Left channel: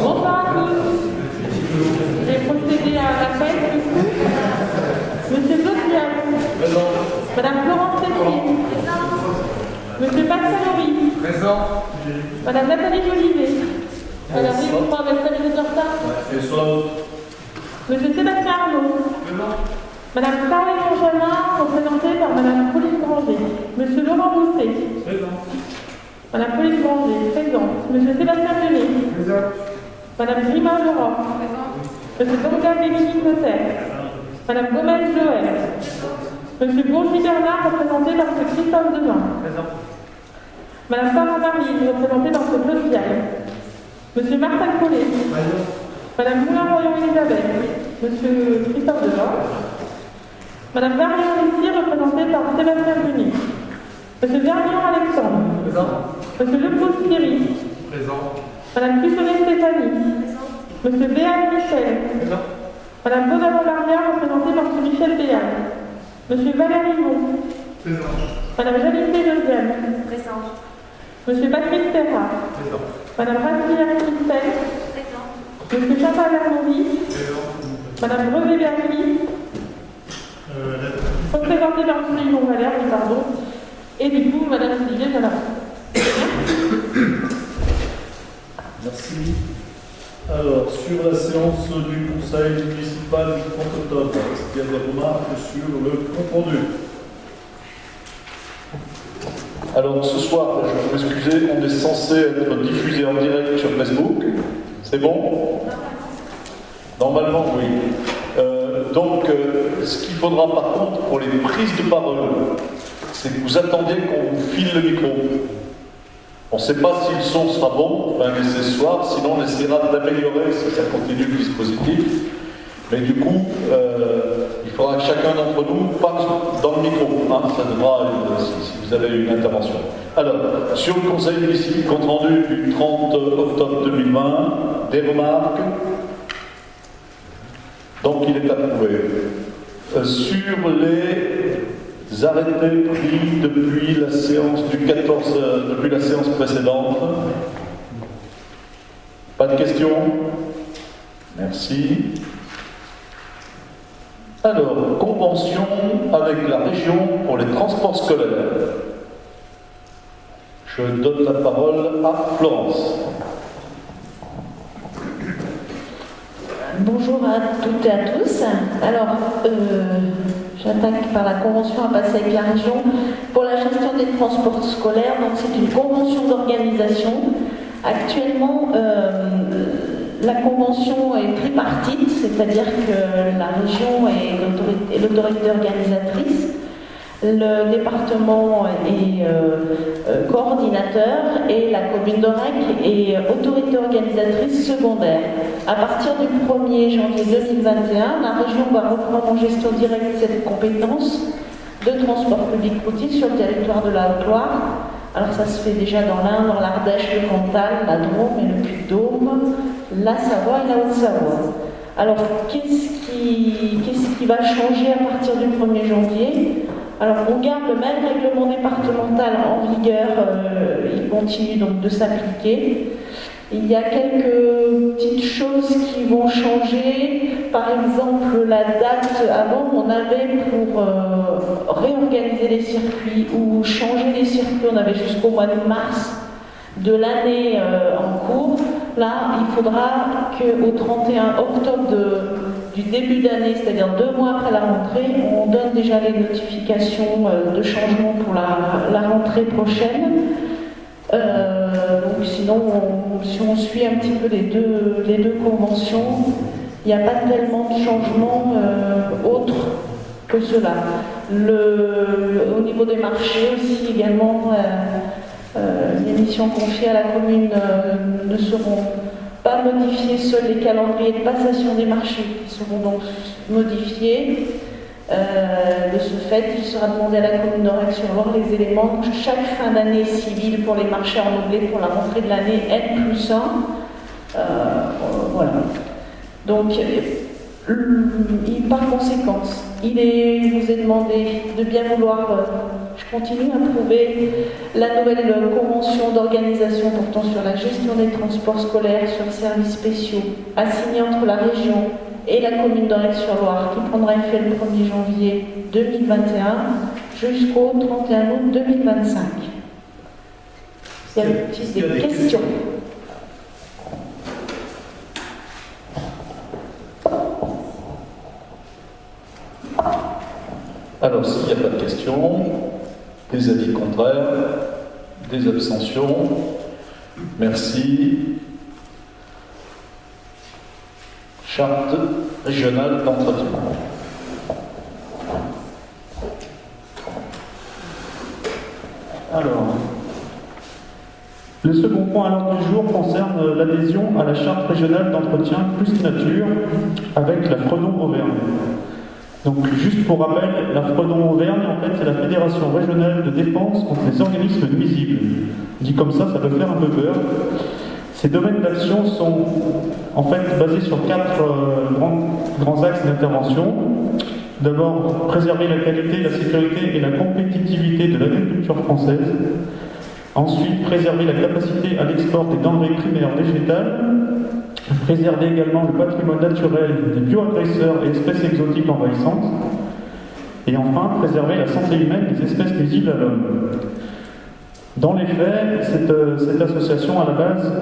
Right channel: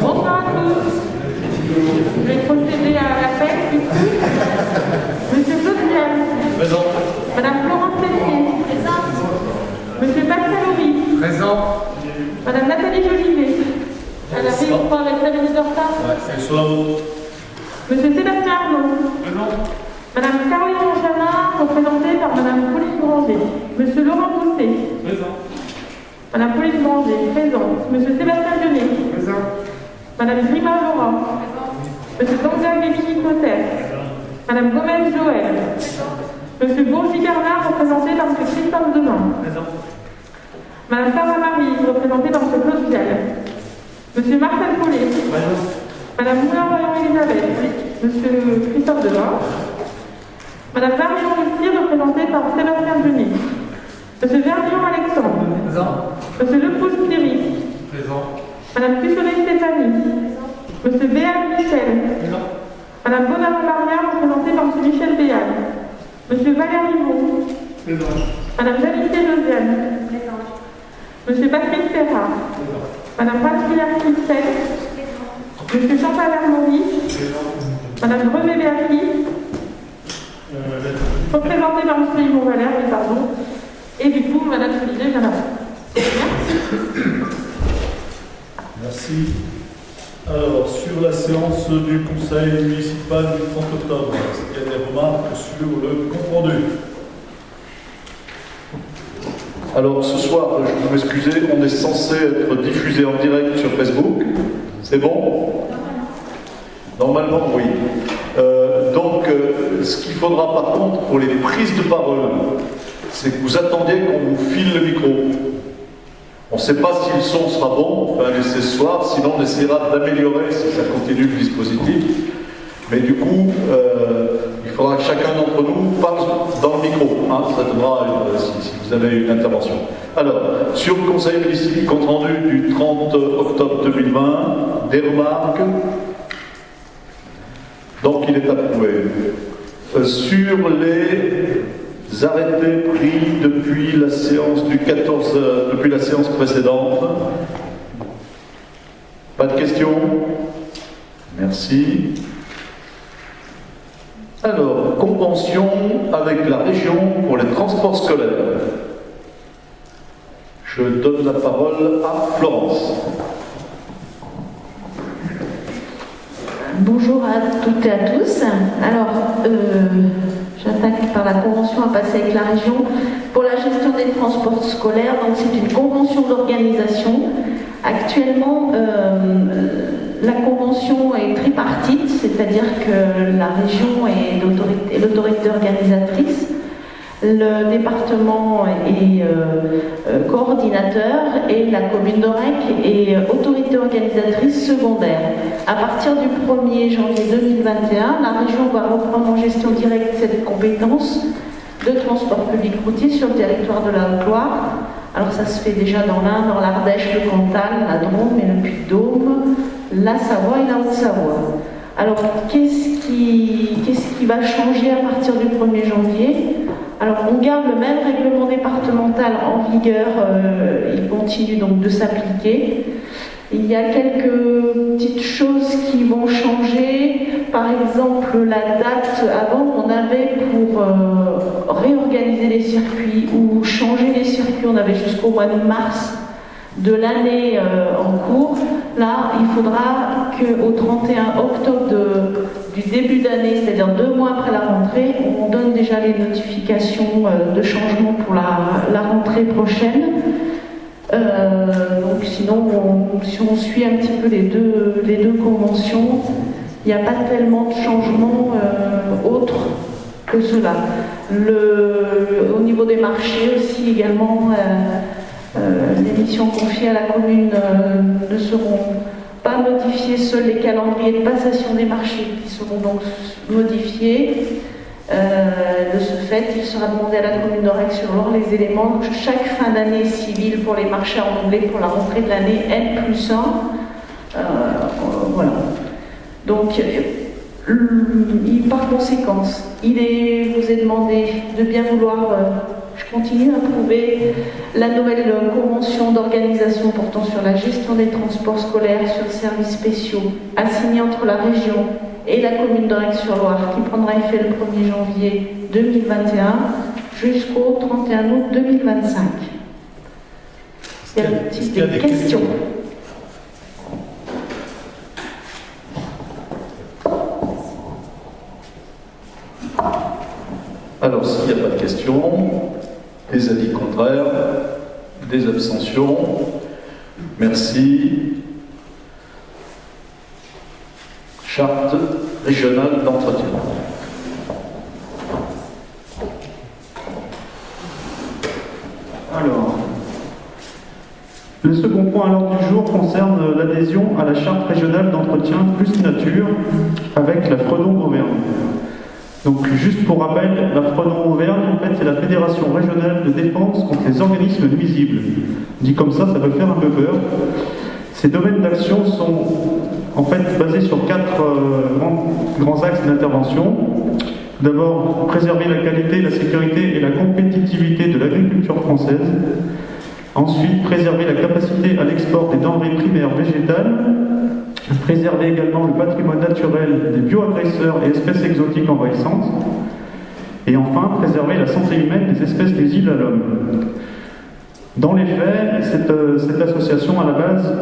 Bonsoir à tous. Je vais procéder à l'appel. Monsieur Saudiel. Présent. Madame Florence Tessier. Monsieur Pascal Horry. Présent. Madame Nathalie Jolivet. Elle avait, je crois, avec 5 minutes de retard. Ouais, c'est sur la route. Monsieur Sébastien Arnaud. Présent. Madame Caroline Monchamin, représentée par Madame Pauline Granger. Monsieur Laurent Bousset. Présent. Madame Pauline Granger, présente. Monsieur Sébastien Genet. Présent. Madame Grima Laura. Monsieur Tonga Guévy Cotter. Madame Gomez Joël. Monsieur Bourgi Bernard, représenté par Monsieur Christophe Devain. Présent. Madame Sarah Marie, représentée par Monsieur Claude Viaille. Monsieur Marcel Paulet. Présent. Madame Moulin-Elisabeth. Monsieur Christophe Devain. Madame Vermion Lucie, représentée par Sébastien Genet. Monsieur Vermion Alexandre. Présent. Monsieur Lepouze Thierry. Présent. Madame Pussonnet Stéphanie. Monsieur Béal Michel. Présent. Madame Bonavent-Barrière, représentée par Monsieur Michel Béal. Monsieur Valérie Vaux. Présent. Madame Janissé Josiane. Monsieur Patrick Ferrat. Présent. Madame Pasquière Christelle. Monsieur Chantal Hermoni. Présent. Madame Brevet Berti. Représentée par Monsieur Yvon Valère, pardon. Et du coup, Madame Sylvie Janat. Merci. Alors, sur la séance du Conseil municipal du 30 octobre, est-ce qu'il y a des remarques sur le compte rendu? Alors ce soir, je vais vous excuser, on est censé être diffusé en direct sur Facebook. C'est bon? Normalement, oui. Ce qu'il faudra par contre pour les prises de parole, c'est que vous attendez qu'on vous file le micro. On ne sait pas si le son sera bon, on va laisser ce soir, sinon on essaiera d'améliorer si ça continue le dispositif. Mais du coup, il faudra que chacun d'entre nous parle dans le micro. Hein, ça devra, si vous avez une intervention. Alors, sur le conseil municipal, compte rendu du 30 octobre 2020, des remarques. Donc il est approuvé. Sur les arrêtés pris depuis la séance du 14, depuis la séance précédente. Pas de questions? Merci. Alors, convention avec la région pour les transports scolaires. Je donne la parole à Florence. Bonjour à toutes et à tous. Alors, j'attaque par la convention à passer avec la région pour la gestion des transports scolaires. Donc, c'est une convention d'organisation. Actuellement, la convention est tripartite, c'est-à-dire que la région est l'autorité organisatrice, le département est coordinateur et la commune d'Orec est autorité organisatrice secondaire. À partir du 1er janvier 2021, la région va reprendre en gestion directe cette compétence de transport public routier sur le territoire de la Haute-Loire. Alors ça se fait déjà dans l'Ain, dans l'Ardèche, le Cantal, la Drôme et le Puy-de-Dôme, la Savoie et la Haute-Savoie. Alors qu'est-ce qui va changer à partir du 1er janvier? Alors on garde le même règlement départemental en vigueur, il continue donc de s'appliquer. Il y a quelques petites choses qui vont changer. Par exemple, la date, avant on avait pour réorganiser les circuits ou changer les circuits, on avait jusqu'au mois de mars de l'année en cours. Là, il faudra qu'au 31 octobre du début d'année, c'est-à-dire 2 mois après la rentrée, on donne déjà les notifications de changement pour la rentrée prochaine. Donc sinon, si on suit un petit peu les deux conventions, il n'y a pas tellement de changements autres que cela. Au niveau des marchés aussi également, les missions confiées à la commune ne seront pas modifiées, seuls les calendriers de passation des marchés qui seront donc modifiés. De ce fait, il sera demandé à la commune d'Orec-sur-Loire les éléments de chaque fin d'année civile pour les marchés renouvelés pour la rentrée de l'année N+1. Voilà. Donc, par conséquent, vous est demandé de bien vouloir Je continue à approuver la nouvelle convention d'organisation portant sur la gestion des transports scolaires sur services spéciaux assignée entre la région et la commune d'Aurec-sur-Loire qui prendra effet le 1er janvier 2021 jusqu'au 31 août 2025. Y a-t-il des questions? Alors, s'il n'y a pas de questions, des avis contraires, des abstentions, merci. Charte régionale d'entretien. Alors, le second point à l'ordre du jour concerne l'adhésion à la charte régionale d'entretien plus nature avec la Fredon-Auvergne. Donc, juste pour rappel, la Fredon-Auvergne, en fait, c'est la Fédération régionale de défense contre les organismes nuisibles. Dit comme ça peut faire un peu peur. Ces domaines d'action sont en fait basés sur 4 grands axes d'intervention. D'abord, préserver la qualité, la sécurité et la compétitivité de l'agriculture française. Ensuite, préserver la capacité à l'export des denrées primaires végétales. Préserver également le patrimoine naturel des bioagresseurs et espèces exotiques envahissantes. Et enfin, préserver la santé humaine des espèces nuisibles à l'homme. Dans les faits, cette association, à la base,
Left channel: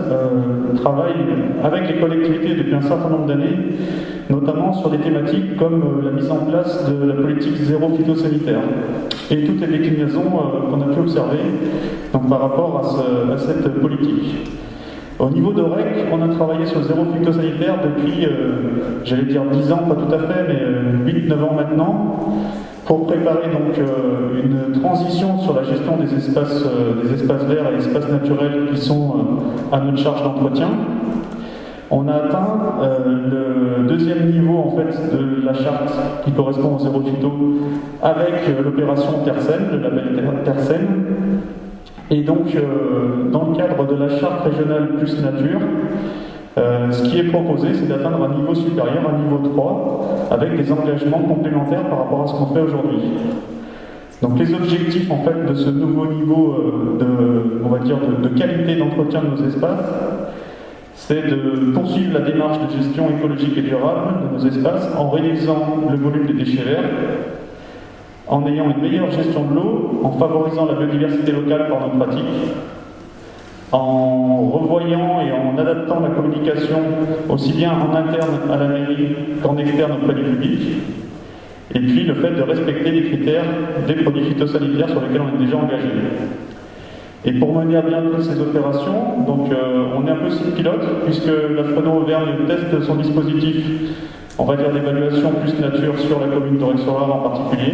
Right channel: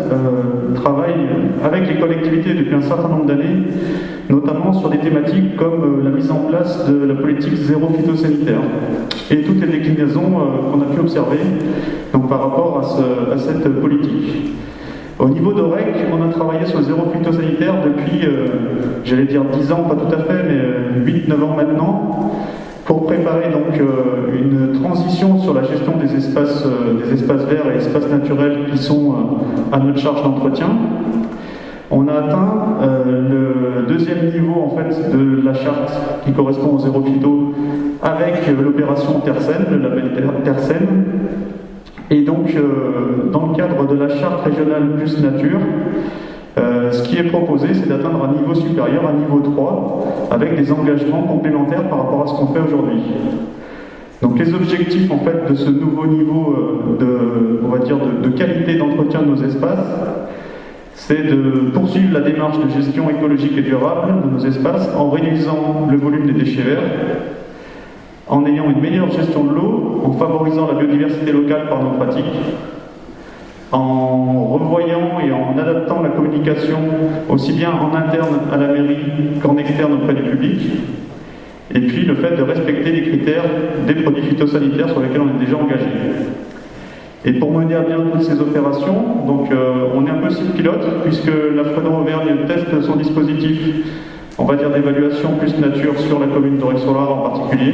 travaille avec les collectivités depuis un certain nombre d'années, notamment sur des thématiques comme la mise en place de la politique zéro phytosanitaire et toutes les déclinaisons qu'on a pu observer donc, par rapport à cette politique. Au niveau d'Aurec, on a travaillé sur le zéro phytosanitaire depuis, j'allais dire 10 ans, pas tout à fait, mais 8-9 ans maintenant, pour préparer donc une transition sur la gestion des espaces verts et espaces naturels qui sont à notre charge d'entretien. On a atteint le deuxième niveau en fait de la charte qui correspond au zéro phyto avec l'opération Tersen, le label Tersen. Et donc, dans le cadre de la charte régionale plus nature, ce qui est proposé, c'est d'atteindre un niveau supérieur, un niveau 3, avec des engagements complémentaires par rapport à ce qu'on fait aujourd'hui. Donc les objectifs en fait de ce nouveau niveau de qualité d'entretien de nos espaces, c'est de poursuivre la démarche de gestion écologique et durable de nos espaces en réduisant le volume des déchets verts, en ayant une meilleure gestion de l'eau, en favorisant la biodiversité locale par nos pratiques, en revoyant et en adaptant la communication aussi bien en interne à la mairie qu'en externe auprès du public, et puis le fait de respecter les critères des produits phytosanitaires sur lesquels on est déjà engagé. Et pour mener à bien toutes ces opérations, donc, on est un peu site pilote, puisque la Fredon-Auvergne teste son dispositif, on va dire d'évaluation plus nature sur la commune d'Aurec-sur-Loire en particulier,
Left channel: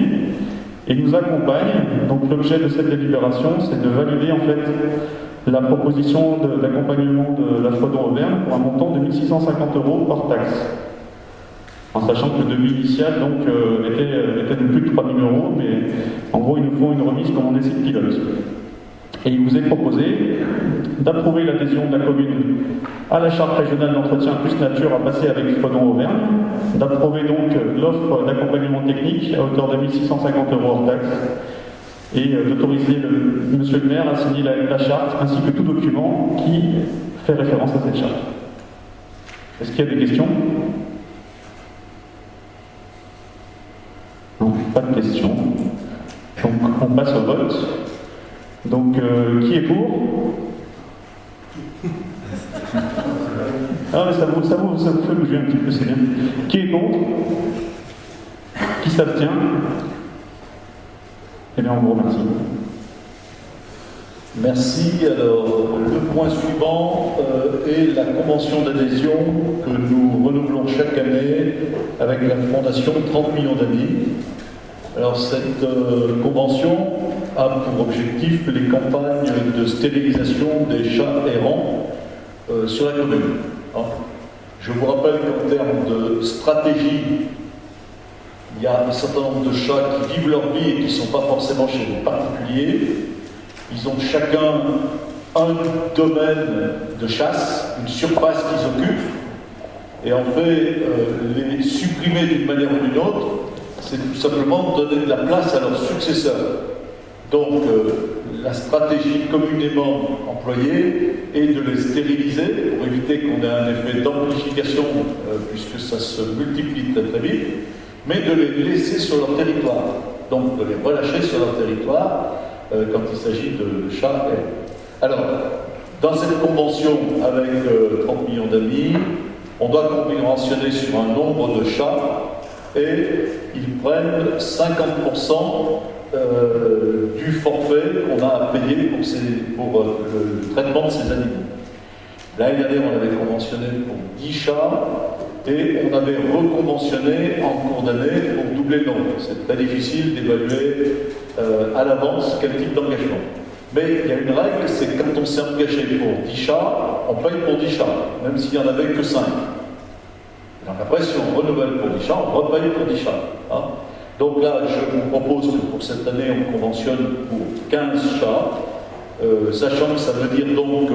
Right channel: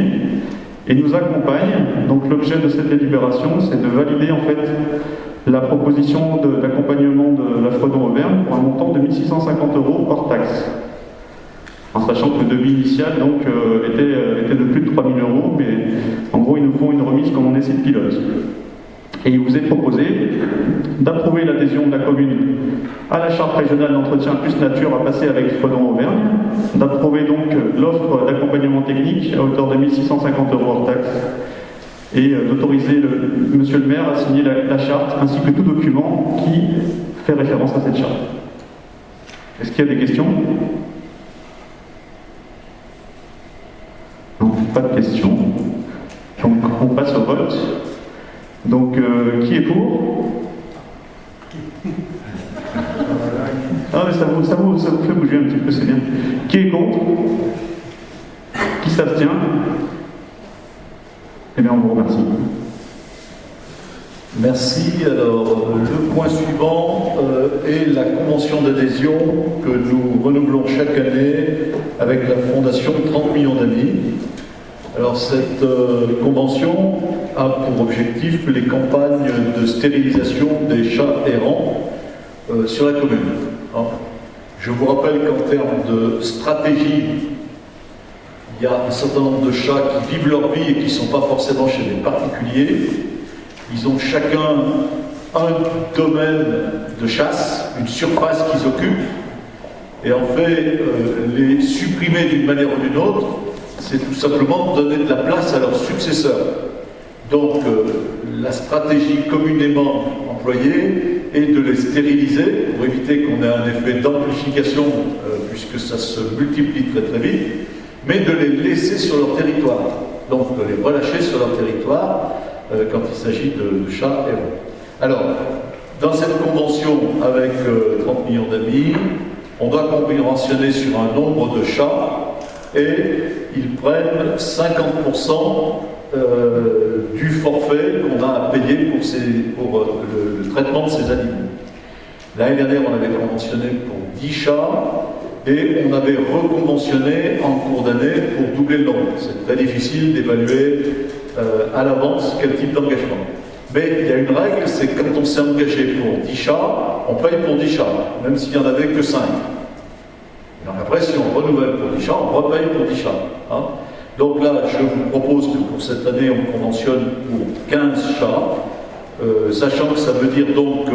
et nous accompagne. Donc l'objet de cette délibération, c'est de valider en fait la proposition d'accompagnement de la Fredon-Auvergne pour un montant de 1 650 € hors taxe. En sachant que le devis initial donc, était de plus de 3 000 €, mais en gros ils nous font une remise comme on est site pilote. Et il vous est proposé d'approuver l'adhésion de la commune à la charte régionale d'entretien plus nature à passer avec Fredon-Auvergne, d'approuver donc l'offre d'accompagnement technique à hauteur de 1 650 € hors taxe, et d'autoriser monsieur le maire à signer la charte ainsi que tout document qui fait référence à cette charte. Est-ce qu'il y a des questions? Non, pas de questions. Donc on passe au vote. Donc qui est pour? Ah mais ça vous fait bouger un petit peu, c'est bien. Qui est contre? Qui s'abstient? Eh bien, on vous remercie. Merci. Alors, le point suivant est la convention d'adhésion que nous renouvelons chaque année avec la Fondation 30 millions d'amis. Alors, cette convention a pour objectif les campagnes de stérilisation des chats errants sur la commune. Alors, je vous rappelle qu'en termes de stratégie, il y a un certain nombre de chats qui vivent leur vie et qui ne sont pas forcément chez les particuliers. Ils ont chacun un domaine de chasse, une surface qu'ils occupent. Et en fait, les supprimer d'une manière ou d'une autre, c'est tout simplement donner de la place à leurs successeurs. Donc, la stratégie communément employée est de les stériliser pour éviter qu'on ait un effet d'amplification, puisque ça se multiplie très très vite, mais de les laisser sur leur territoire. Donc, de les relâcher sur leur territoire quand il s'agit de chats errants. Alors, dans cette convention avec 30 millions d'amis, on doit conventionner sur un nombre de chats et ils prennent 50% du forfait qu'on a à payer pour le traitement de ces animaux. L'année dernière, on avait conventionné pour 10 chats et on avait reconventionné en cours d'année pour doubler le nombre. C'est très difficile d'évaluer à l'avance quel type d'engagement. Mais il y a une règle, c'est que quand on s'est engagé pour 10 chats, on paye pour 10 chats, même s'il n'y en avait que 5. Donc après, si on renouvelle pour 10 chats, on repaye pour 10 chats. Hein. Donc là, je vous propose que pour cette année, on conventionne pour 15 chats, sachant que ça veut dire donc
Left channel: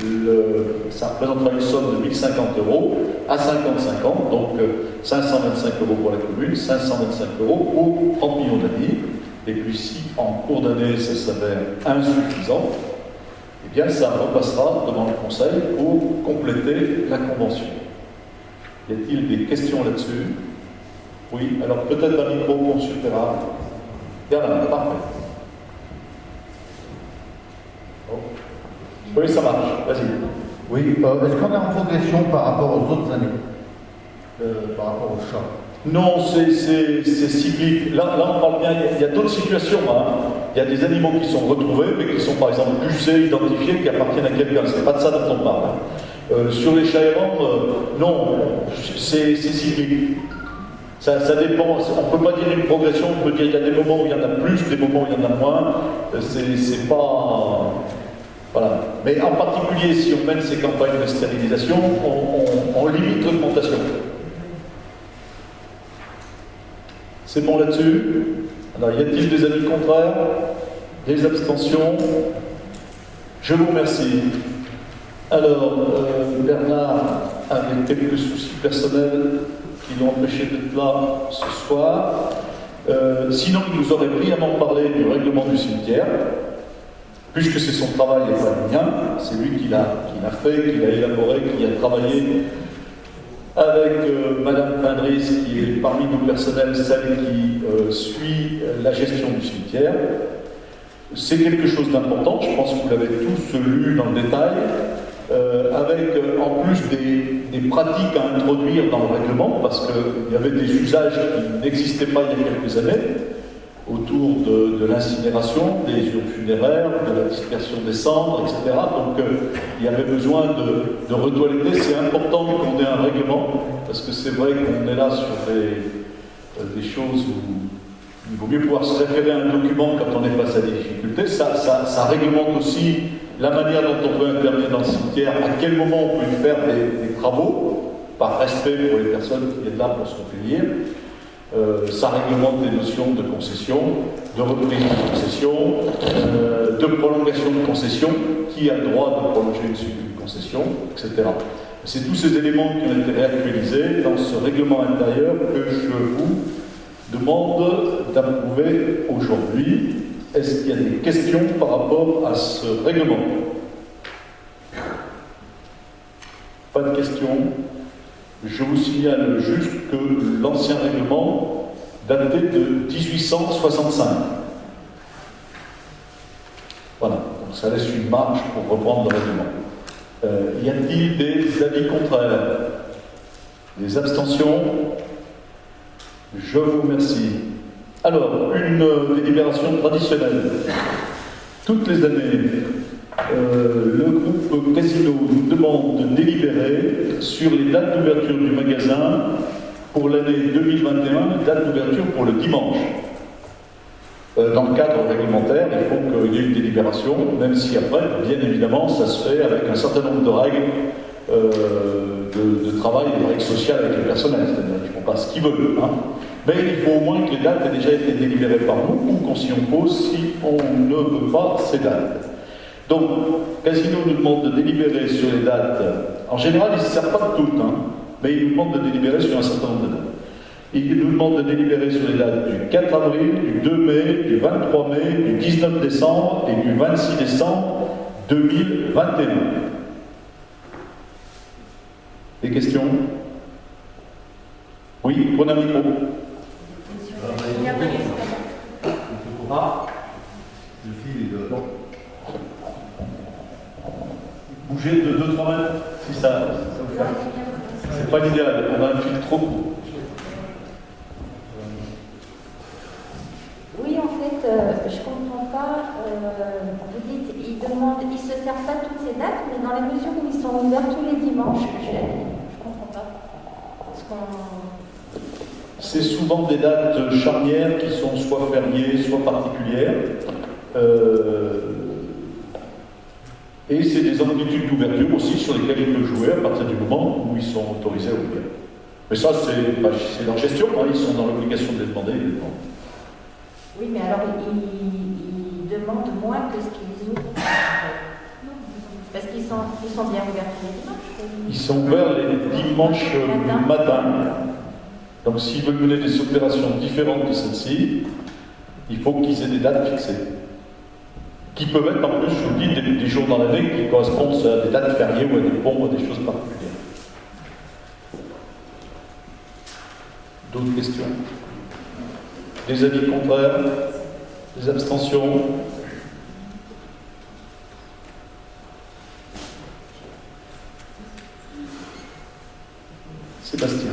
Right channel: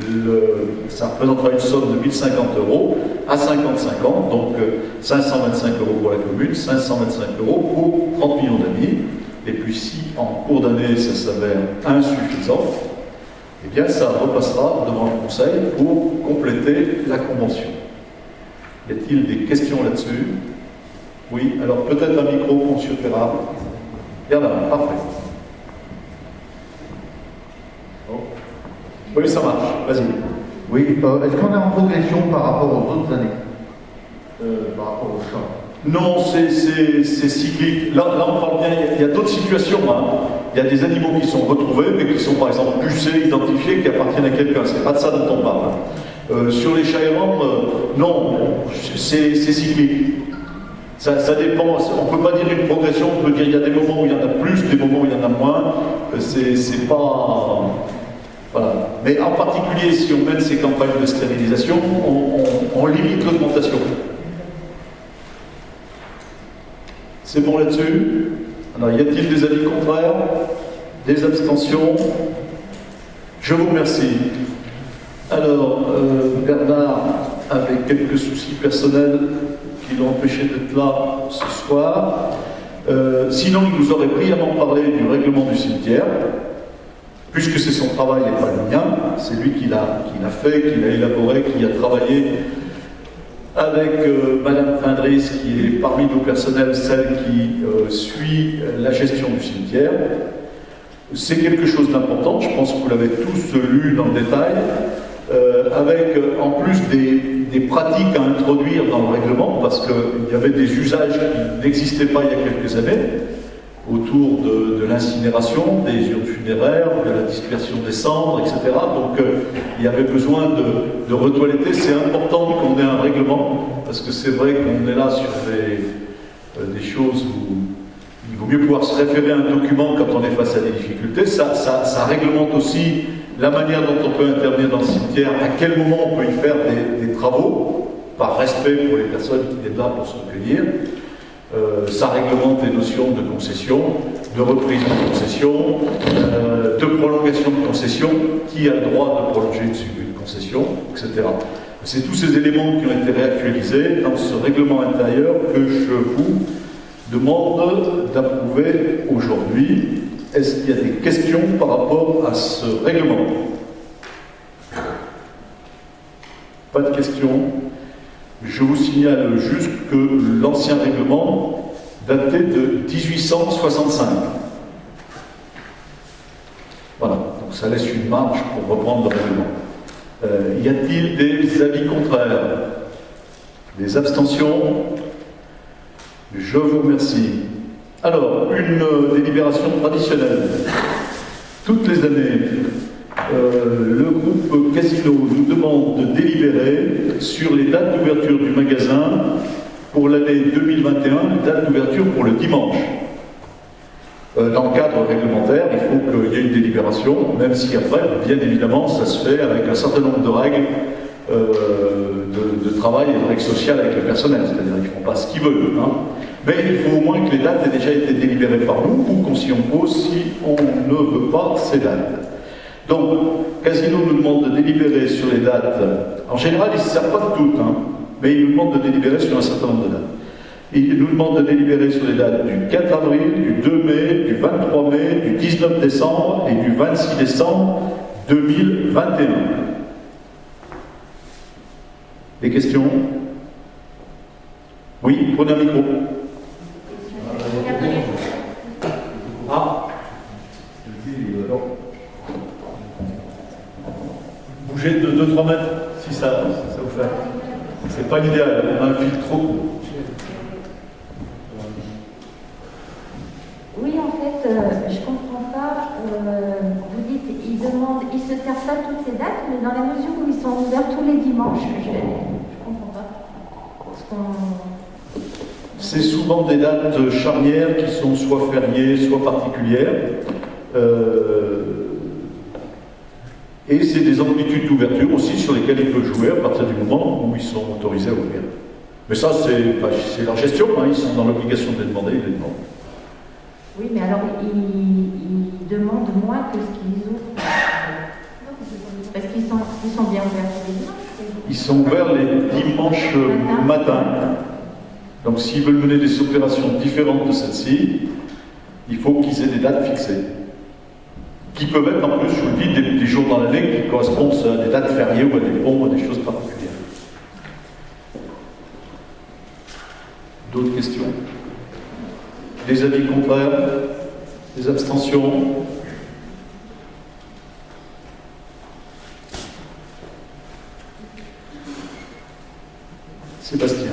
que ça représentera une somme de 1050 € à 55 ans, donc 525 € pour la commune, 525 € pour 30 millions d'amis. Et puis si en cours d'année ça s'avère insuffisant, eh bien ça repassera devant le Conseil pour compléter la convention. Y a-t-il des questions là-dessus? Oui, alors peut-être un micro pour M. Perra. Il y en a un, parfait. Oh. Oui, ça marche, vas-y. Oui, est-ce qu'on est en progression par rapport aux autres années, par rapport aux chats? Non, c'est cyclique. Là, on parle bien, il y a d'autres situations. Hein. Il y a des animaux qui sont retrouvés, mais qui sont par exemple pucés, identifiés, qui appartiennent à quelqu'un. C'est pas de ça dont on parle. Sur les chats errants, non, c'est cyclique. Ça dépend, on ne peut pas dire une progression, on peut dire il y a des moments où il y en a plus, des moments où il y en a moins. C'est pas. Voilà. Mais en particulier, si on mène ces campagnes de stérilisation, on limite l'augmentation. C'est bon là-dessus? Alors, y a-t-il des avis contraires? Des abstentions? Je vous remercie. Alors, Bernard avait quelques soucis personnels qui l'ont empêché d'être là ce soir. Sinon, il nous aurait brillamment parlé du règlement du cimetière, puisque c'est son travail et pas le mien. C'est lui qui l'a fait, qui l'a élaboré, qui a travaillé avec Madame Findris, qui est parmi nos personnels, celle qui suit la gestion du cimetière. C'est quelque chose d'important, je pense que vous l'avez tous lu dans le détail, avec en plus des pratiques à introduire dans le règlement, parce qu'il y avait des usages qui n'existaient pas il y a quelques années, autour de l'incinération, des urnes funéraires, de la dispersion des cendres, etc. Donc il y avait besoin de retoiletter. C'est important qu'on ait un règlement, parce que c'est vrai qu'on est là sur des choses où il vaut mieux pouvoir se référer à un document quand on est face à des difficultés. Ça réglemente aussi la manière dont on peut intervenir dans le cimetière, à quel moment on peut y faire des travaux, par respect pour les personnes qui viennent là pour se recueillir. Ça réglemente les notions de concession, de reprise de concession, de prolongation de concession, qui a le droit de prolonger une concession, etc. C'est tous ces éléments qui ont été réactualisés dans ce règlement intérieur que je vous demande d'approuver aujourd'hui. Est-ce qu'il y a des questions par rapport à ce règlement? Pas de questions. Je vous signale juste que l'ancien règlement datait de 1865. Voilà, donc ça laisse une marge pour reprendre le règlement. Y a-t-il des avis contraires? Des abstentions? Je vous remercie. Alors, une délibération traditionnelle. Toutes les années, le groupe Casino nous demande de délibérer sur les dates d'ouverture du magasin pour l'année 2021, date d'ouverture pour le dimanche. Dans le cadre réglementaire, il faut qu'il y ait une délibération, même si après, bien évidemment, ça se fait avec un certain nombre de règles de travail et de règles sociales avec le personnel, c'est-à-dire qu'ils ne font pas ce qu'ils veulent. Hein. Mais il faut au moins que les dates aient déjà été délibérées par nous ou qu'on s'y oppose si on ne veut pas ces dates. Donc, Casino nous demande de délibérer sur les dates. En général, ils ne se servent pas de toutes, hein, mais ils nous demandent de délibérer sur un certain nombre de dates. Et il nous demande de délibérer sur les dates du 4 avril, du 2 mai, du 23 mai, du 19 décembre et du 26 décembre 2021. Des questions? Oui, prenez un micro. Bougez de 2-3 mètres, si ça vous fait. C'est pas l'idéal, on a un fil trop court. Oui, en fait, je comprends pas. Vous dites, ils se servent pas toutes ces dates, mais dans la mesure où ils sont ouverts tous les dimanches, je comprends pas. Parce qu'on... C'est souvent des dates charnières qui sont soit fériées, soit particulières. Et c'est des amplitudes d'ouverture aussi sur lesquelles ils peuvent jouer à partir du moment où ils sont autorisés à ouvrir. Mais ça, c'est leur gestion, hein, ils sont dans l'obligation de les demander, ils les demandent. Oui, mais alors ils demandent moins que ce qu'ils ouvrent. Parce qu'ils sont bien ouverts tous les dimanches. Ils sont ouverts les dimanches matin. Donc s'ils veulent mener des opérations différentes de celle-ci, il faut qu'ils aient des dates fixées. Qui peuvent être en plus, je vous le dis, des jours dans l'année qui correspondent à des dates fériées ou à des ponts ou à des choses particulières. D'autres questions? Des avis contraires? Des abstentions? Sébastien,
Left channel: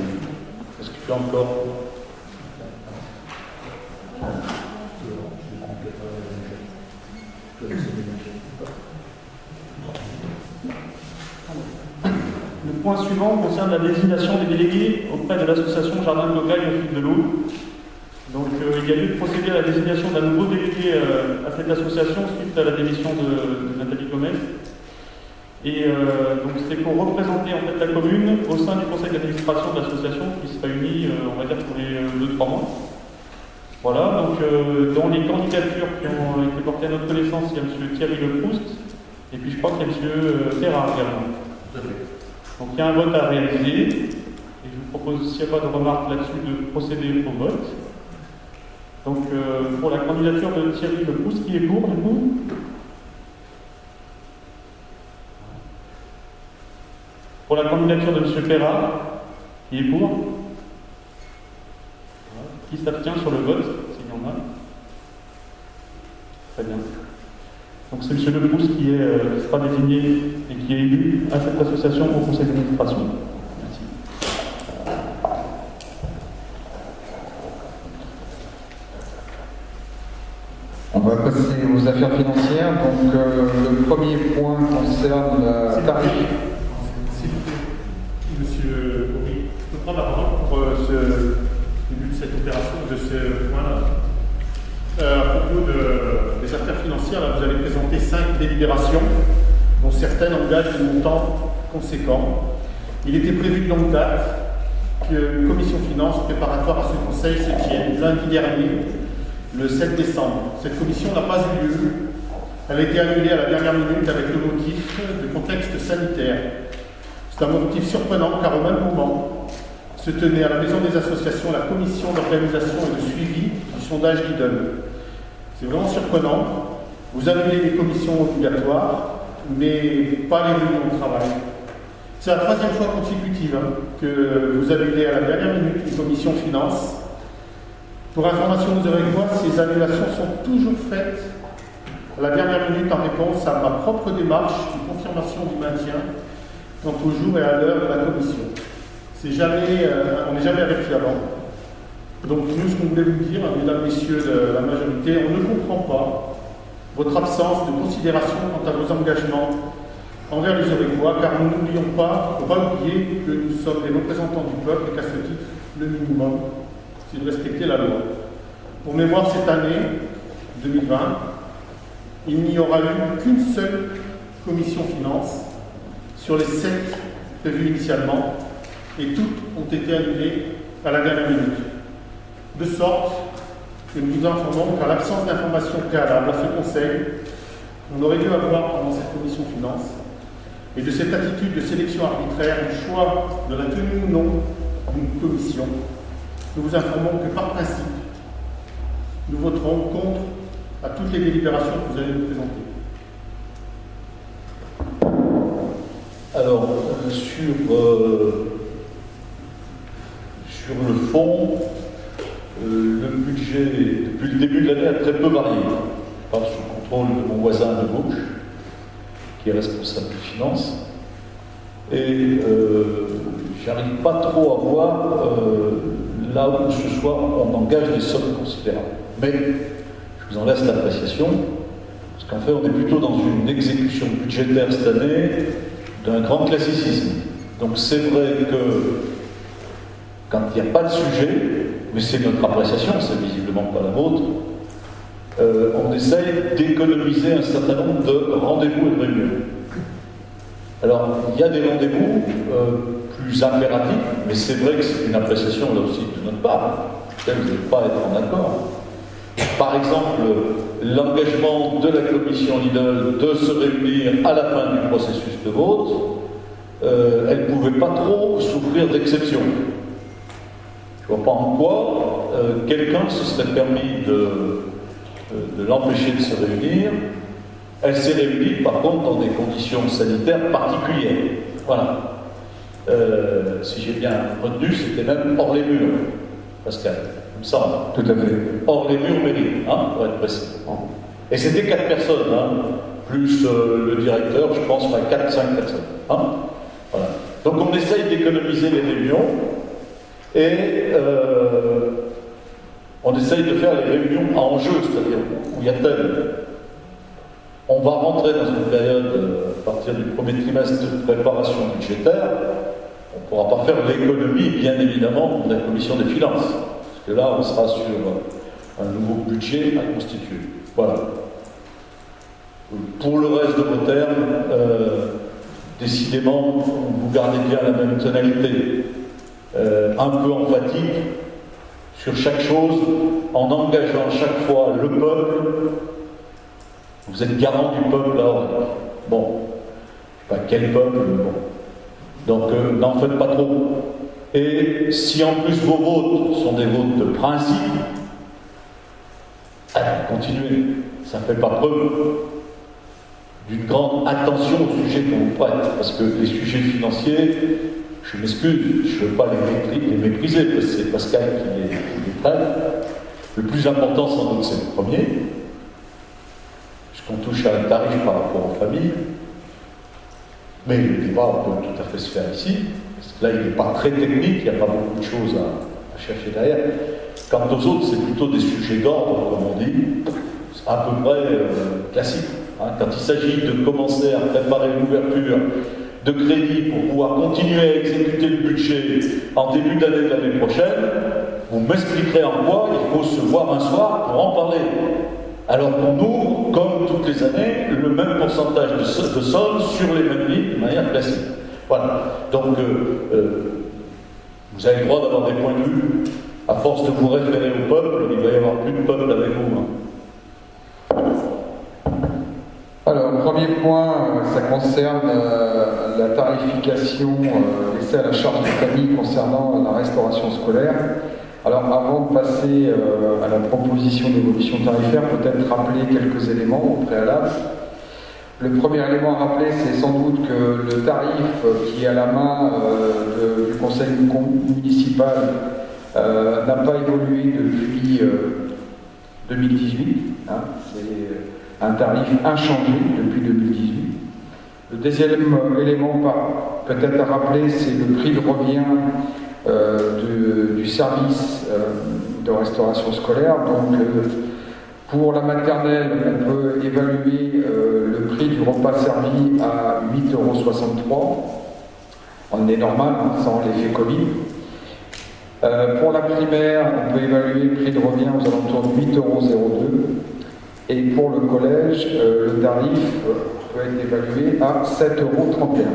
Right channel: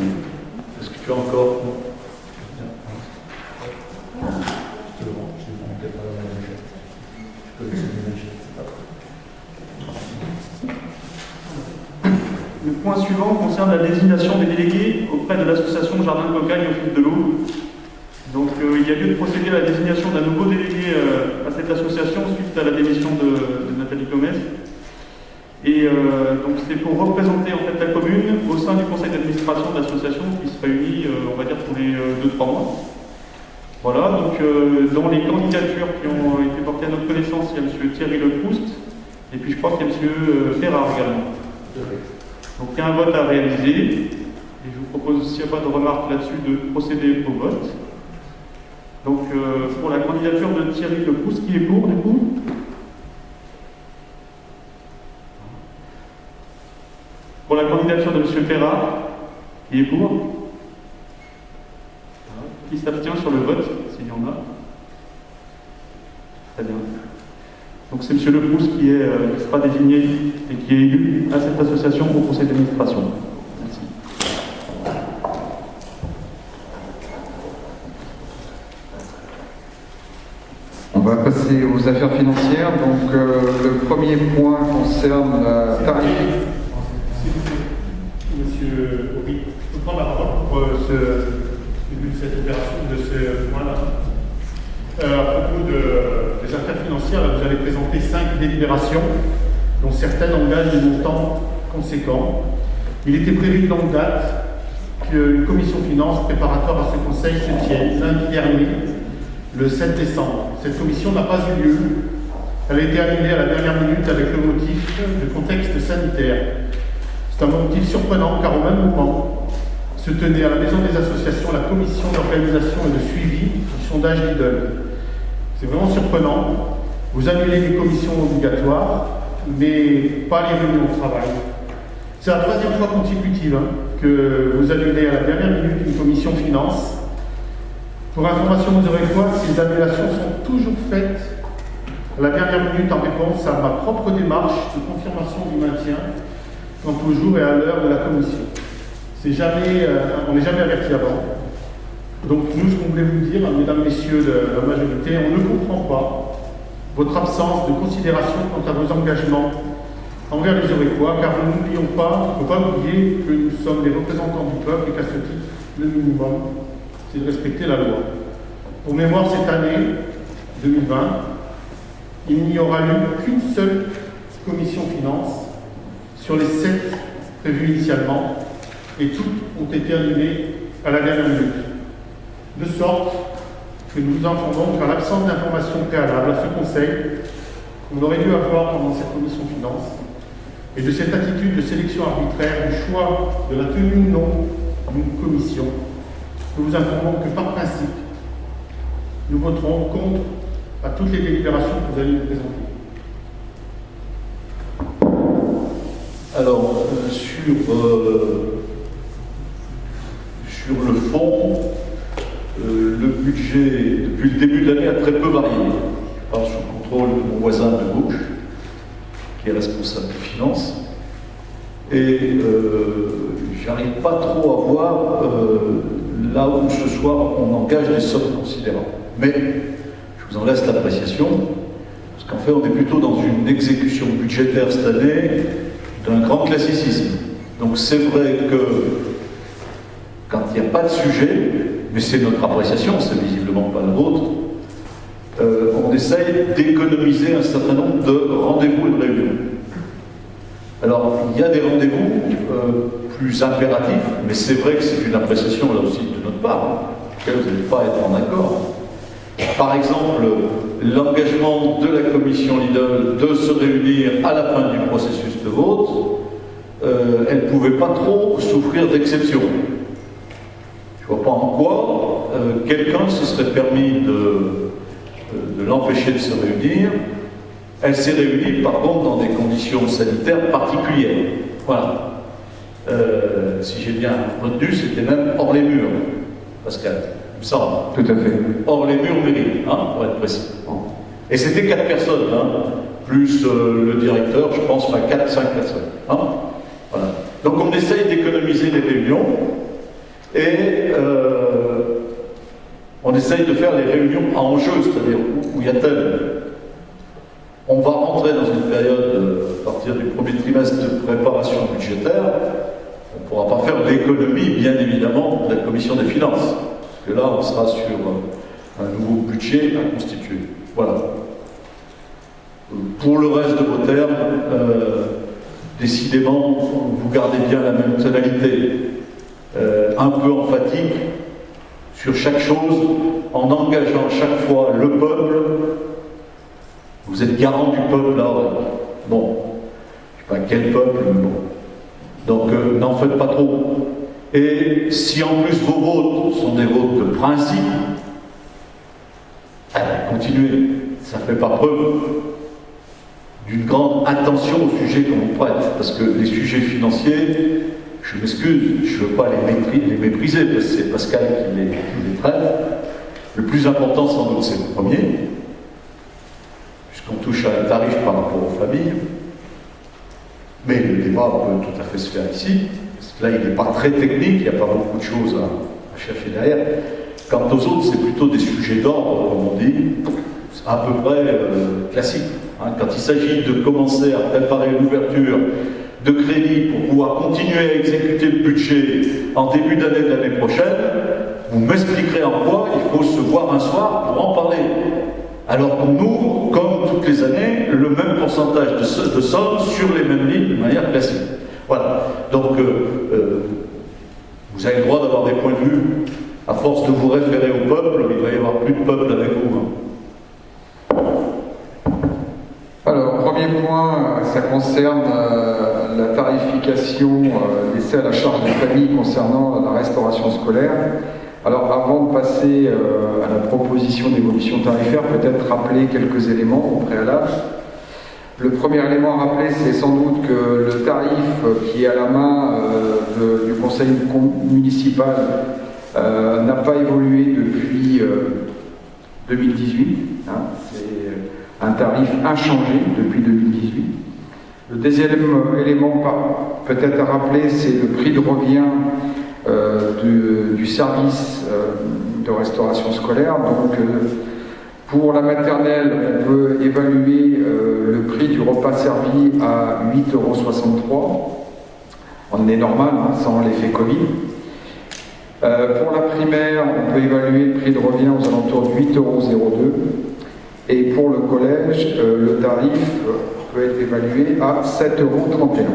est-ce que tu as encore... Le point suivant concerne la désignation des délégués auprès de l'association Jardin de Cocagne au fil de l'eau. Donc il y a lieu de procéder à la désignation d'un nouveau délégué à cette association suite à la démission de Nathalie Gomez. Et donc c'est pour représenter en fait la commune au sein du conseil d'administration de l'association qui se réunit, on va dire, tous les 2-3 mois. Voilà, donc dans les candidatures qui ont été portées à notre connaissance, il y a M. Thierry Leproust, et puis je crois qu'il y a M. Ferrard également. Donc il y a un vote à réaliser, et je vous propose, s'il n'y a pas de remarques là-dessus, de procéder au vote. Donc pour la candidature de Thierry Leproust, qui est pour du coup? Pour la candidature de M. Ferrard, qui est pour? Qui s'abstient sur le vote, s'il y en a? Très bien. Donc c'est M. Leproust qui sera désigné et qui est élu à cette association au conseil d'administration. Merci. On va passer aux affaires financières. Donc le premier point concerne la tarification. Monsieur Horry, je peux prendre la parole pour ce début de cette opération, de ce point-là. À propos des affaires financières, là, vous avez présenté 5 délibérations, dont certaines engagent des montants conséquents. Il était prévu de longue date qu'une commission finance préparatoire à ce conseil se tienne lundi dernier, le 7 décembre. Cette commission n'a pas eu lieu. Elle a été annulée à la dernière minute avec le motif de contexte sanitaire. C'est un motif surprenant car au même moment se tenait à la Maison des Associations la commission d'organisation et de suivi du sondage Lidl. C'est vraiment surprenant. Vous annulez des commissions obligatoires, mais pas les réunions de travail. C'est la 3e fois consécutive que vous annulez à la dernière minute une commission finance. Pour information, vous aurez quoi? Ces annulations sont toujours faites à la dernière minute en réponse à ma propre démarche de confirmation du maintien quant au jour et à l'heure de la commission. On n'est jamais averti avant. Donc nous, ce qu'on voulait vous dire, mesdames, messieurs de la majorité, on ne comprend pas votre absence de considération quant à vos engagements envers les Aurécois, car nous n'oublions pas, il ne faut pas oublier que nous sommes des représentants du peuple et qu'à ce titre, le minimum, c'est de respecter la loi. Pour mémoire, cette année 2020, il n'y aura eu qu'une seule commission finance sur les 7 prévues initialement, et toutes ont été annulées à la dernière minute. De sorte que nous entendons qu'à l'absence d'informations préalables à ce Conseil, on aurait dû avoir pendant cette commission finance, et de cette attitude de sélection arbitraire du choix de la tenue ou non d'une commission, nous vous informons que par principe, nous voterons contre à toutes les délibérations que vous allez nous présenter. Alors, sur le fond, le budget, depuis le début de l'année, a très peu varié. Je parle sous le contrôle de mon voisin de gauche, qui est responsable des finances. Et j'arrive pas trop à voir là où ce soir on engage des sommes considérables. Mais je vous en laisse l'appréciation, parce qu'en fait on est plutôt dans une exécution budgétaire cette année d'un grand classicisme. Donc c'est vrai que quand il n'y a pas de sujet, mais c'est notre appréciation, c'est visiblement pas la vôtre, on essaye d'économiser un certain nombre de rendez-vous et de réunions. Alors, il y a des rendez-vous plus impératifs, mais c'est vrai que c'est une appréciation là aussi de notre part, laquelle vous n'allez pas être en accord. Par exemple, l'engagement de la commission Lidl de se réunir à la fin du processus de vote, elle ne pouvait pas trop souffrir d'exception. Je ne vois pas en quoi quelqu'un se serait permis de l'empêcher de se réunir. Elle s'est réunie, par contre, dans des conditions sanitaires particulières. Voilà. Si j'ai bien retenu, c'était même hors les murs, Pascal, il me semble. Tout à fait. Hors les murs mairie, hein, pour être précis. Et c'était 4 personnes, hein, plus le directeur, je pense, enfin 4-5 personnes. Hein. Voilà. Donc on essaye d'économiser les réunions et on essaye de faire les réunions à enjeu, c'est-à-dire où il y a tel. On va rentrer dans une période, à partir du premier trimestre, de préparation budgétaire. On ne pourra pas faire l'économie, bien évidemment, de la commission des finances. Parce que là, on sera sur un nouveau budget à constituer. Voilà. Pour le reste de vos termes, décidément, vous gardez bien la même tonalité. Un peu emphatique sur chaque chose, en engageant chaque fois le peuple. Vous êtes garant du peuple, là. Bon, je ne sais pas quel peuple, mais bon. Donc, n'en faites pas trop. Et si en plus vos votes sont des votes de principe, continuez. Ça ne fait pas preuve d'une grande attention au sujet qu'on vous prête. Parce que les sujets financiers, je m'excuse, je ne veux pas les mépriser, parce que c'est Pascal qui les traite. Le plus important, sans doute, c'est le premier. Puisqu'on touche à un tarif par rapport aux familles. Mais le débat peut tout à fait se faire ici, parce que là il n'est pas très technique, il n'y a pas beaucoup de choses à chercher derrière. Quant aux autres, c'est plutôt des sujets d'ordre, comme on dit, c'est à peu près classique. Hein. Quand il s'agit de commencer à préparer une ouverture de crédit pour pouvoir continuer à exécuter le budget en début d'année de l'année prochaine, vous m'expliquerez en quoi il faut se voir un soir pour en parler. Alors qu'on ouvre, comme toutes les années, le même pourcentage de sommes sur les mêmes lignes de manière classique. Voilà. Donc, vous avez le droit d'avoir des points de vue. À force de vous référer au peuple, il va y avoir plus de peuple avec vous. Hein. Alors, premier point, ça concerne la tarification laissée à la charge des familles concernant la restauration scolaire. Alors, avant de passer à la proposition d'évolution tarifaire, peut-être rappeler quelques éléments au préalable. Le premier élément à rappeler, c'est sans doute que le tarif qui est à la main du conseil municipal n'a pas évolué depuis 2018. Hein. C'est un tarif inchangé depuis 2018. Le deuxième élément peut-être à rappeler, c'est le prix de revient du service de restauration scolaire. Donc, pour la maternelle, on peut évaluer le prix du repas servi à 8,63 € en année normale, hein, sans l'effet Covid. Pour la primaire, on peut évaluer le prix de revient aux alentours de 8,02 €. Et pour le collège, le tarif peut être évalué à 7,31 €.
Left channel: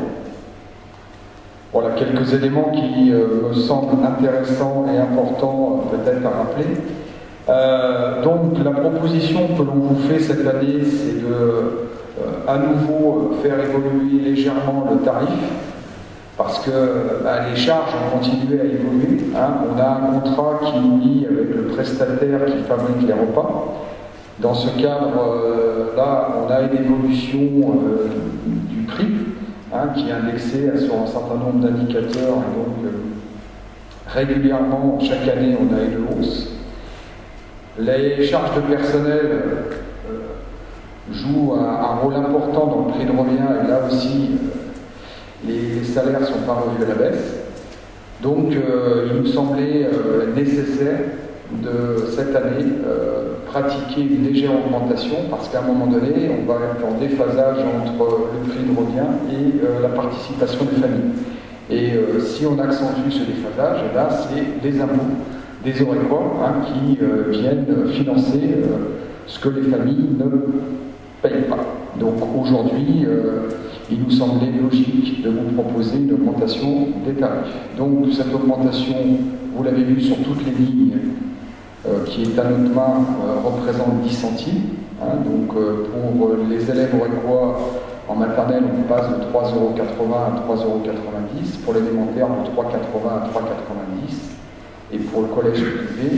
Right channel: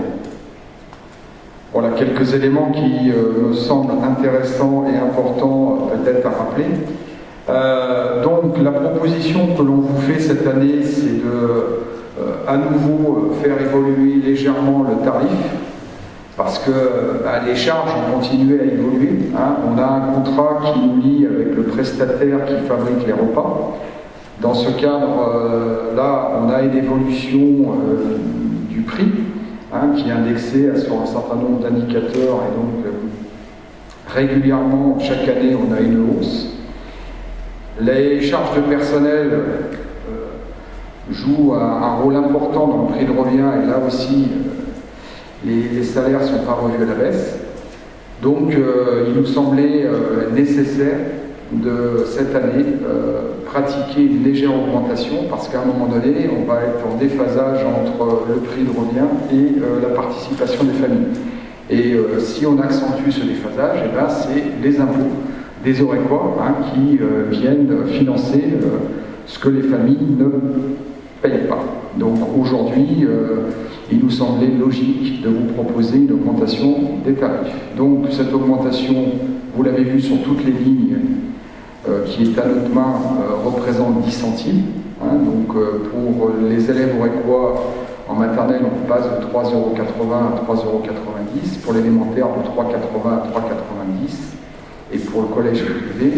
Voilà quelques éléments qui me semblent intéressants et importants peut-être à rappeler. Donc la proposition que l'on vous fait cette année, c'est de à nouveau faire évoluer légèrement le tarif. parce que les charges ont continué à évoluer. On a un contrat qui nous lie avec le prestataire qui fabrique les repas. Dans ce cadre-là, on a une évolution du prix qui est indexé sur un certain nombre d'indicateurs, et donc régulièrement, chaque année, on a une hausse. Les charges de personnel jouent un rôle important dans le prix de revient, et là aussi, les salaires ne sont pas revus à la baisse. Donc, il nous semblait nécessaire de, cette année, pratiquer une légère augmentation, parce qu'à un moment donné, on va être en déphasage entre le prix de revient et la participation des familles. Et si on accentue ce déphasage, c'est les impôts des Orecois qui viennent financer ce que les familles ne payent pas. Donc aujourd'hui, il nous semblait logique de vous proposer une augmentation des tarifs. Donc cette augmentation, vous l'avez vu sur toutes les lignes, qui est à notre main, représente 10 centimes. Donc pour les élèves orecois en maternelle, on passe de 3,80 € à 3,90 €, pour l'élémentaire de 3,80 € à 3,90 €, et pour le collège privé,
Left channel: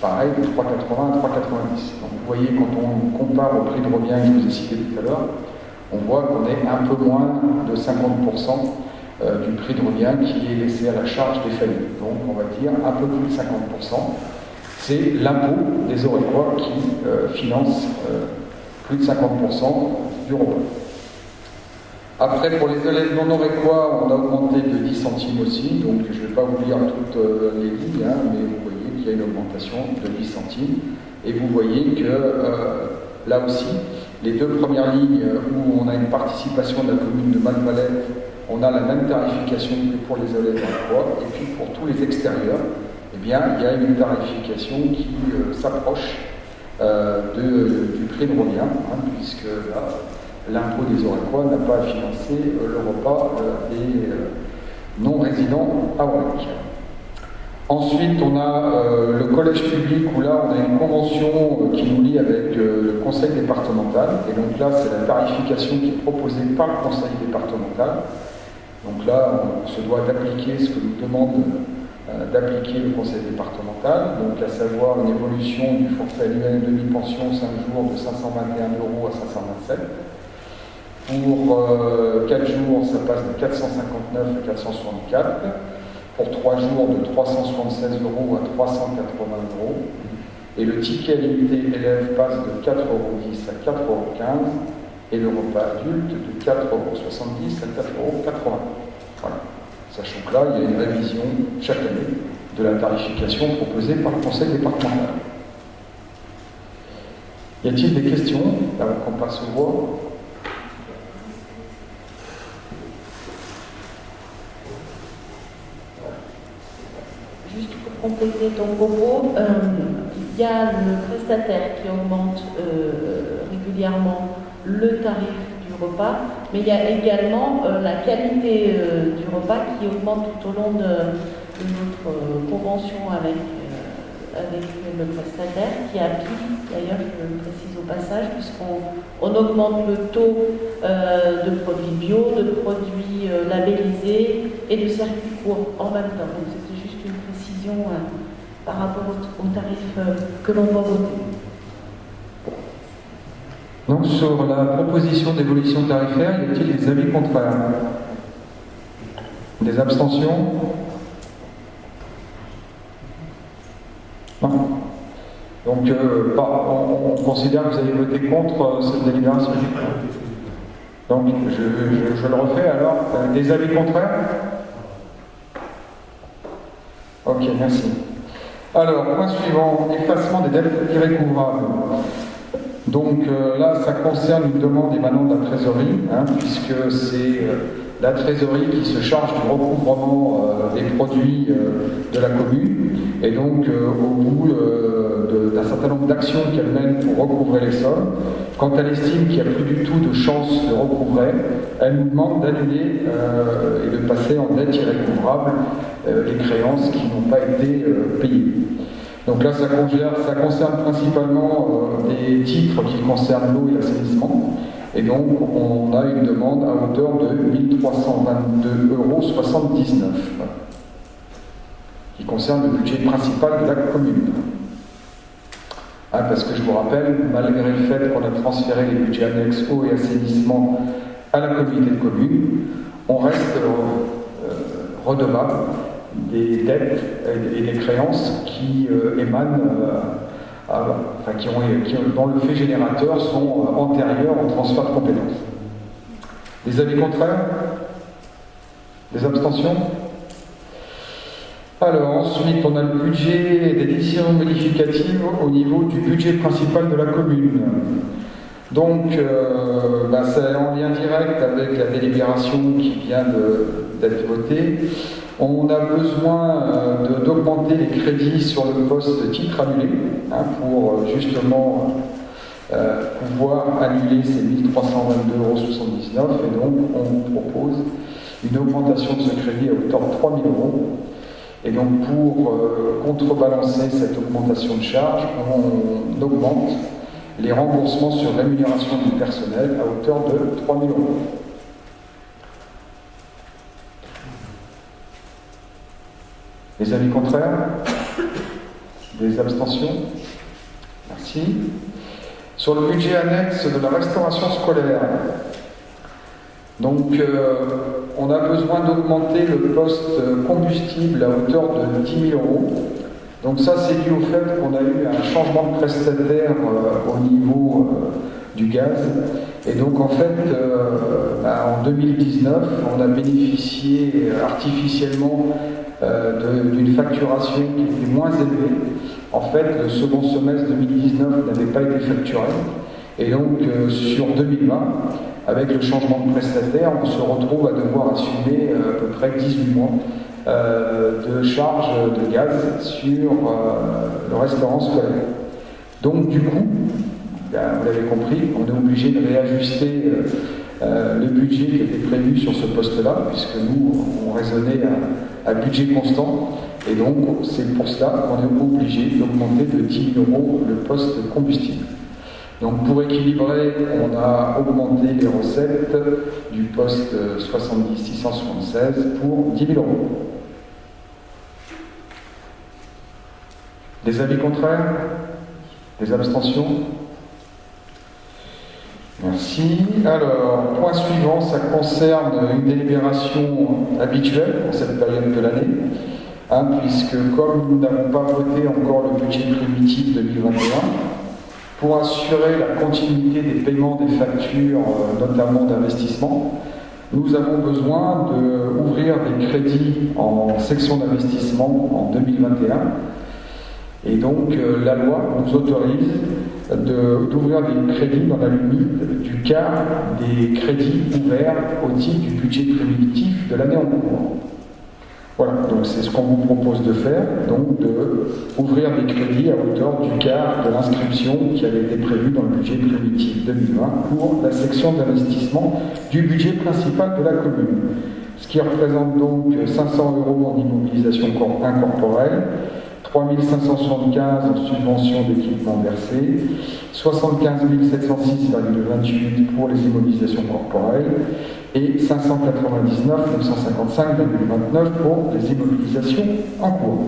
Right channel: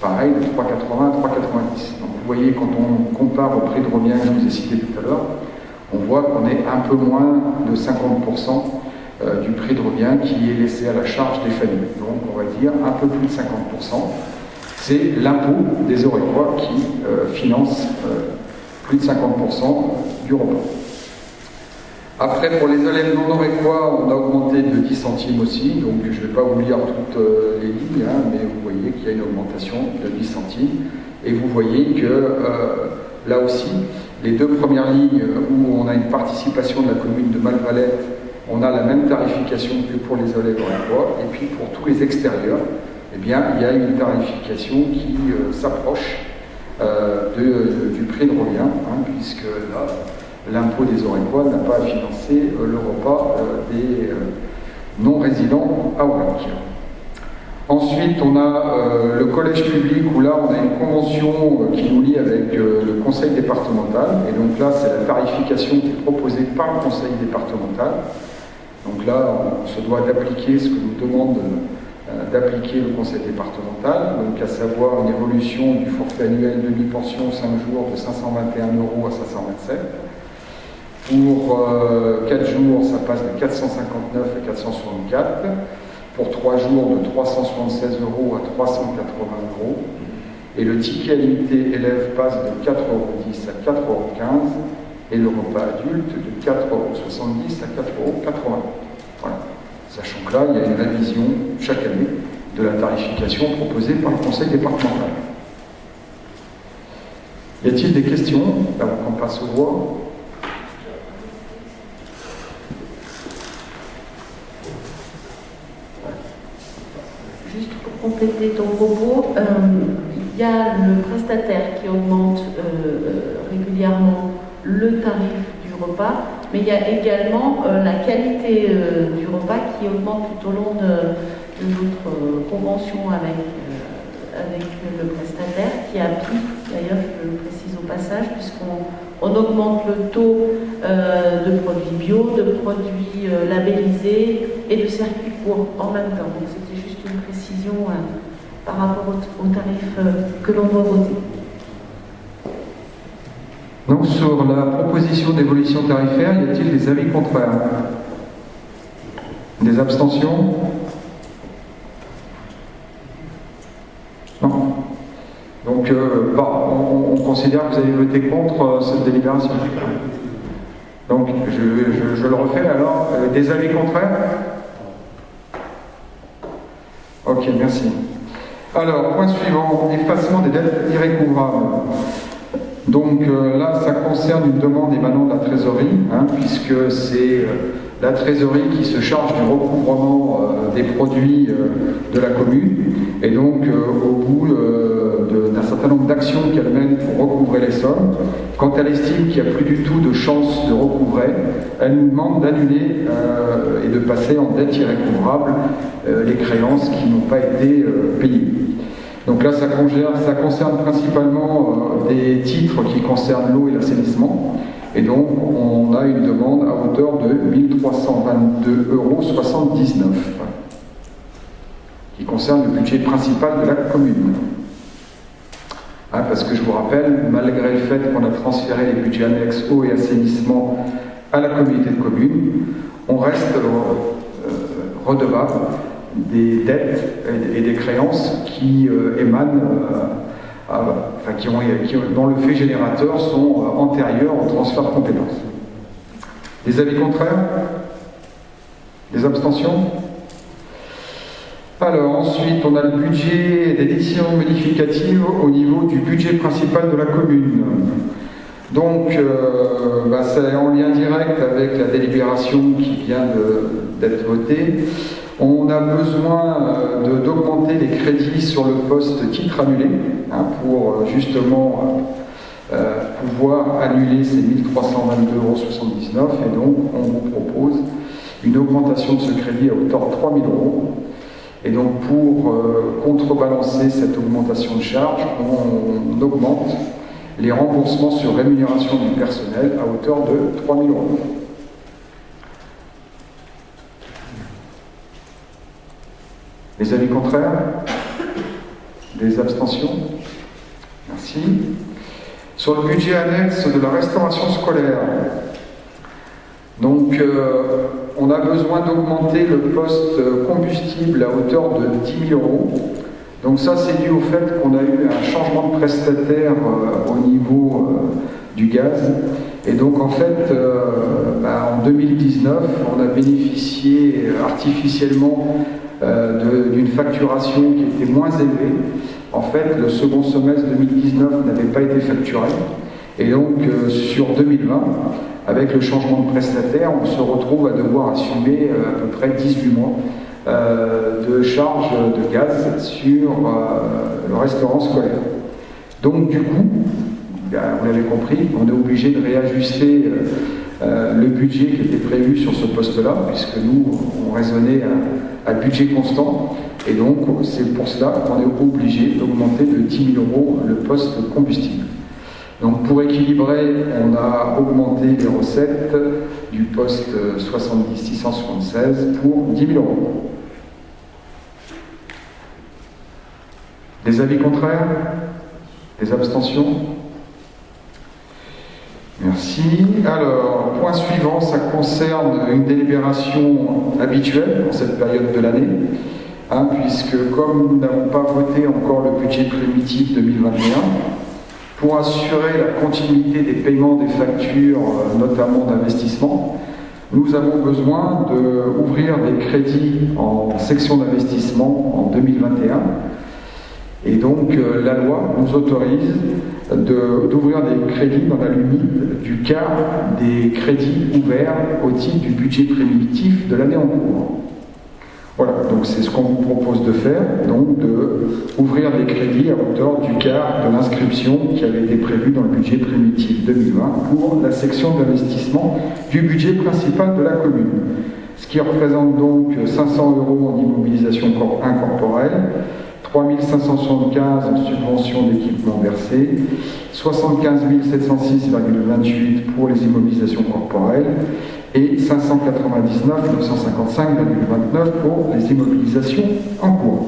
pareil, de 3,80 € à 3,90 €. Donc vous voyez, quand on compare au prix de revient que je vous ai cité tout à l'heure, on voit qu'on est un peu moins de 50% du prix de revient qui est laissé à la charge des familles. Donc on va dire un peu plus de 50%. C'est l'impôt des Orecois qui finance plus de 50% du repas. Après, pour les élèves non orecois, on a augmenté de 10 centimes aussi, donc je ne vais pas vous lire toutes les lignes, mais vous voyez qu'il y a une augmentation de 10 centimes. Et vous voyez que là aussi, les deux premières lignes où on a une participation de la commune de Malvalette, on a la même tarification que pour les élèves orecois, et puis pour tous les extérieurs, il y a une tarification qui s'approche du prix de revient, puisque là, l'impôt des Orecois n'a pas à financer le repas des non-résidents à Aurec. Ensuite, on a le collège public, où là, on a une convention qui nous lie avec le conseil départemental. Et donc là, c'est la tarification qui est proposée par le conseil départemental. Donc là, on se doit d'appliquer ce que nous demande d'appliquer le conseil départemental, donc à savoir une évolution du forfait annuel demi-pension 5 jours de 521 € à 527. Pour 4 jours, ça passe de 459 à 464. Pour 3 jours, de 376 € à 380 €. Et le ticket à l'unité élève passe de 4,10 € à 4,15 € et le repas adulte de 4,70 € à 4,80 €. Voilà. Sachant que là, il y a une révision chaque année de la tarification proposée par le conseil départemental. Y a-t-il des questions avant qu'on passe aux voix ? Juste pour compléter ton propos, il y a le prestataire qui augmente régulièrement le tarif du repas, mais il y a également la qualité du repas qui augmente tout au long de notre convention avec le prestataire, qui applique, d'ailleurs je le précise au passage, puisqu'on augmente le taux de produits bio, de produits labellisés et de circuits courts en même temps. Donc c'était juste une précision par rapport au tarif que l'on doit voter. Donc sur la proposition d'évolution tarifaire, y a-t-il des avis contraires? Des abstentions? Non. Donc on considère que vous avez voté contre cette délibération. Donc je le refais alors. Des avis contraires? Ok, merci. Alors, point suivant, effacement des dettes irrécouvrables. Donc là, ça concerne une demande émanant de la trésorerie, puisque c'est la trésorerie qui se charge du recouvrement des produits de la commune. Et donc, au bout d'un certain nombre d'actions qu'elle mène pour recouvrer les sommes, quand elle estime qu'il n'y a plus du tout de chance de recouvrer, elle nous demande d'annuler et de passer en dette irrécouvrable les créances qui n'ont pas été payées. Donc là, ça concerne principalement des titres qui concernent l'eau et l'assainissement. Et donc, on a une demande à hauteur de 1 322,79 € qui concerne le budget principal de la commune. Parce que je vous rappelle, malgré le fait qu'on a transféré les budgets annexes eau et assainissement à la communauté de communes, on reste redevable des dettes et des créances qui émanent, dont le fait générateur sont antérieurs au transfert de compétences. Des avis contraires? Des abstentions? Alors ensuite, on a le budget des décisions modificatives au niveau du budget principal de la commune. Donc, c'est en lien direct avec la délibération qui vient d'être votée. On a besoin d'augmenter les crédits sur le poste titre annulé pour justement pouvoir annuler ces 1 322,79 €. Et donc, on vous propose une augmentation de ce crédit à hauteur de 3 000 €. Et donc, pour contrebalancer cette augmentation de charge, on augmente les remboursements sur rémunération du personnel à hauteur de 3 000 €. Les avis contraires? Des abstentions? Merci. Sur le budget annexe de la restauration scolaire, donc on a besoin d'augmenter le poste combustible à hauteur de 10 000 €. Donc ça, c'est dû au fait qu'on a eu un changement de prestataire au niveau du gaz. Et donc en fait, en 2019, on a bénéficié artificiellement d'une facturation qui était moins élevée. En fait, le second semestre 2019 n'avait pas été facturé. Et donc sur 2020, avec le changement de prestataire, on se retrouve à devoir assumer à peu près 18 mois de charges de gaz sur le restaurant scolaire. Donc du coup, vous l'avez compris, on est obligé de réajuster le budget qui était prévu sur ce poste-là, puisque nous, on raisonnait à budget constant, et donc c'est pour cela qu'on est obligé d'augmenter de 10 000 € le poste combustible. Donc pour équilibrer, on a augmenté les recettes du poste 70 676 pour 10 000 €. Des avis contraires? Des abstentions? Merci. Alors, point suivant, ça concerne une délibération habituelle pour cette période de l'année, puisque comme nous n'avons pas voté encore le budget primitif 2021, pour assurer la continuité des paiements des factures, notamment d'investissement, nous avons besoin d'ouvrir des crédits en section d'investissement en 2021. Et donc, la loi nous autorise d'ouvrir des crédits dans la limite du quart des crédits ouverts au titre du budget primitif de l'année en cours. Voilà, donc c'est ce qu'on vous propose de faire, donc d'ouvrir des crédits à hauteur du quart de l'inscription qui avait été prévue dans le budget primitif 2020 pour la section d'investissement du budget principal de la commune. Ce qui représente donc 500 € en immobilisation incorporelle, 3 575 en subvention d'équipement versé, 75 706,28 pour les immobilisations corporelles et 599 955,29 pour les immobilisations en cours.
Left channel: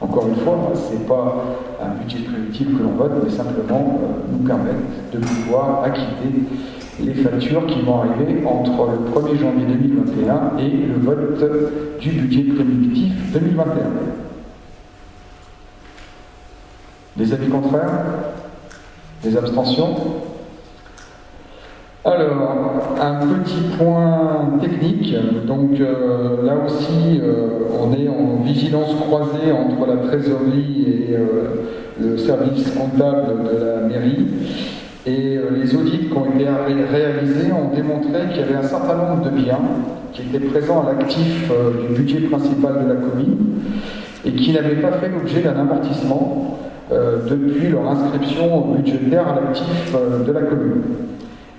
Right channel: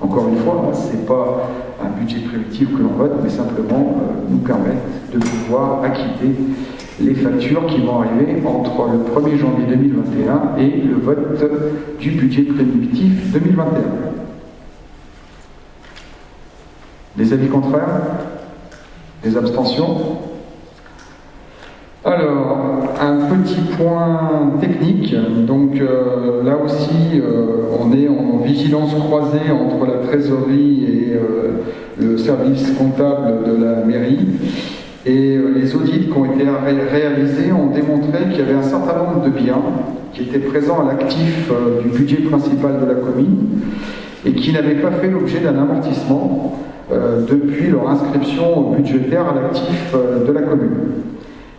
Encore une fois, ce n'est pas un budget primitif que l'on vote, mais simplement nous permettre de pouvoir acquitter les factures qui vont arriver entre le 1er janvier 2021 et le vote du budget primitif 2021. Des avis contraires? Des abstentions? Alors, un petit point technique. Donc là aussi, on est en vigilance croisée entre la trésorerie et le service comptable de la mairie. Et les audits qui ont été réalisés ont démontré qu'il y avait un certain nombre de biens qui étaient présents à l'actif du budget principal de la commune et qui n'avaient pas fait l'objet d'un amortissement depuis leur inscription budgétaire à l'actif de la commune.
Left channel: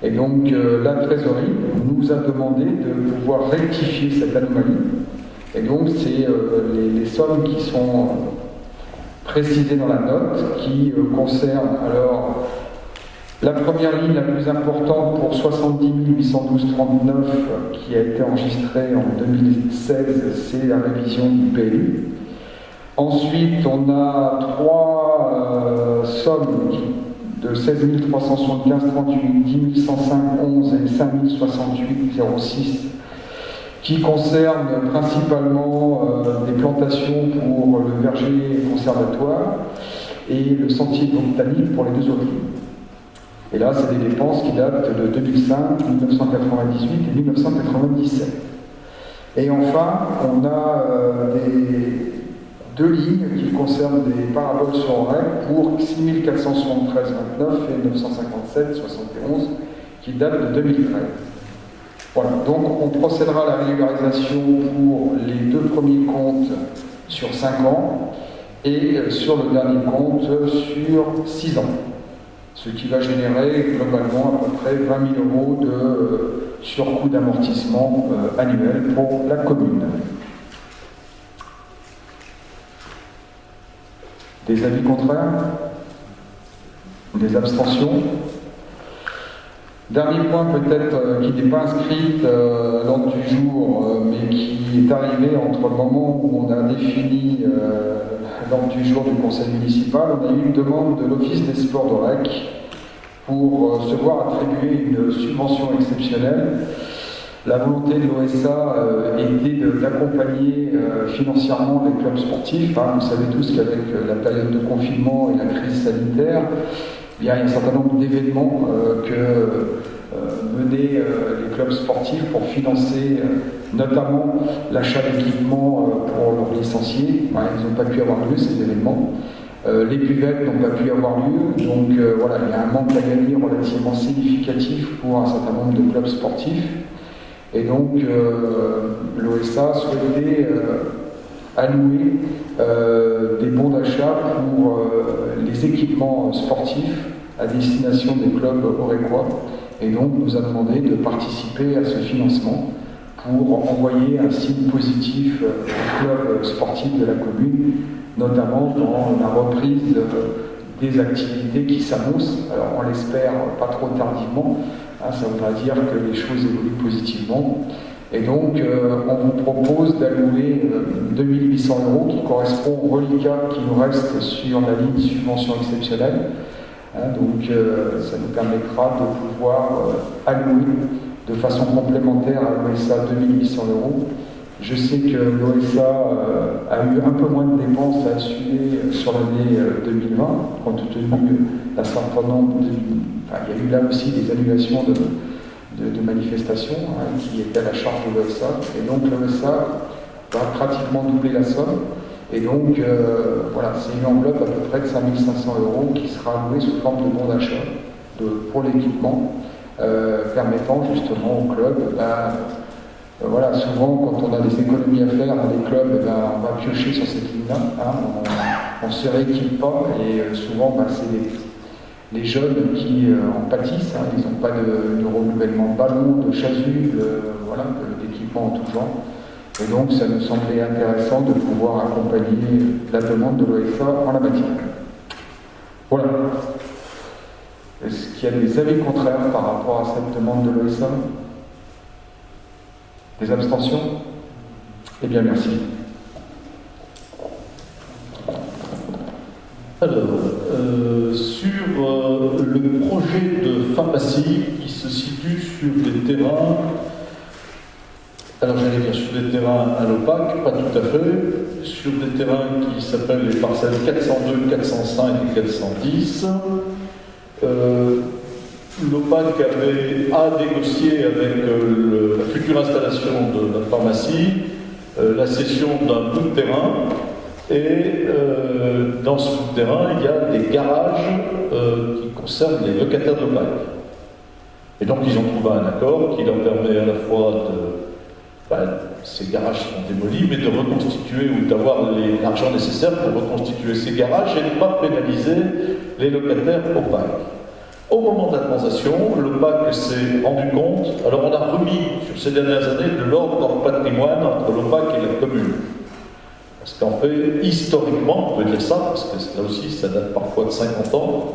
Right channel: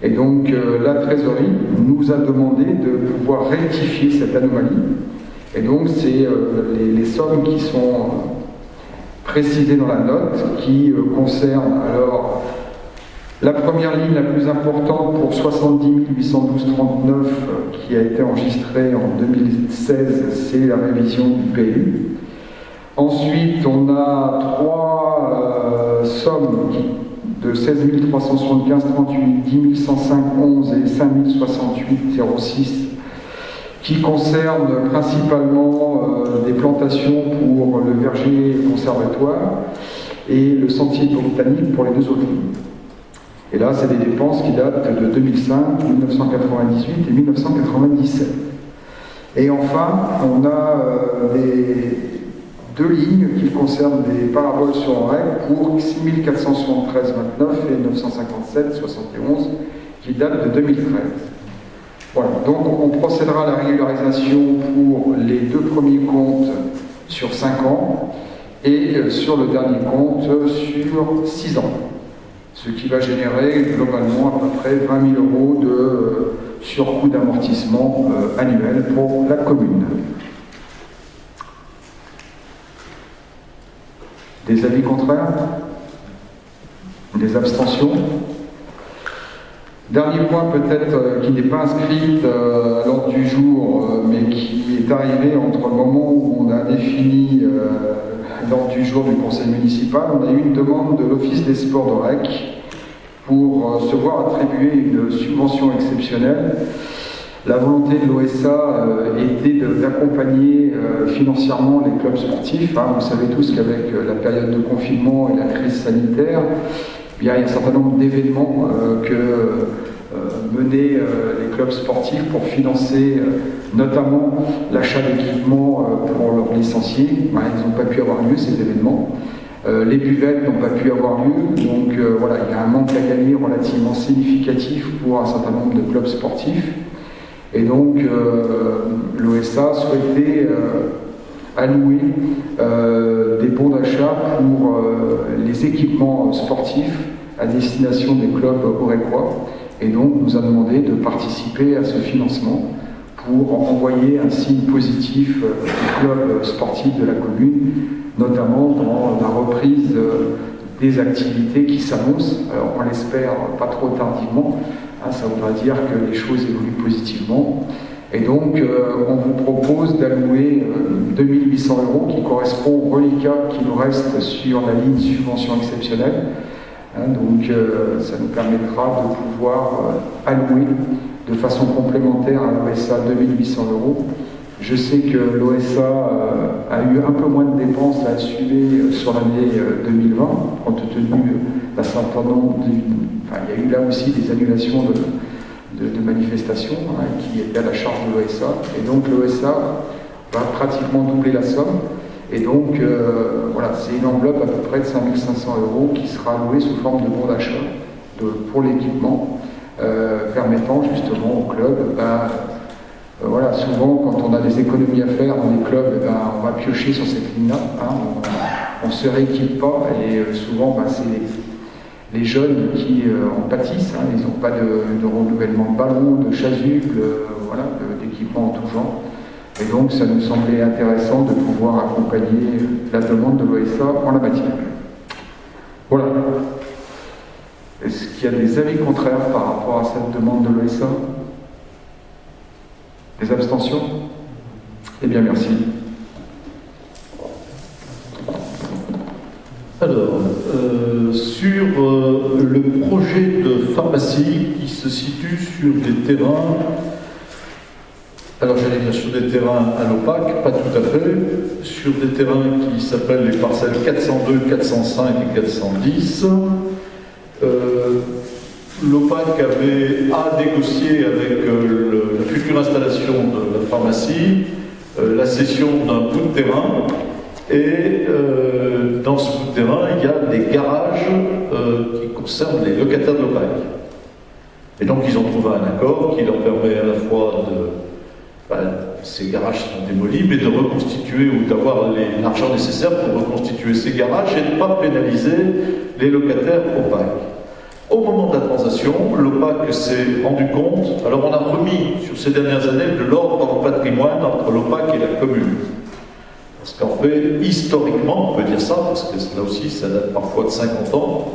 Et donc la trésorerie nous a demandé de pouvoir rectifier cette anomalie. Et donc c'est les sommes qui sont précisées dans la note qui concernent alors La première ligne la plus importante pour 70 812,39 qui a été enregistrée en 2016, c'est la révision du PLU. Ensuite, on a trois sommes de 16 375,38, 10 105,11 et 5 068,06 qui concernent principalement des plantations pour le verger conservatoire et le sentier botanique pour les deux autres lignes. Et là, c'est des dépenses qui datent de 2005, 1998 et 1997. Et enfin, on a deux lignes qui concernent des paraboles sur REC pour 6 473,29 et 957,71 qui datent de 2013. Voilà, donc on procédera à la régularisation pour les deux premiers comptes sur 5 ans et sur le dernier compte sur 6 ans. Ce qui va générer globalement à peu près 20 000 € de surcoût d'amortissement annuel pour la commune. Des avis contraires? Des abstentions? Dernier point peut-être qui n'est pas inscrit à l'ordre du jour, mais qui est arrivé entre le moment où on a défini l'ordre du jour du conseil municipal. On a eu une demande de l'Office des sports d'Aurec pour se voir attribuer une subvention exceptionnelle. La volonté de l'OSA était d'accompagner financièrement les clubs sportifs. Vous savez tous qu'avec la période de confinement et la crise sanitaire, il y a un certain nombre d'événements que menaient les clubs sportifs pour financer notamment l'achat d'équipements pour leurs licenciés. Ils n'ont pas pu avoir lieu, ces événements. Les buvettes n'ont pas pu avoir lieu, donc voilà, il y a un manque à gagner relativement significatif pour un certain nombre de clubs sportifs. Et donc l'OSA souhaitait allouer des bons d'achat pour les équipements sportifs à destination des clubs aurécois. Et donc nous a demandé de participer à ce financement pour envoyer un signe positif aux clubs sportifs de la commune, notamment dans la reprise des activités qui s'annoncent. Alors on l'espère pas trop tardivement, ça voudra dire que les choses évoluent positivement. Et donc on vous propose d'allouer 2 800 € qui correspond au reliquat qui nous reste sur la ligne subvention exceptionnelle. Donc ça nous permettra de pouvoir allouer de façon complémentaire à l'OSA 2 800 €. Je sais que l'OSA a eu un peu moins de dépenses là-dessus sur l'année 2020, compte tenu d'un certain nombre il y a eu là aussi des annulations de manifestations qui étaient à la charge de l'OSA. Et donc l'OSA va pratiquement doubler la somme. Et donc voilà, c'est une enveloppe à peu près de 5 500 € qui sera allouée sous forme de bon d'achat pour l'équipement, permettant justement au club, voilà, souvent quand on a des économies à faire dans les clubs, on va piocher sur cette ligne-là, on ne se rééquipe pas, et souvent c'est les jeunes qui en pâtissent, ils n'ont pas de renouvellement de ballons, de chasubles, voilà, d'équipements en tout genre. Et donc ça nous semblait intéressant de pouvoir accompagner la demande de l'OSA en la matière. Voilà. Est-ce qu'il y a des avis contraires par rapport à cette demande de l'OSA? Des abstentions? Eh bien, merci. Alors, sur le projet de pharmacie qui se situe sur des terrains, alors j'allais dire sur des terrains à l'OPAC, pas tout à fait, sur des terrains qui s'appellent les parcelles 402, 405 et 410. L'OPAC a négocié avec la future installation de la pharmacie la cession d'un bout de terrain, et dans ce bout de terrain, il y a des garages qui concernent les locataires de l'OPAC. Et donc ils ont trouvé un accord qui leur permet à la fois ces garages sont démolis, mais de reconstituer ou d'avoir l'argent nécessaire pour reconstituer ces garages et ne pas pénaliser les locataires OPAC. Au moment de la transaction, l'OPAC s'est rendu compte, alors on a remis sur ces dernières années de l'ordre dans le patrimoine entre l'OPAC et la commune. Parce qu'en fait, historiquement, on peut dire ça, parce que là aussi ça date parfois de 50 ans,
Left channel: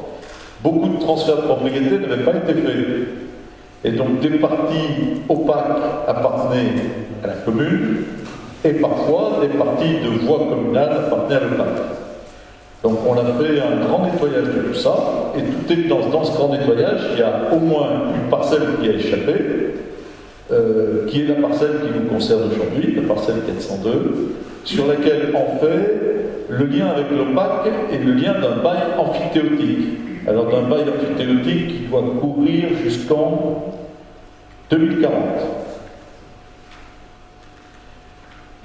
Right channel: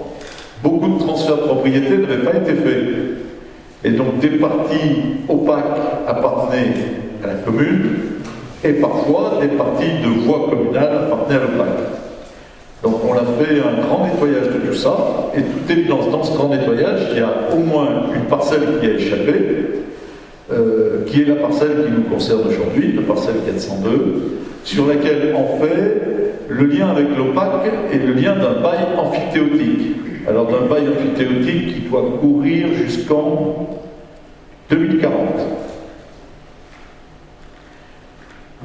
beaucoup de transferts de propriété n'avaient pas été faits. Et donc des parties opaques appartenaient à la commune, et parfois des parties de voies communales appartenaient à l'OPAC. Donc on a fait un grand nettoyage de tout ça, et toute évidence, dans ce grand nettoyage, il y a au moins une parcelle qui a échappé, qui est la parcelle qui nous concerne aujourd'hui, la parcelle 402, sur laquelle on fait le lien avec l'OPAC et le lien d'un bail amphithéotique. Alors d'un bail amphithéotique qui doit courir jusqu'en 2040.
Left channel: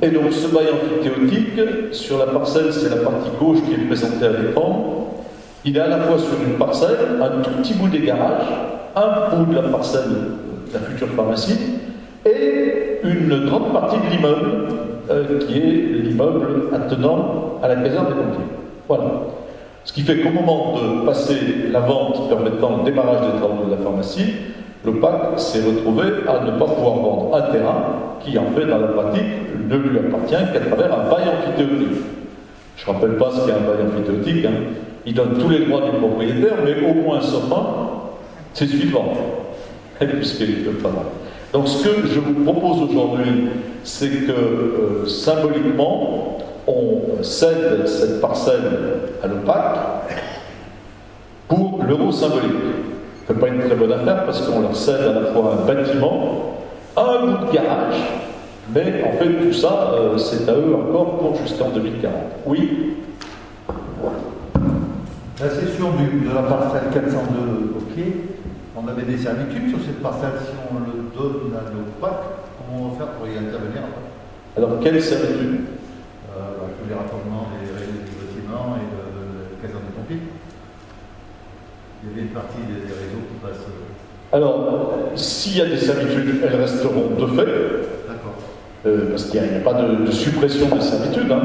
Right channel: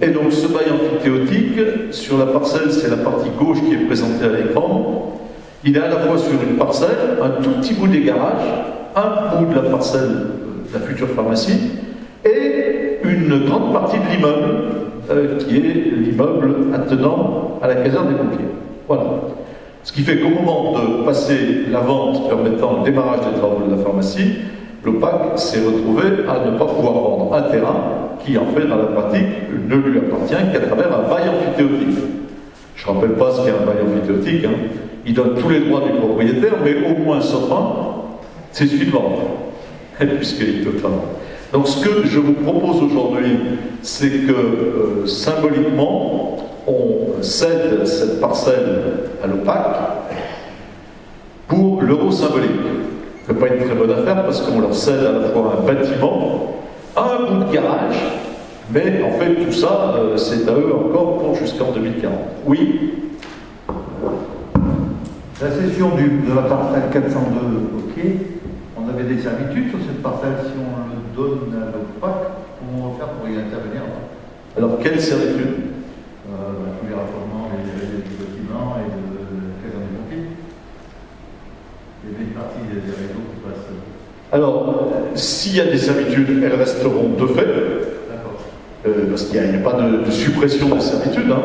Et donc ce bail amphithéotique, sur la parcelle, c'est la partie gauche qui est présentée à l'écran, il est à la fois sur une parcelle, un tout petit bout des garages, un bout de la parcelle de la future pharmacie, et une grande partie de l'immeuble, qui est l'immeuble attenant à la caserne des pompiers. Voilà. Ce qui fait qu'au moment de passer la vente permettant le démarrage des travaux de la pharmacie, l'OPAC s'est retrouvé à ne pas pouvoir vendre un terrain qui, en fait, dans la pratique, ne lui appartient qu'à travers un bail amphithéotique. Je ne rappelle pas ce qu'est un bail amphithéotique. Hein. Il donne tous les droits du propriétaire, mais au moins sauf un, c'est celui de vendre. Puisqu'il peut pas vendre. Donc ce que je vous propose aujourd'hui, c'est que symboliquement, on cède cette parcelle à l'OPAC pour l'euro symbolique. Ce n'est pas une très bonne affaire parce qu'on leur cède à la fois un bâtiment, un bout de garage, mais en fait tout ça, c'est à eux encore pour jusqu'en 2040. Oui. La cession de la parcelle 402, ok. On avait des servitudes sur cette parcelle. Si on le donne à l'OPAC, comment on va faire pour y intervenir? Alors, quelle servitude? Tous les raccordements des réseaux du bâtiment et de la caserne des pompiers. Il y avait une partie des réseaux qui passent. Alors, s'il y a des servitudes, elles resteront de fait. D'accord. Parce qu'il n'y a pas de suppression des servitudes. Hein.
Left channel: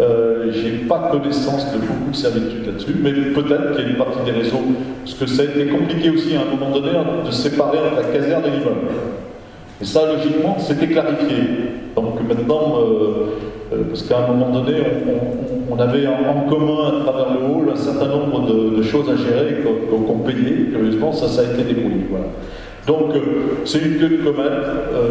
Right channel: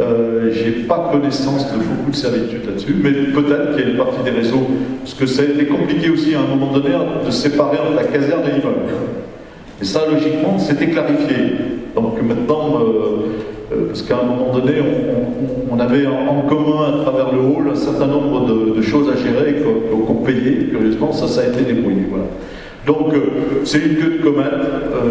Je n'ai pas connaissance de beaucoup de servitudes là-dessus, mais peut-être qu'il y a une partie des réseaux, parce que ça a été compliqué aussi à un moment donné de séparer entre la caserne et l'immeuble. Et ça, logiquement, c'était clarifié. Donc maintenant, parce qu'à un moment donné, on avait en commun à travers le hall un certain nombre de choses à gérer qu'on payait, curieusement, ça a été débrouillé. Voilà. Donc, c'est une queue de comète.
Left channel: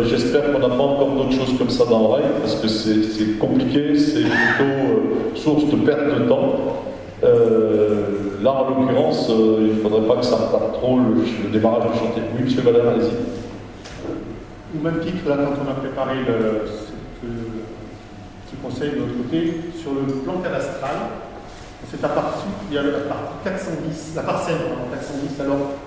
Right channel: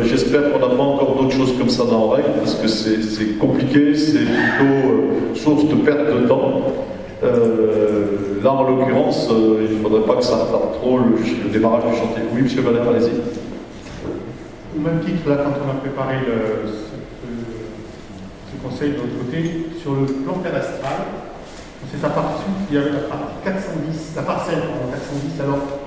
J'espère qu'on n'a pas encore d'autres choses comme ça dans l'oreille, parce que c'est compliqué, c'est plutôt source de perte de temps. Là, en l'occurrence, il ne faudrait pas que ça retarde trop le démarrage du chantier. Oui, monsieur Valère, allez-y. Au même titre, là, quand on a préparé ce conseil de notre côté, sur le plan cadastral, on s'est aperçu qu'il y avait la partie 410, la parcelle 410, alors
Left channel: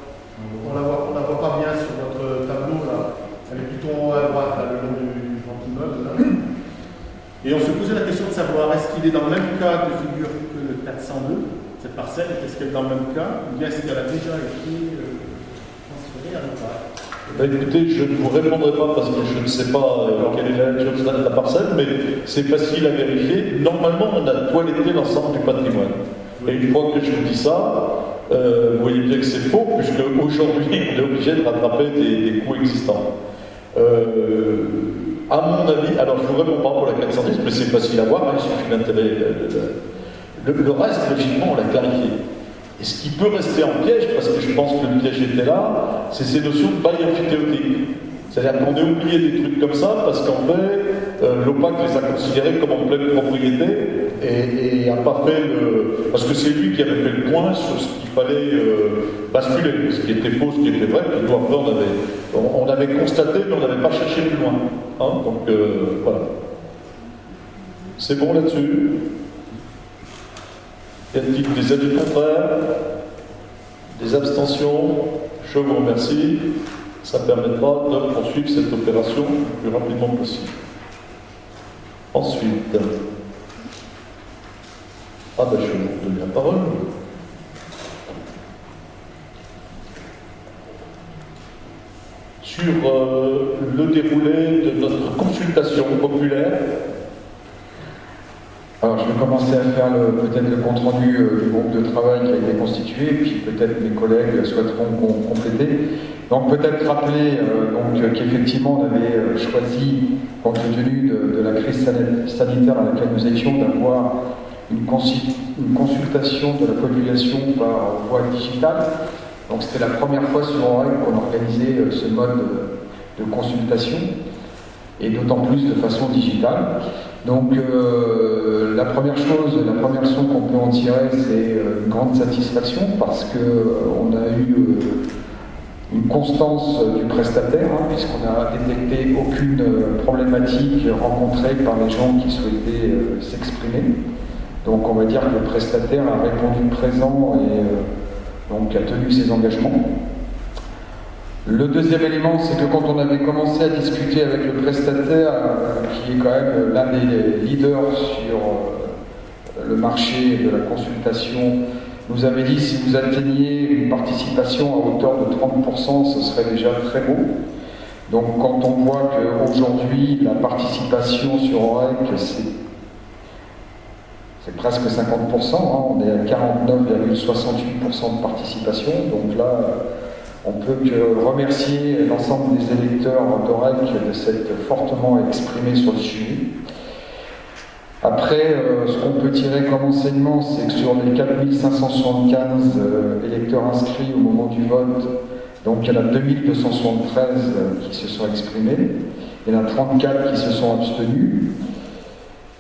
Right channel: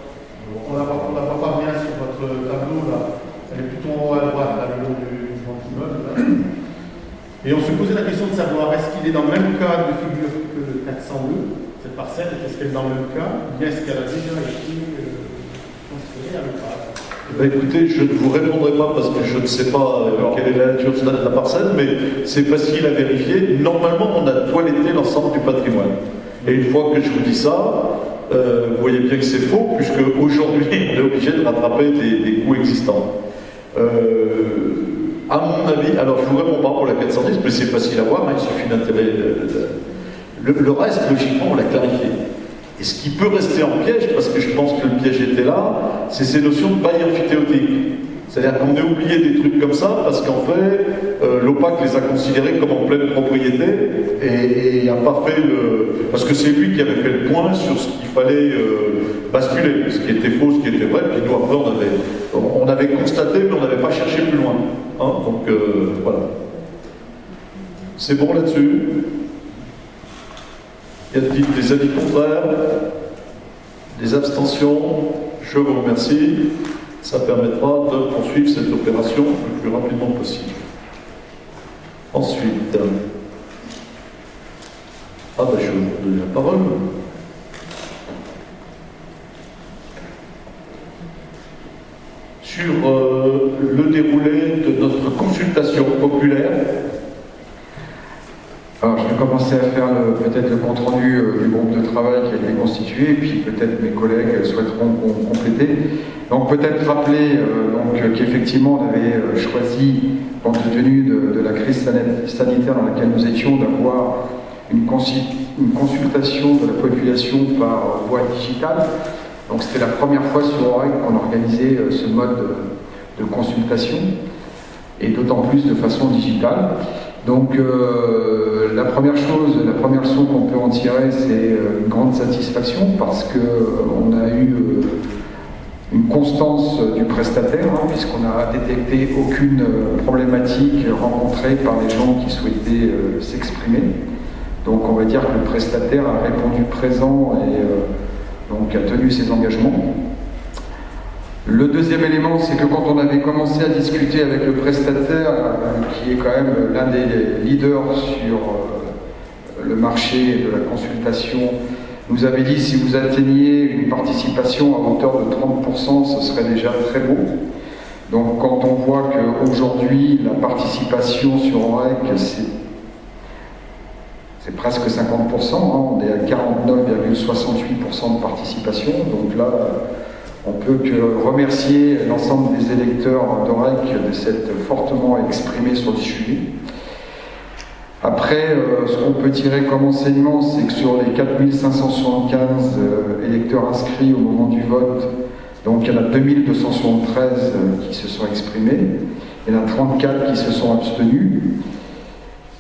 on la voit pas bien sur votre tableau là, elle est plutôt en haut à droite, là, le long du grand immeuble là. Et on se posait la question de savoir est-ce qu'il est dans le même cas de figure que le 402, cette parcelle, est-ce qu'elle est dans le même cas, ou bien est-ce qu'elle a déjà été transférée à l'autre? Écoutez, je ne vous répondrai pas parce que je ne sais pas quelle est la nature de la parcelle, mais c'est facile à vérifier. Normalement, on a toiletté l'ensemble du patrimoine. Et une fois que je vous dis ça, vous voyez bien que c'est faux, puisque aujourd'hui, on est obligé de rattraper des coûts existants. À mon avis, alors je ne vous réponds pas pour la 410, mais c'est facile à voir, hein, il suffit d'intégrer. Le reste, logiquement, on l'a clarifié. Et ce qui peut rester en piège, parce que je pense que le piège était là, c'est ces notions de bail amphithéotique. C'est-à-dire qu'on a oublié des trucs comme ça, parce qu'en fait, l'OPAC les a considérés comme en pleine propriété, et n'a pas fait le... Parce que c'est lui qui avait fait le point sur ce qu'il fallait basculer, ce qui était faux, ce qui était vrai, puis nous après on avait constaté, mais on n'avait pas cherché plus loin. Hein, donc voilà. C'est bon là-dessus? Y a-t-il des avis contraires? Des abstentions? Je vous remercie. Ça permettra de poursuivre cette opération le plus rapidement possible. Ensuite, je vais vous donner la parole. Sur le déroulé de notre consultation populaire. Alors, je vais commencer à faire peut-être le compte-rendu du groupe de travail qui a été constitué, puis peut-être mes collègues souhaiteront compléter. Donc, peut-être rappeler qu'effectivement, on avait choisi, compte tenu de la crise sanitaire dans laquelle nous étions, d'avoir une consultation de la population par voie digitale. Donc c'était la première fois sur OREC qu'on organisait ce mode de consultation, et d'autant plus de façon digitale. Donc la première leçon qu'on peut en tirer, c'est une grande satisfaction, parce qu'on a eu une constance du prestataire, puisqu'on n'a détecté aucune problématique rencontrée par les gens qui souhaitaient s'exprimer. Donc on va dire que le prestataire a répondu présent et donc a tenu ses engagements. Le deuxième élément, c'est que quand on avait commencé à discuter avec le prestataire, qui est quand même l'un des leaders sur le marché de la consultation, nous avait dit si vous atteigniez une participation à hauteur de 30%, ce serait déjà très beau. Donc quand on voit qu'aujourd'hui, la participation sur OREC, c'est presque 50%, on est à 49,68% de participation, donc là, on peut que remercier l'ensemble des électeurs d'OREC de s'être fortement exprimés sur le sujet. Après, ce qu'on peut tirer comme enseignement, c'est que sur les 4575 électeurs inscrits au moment du vote, donc il y en a 2273 qui se sont exprimés, il y en a 34 qui se sont abstenus.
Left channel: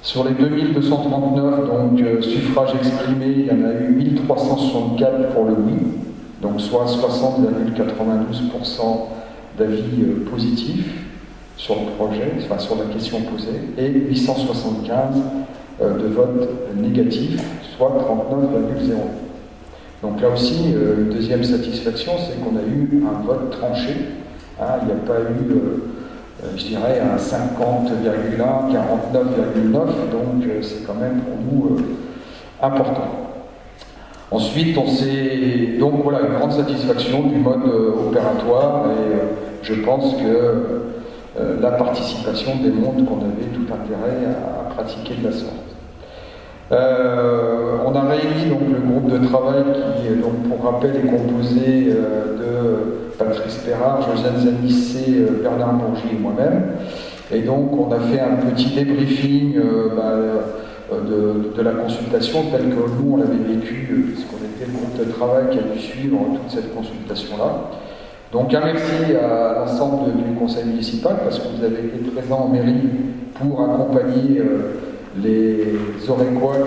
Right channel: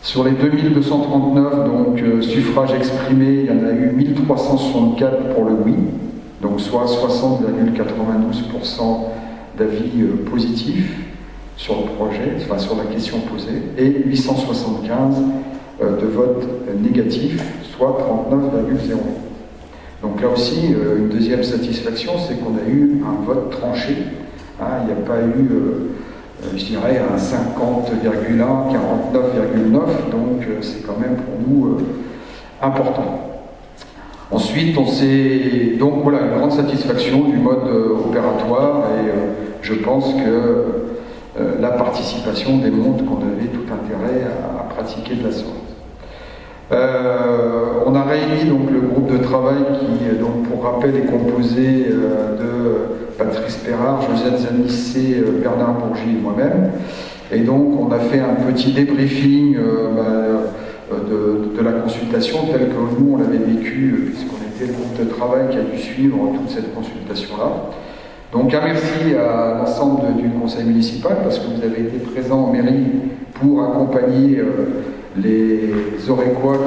Sur les 2239 donc, suffrages exprimés, il y en a eu 1364 pour le oui, donc soit 60,92% d'avis positifs sur le projet, enfin sur la question posée, et 875 de votes négatifs, soit 39,08. Donc là aussi, une deuxième satisfaction, c'est qu'on a eu un vote tranché. Il n'y a pas eu, je dirais, un 50,1, 49,9, donc c'est quand même pour nous important. Ensuite, on s'est donc voilà une grande satisfaction du mode opératoire, et je pense que la participation démontre qu'on avait tout intérêt à pratiquer de la sorte. On a réuni donc le groupe de travail qui, donc, pour rappel, est composé de Patrice Perrard, Josiane Zanissé, Bernard Bourgie et moi-même. Et donc on a fait un petit débriefing de la consultation telle que nous on l'avait vécu, puisqu'on était le groupe de travail qui a dû suivre toute cette consultation-là. Donc un merci à l'ensemble du conseil municipal, parce que vous avez été présents en mairie pour accompagner les Orécois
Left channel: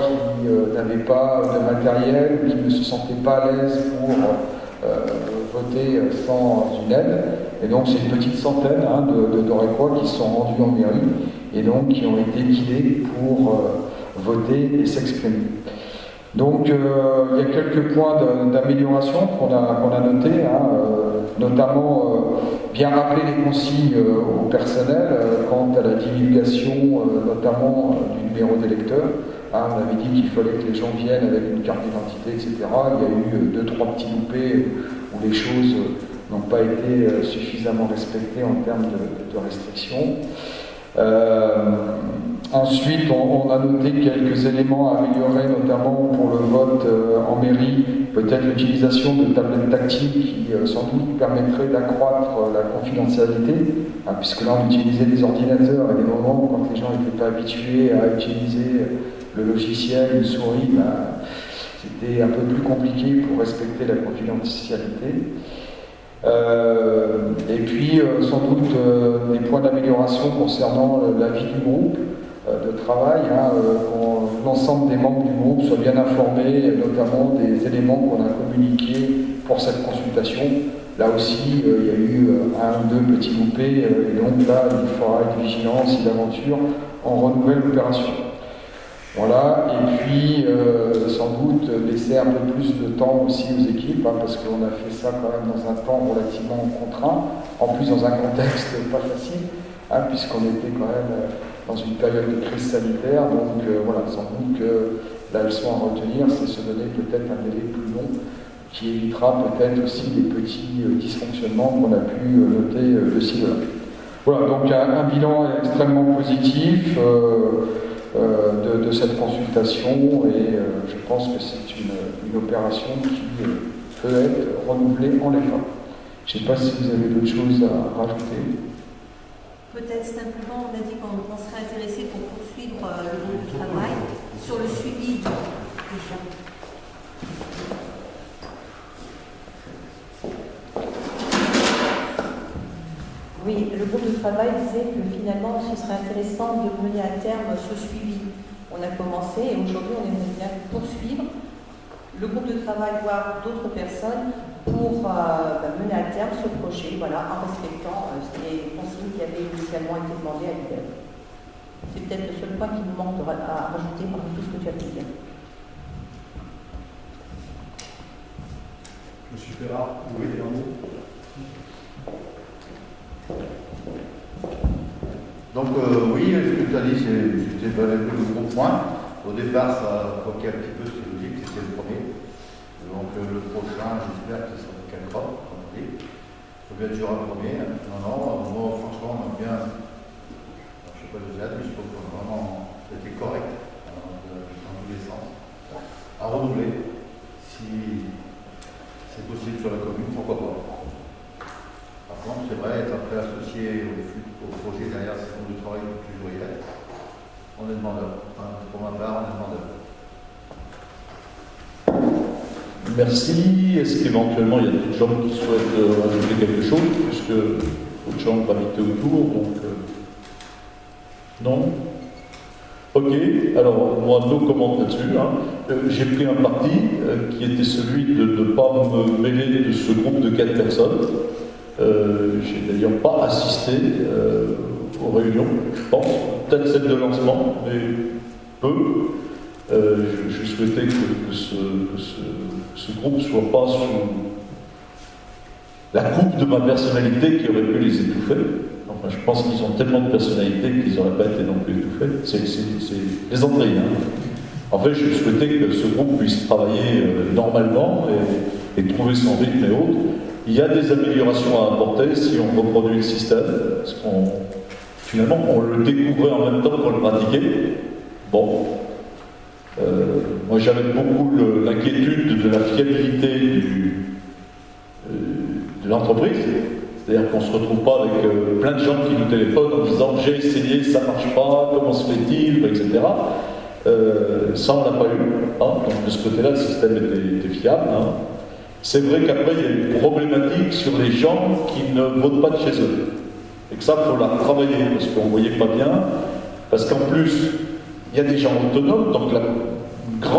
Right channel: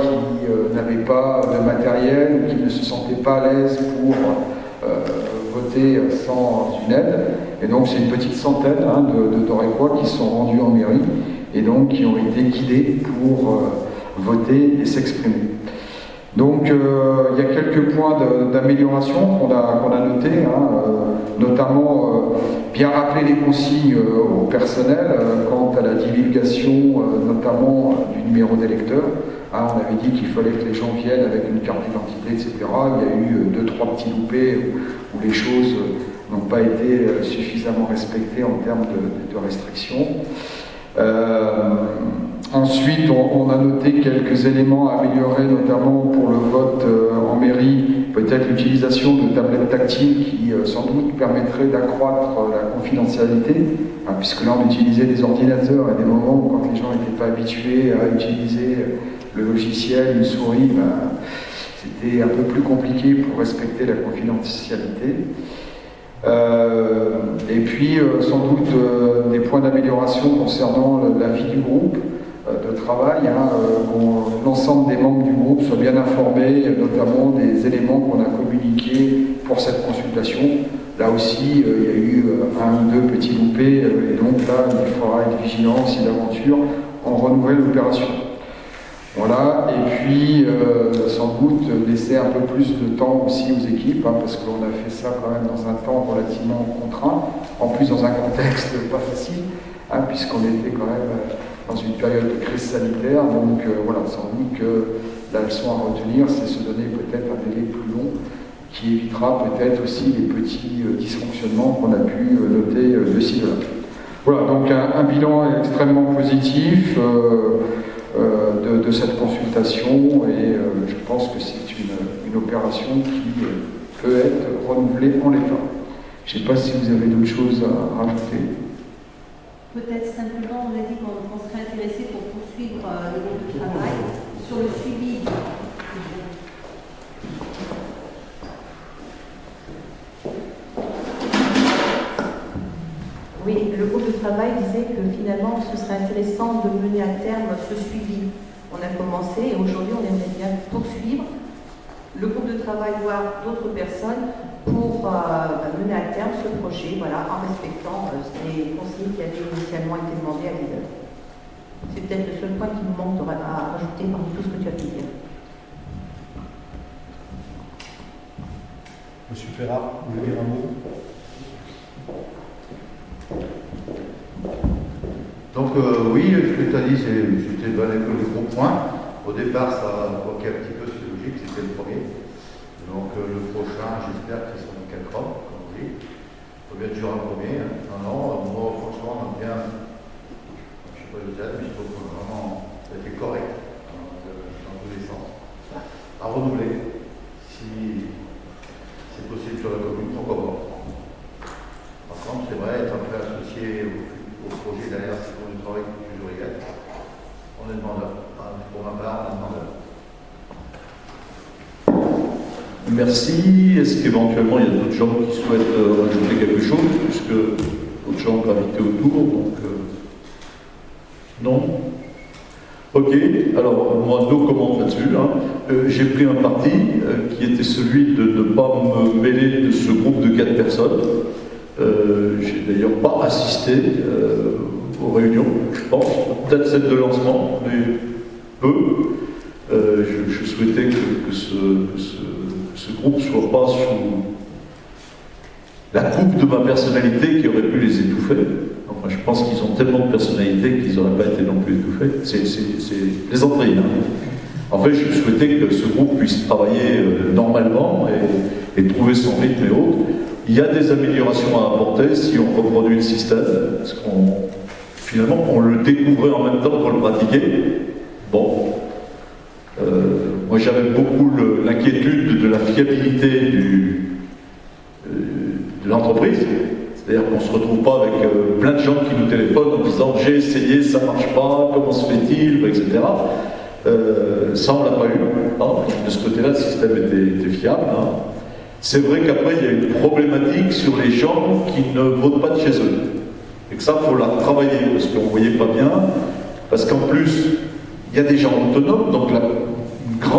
qui n'avaient pas de matériel, qui ne se sentaient pas à l'aise pour voter sans une aide. Et donc c'est une petite centaine d'Orécois qui sont rendus en mairie et donc qui ont été guidés pour voter et s'exprimer. Donc il y a quelques points d'amélioration qu'on a notés, notamment bien rappeler les consignes au personnel quant à la divulgation notamment du numéro d'électeur. On avait dit qu'il fallait que les gens viennent avec une carte d'identité, etc. Il y a eu 2-3 petits loupés où les choses n'ont pas été suffisamment respectées en termes de restrictions. Ensuite, on a noté quelques éléments à améliorer, notamment pour le vote en mairie, peut-être l'utilisation de tablettes tactiles qui sans doute permettrait d'accroître la confidentialité, puisque là on utilisait des ordinateurs à des moments où quand les gens n'étaient pas habitués à utiliser le logiciel, une souris, c'était un peu plus compliqué pour respecter la confidentialité. Et puis sans doute des points d'amélioration concernant la vie du groupe de travail, l'ensemble des membres du groupe soient bien informés, notamment des éléments qu'on a communiqués pour cette consultation. Là aussi, il y a eu 1 ou 2 petits loupés, et donc là, il faudra être vigilant si d'aventure on renouvelle l'opération. Voilà, et puis sans doute laisser un peu plus de temps aussi aux équipes, parce qu'on a fait ça quand même dans un temps relativement contraint, en plus dans un contexte pas facile, puisqu'on était quand même dans une période de crise sanitaire, donc voilà, sans doute que la leçon à retenir, c'est se donner peut-être un délai plus long, qui évitera peut-être aussi les petits dysfonctionnements qu'on a pu noter de ci, de là. Voilà, donc un bilan extrêmement positif de cette consultation, et je pense que c'est une opération qui peut être renouvelée en l'état. Je ne sais pas si vous avez d'autres choses à rajouter. Peut-être simplement, on a dit qu'on serait intéressé pour poursuivre le groupe de travail sur le suivi du Oui, le groupe de travail disait que finalement, ce serait intéressant de mener à terme ce suivi. On a commencé et aujourd'hui, on aimerait bien poursuivre le groupe de travail, voire d'autres personnes, pour mener à terme ce projet, voilà, en respectant les conseillers qui avaient initialement été demandés à l'IDEL. C'est peut-être le seul point qui nous manque à rajouter parmi tout ce que tu as pu dire. Monsieur Ferrat, vous voulez dire un mot? Donc oui, ce que tu as dit, c'était le gros point. Au départ, ça bloquait un petit peu, c'est logique, c'était le premier. Donc le prochain, j'espère que ce sera nickel propre, comme on dit. Il faut bien toujours un premier. Non, moi franchement, on aime bien, je ne sais pas les aides, mais je trouve qu'on a vraiment été correct dans tous les sens. À renouveler, si c'est possible sur la commune, pourquoi pas. Par contre, c'est vrai, être après associé au projet derrière, c'est pour du travail toujours y être. On est demandeur. Enfin, pour ma part, on est demandeur. Merci. Est-ce qu'éventuellement il y a d'autres gens qui souhaitent rajouter quelque chose, puisque d'autres gens gravitaient autour, donc non. Ok, alors moi, no comment là-dessus. J'ai pris un parti qui était celui de ne pas me mêler de ce groupe de 4 personnes. J'ai d'ailleurs pas assisté aux réunions, je pense, peut-être celle de lancement, mais peu. Je souhaitais que ce groupe ne soit pas sous la coupe de ma personnalité qui aurait pu les étouffer. Enfin, je pense qu'ils ont tellement de personnalité qu'ils n'auraient pas été non plus étouffés. C'est les entrailles. En fait, je souhaitais que ce groupe puisse travailler normalement et trouver son rythme et autres. Il y a des améliorations à apporter si on reproduit le système, parce finalement, on le découvrait en même temps qu'on le pratiquait. Bon. Moi, j'avais beaucoup l'inquiétude de la fiabilité de l'entreprise. C'est-à-dire qu'on ne se retrouve pas avec plein de gens qui nous téléphonent en disant « j'ai essayé, ça ne marche pas, comment se fait-il » etc. Ça, on ne l'a pas eu. Donc, de ce côté-là, le système était fiable. C'est vrai qu'après, il y a une problématique sur les gens qui ne votent pas de chez eux. Et que ça, il faut la travailler, parce qu'on ne voyait pas bien. Parce qu'en plus, il y a des gens autonomes, donc une très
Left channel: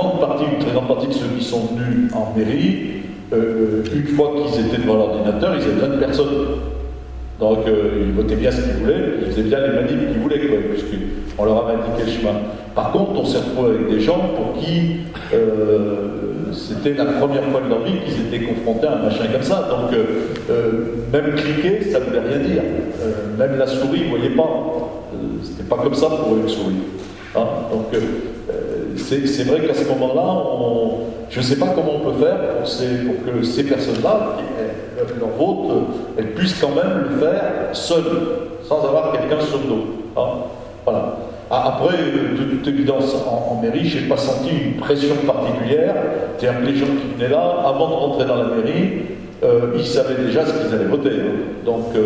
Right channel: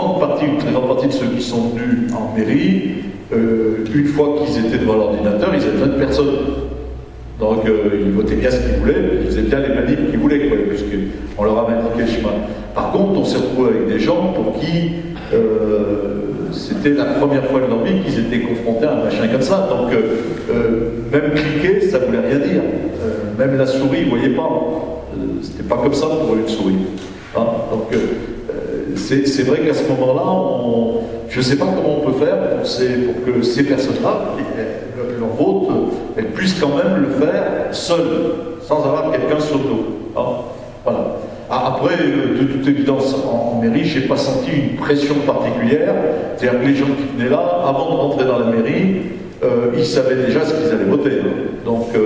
grande partie de ceux qui sont venus en mairie, une fois qu'ils étaient devant l'ordinateur, ils avaient besoin de personne. Donc ils votaient bien ce qu'ils voulaient, ils faisaient bien les manips qu'ils voulaient, puisqu'on leur a indiqué le chemin. Par contre, on s'est retrouvé avec des gens pour qui c'était la première fois de leur vie qu'ils étaient confrontés à un machin comme ça. Donc même cliquer, ça ne voulait rien dire. Même la souris, ils ne voyaient pas. C'était pas comme ça pour eux, une souris. Donc c'est vrai qu'à ce moment-là, je ne sais pas comment on peut faire pour que ces personnes-là, leur vote, elles puissent quand même le faire seules, sans avoir quelqu'un sur le dos. Voilà. Après, de toute évidence, en mairie, je n'ai pas senti une pression particulière. C'est-à-dire que les gens qui venaient là, avant de rentrer dans la mairie, ils savaient déjà ce qu'ils allaient voter. Donc, je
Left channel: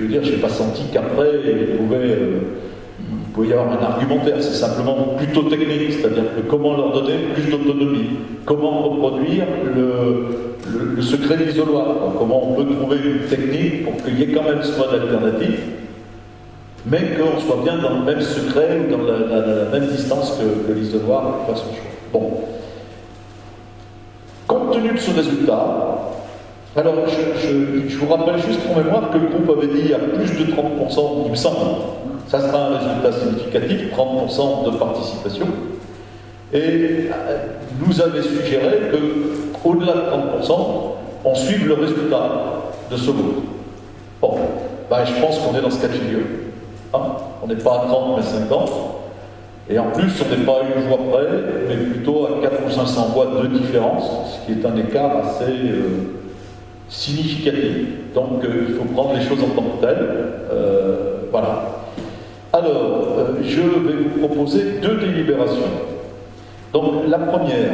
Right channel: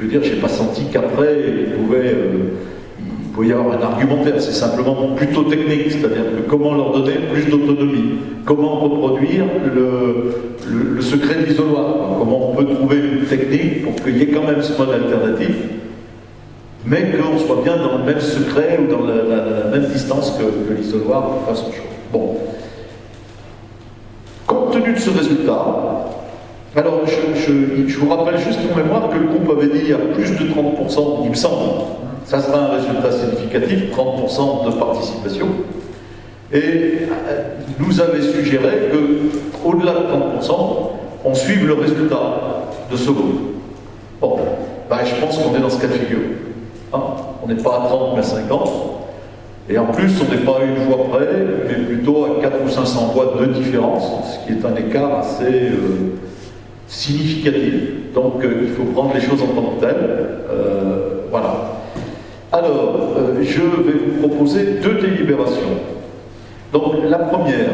veux dire, je n'ai pas senti qu'après, il pouvait y avoir un argumentaire. C'est simplement plutôt technique, c'est-à-dire que comment leur donner plus d'autonomie, comment reproduire le secret de l'isoloir, comment on peut trouver une technique pour qu'il y ait quand même ce mode alternatif, mais qu'on soit bien dans le même secret ou dans la même distance que l'isoloir pour faire son choix. Bon. Compte tenu de ce résultat, alors je vous rappelle juste pour mémoire que le groupe avait dit il y a plus de 30%, il me semble, ça sera un résultat significatif, 30% de participation, et nous avait suggéré qu'au-delà de 30%, on suive le résultat de ce groupe. Bon, je pense qu'on est dans ce cas de figure. On n'est pas à 30 mais à 50, et en plus on n'est pas à une voix près, mais plutôt à 400 ou 500 voix de différence, ce qui est un écart assez significatif. Donc il faut prendre les choses en tant que telles. Voilà. Alors, je vais vous proposer 2 délibérations. Donc la première,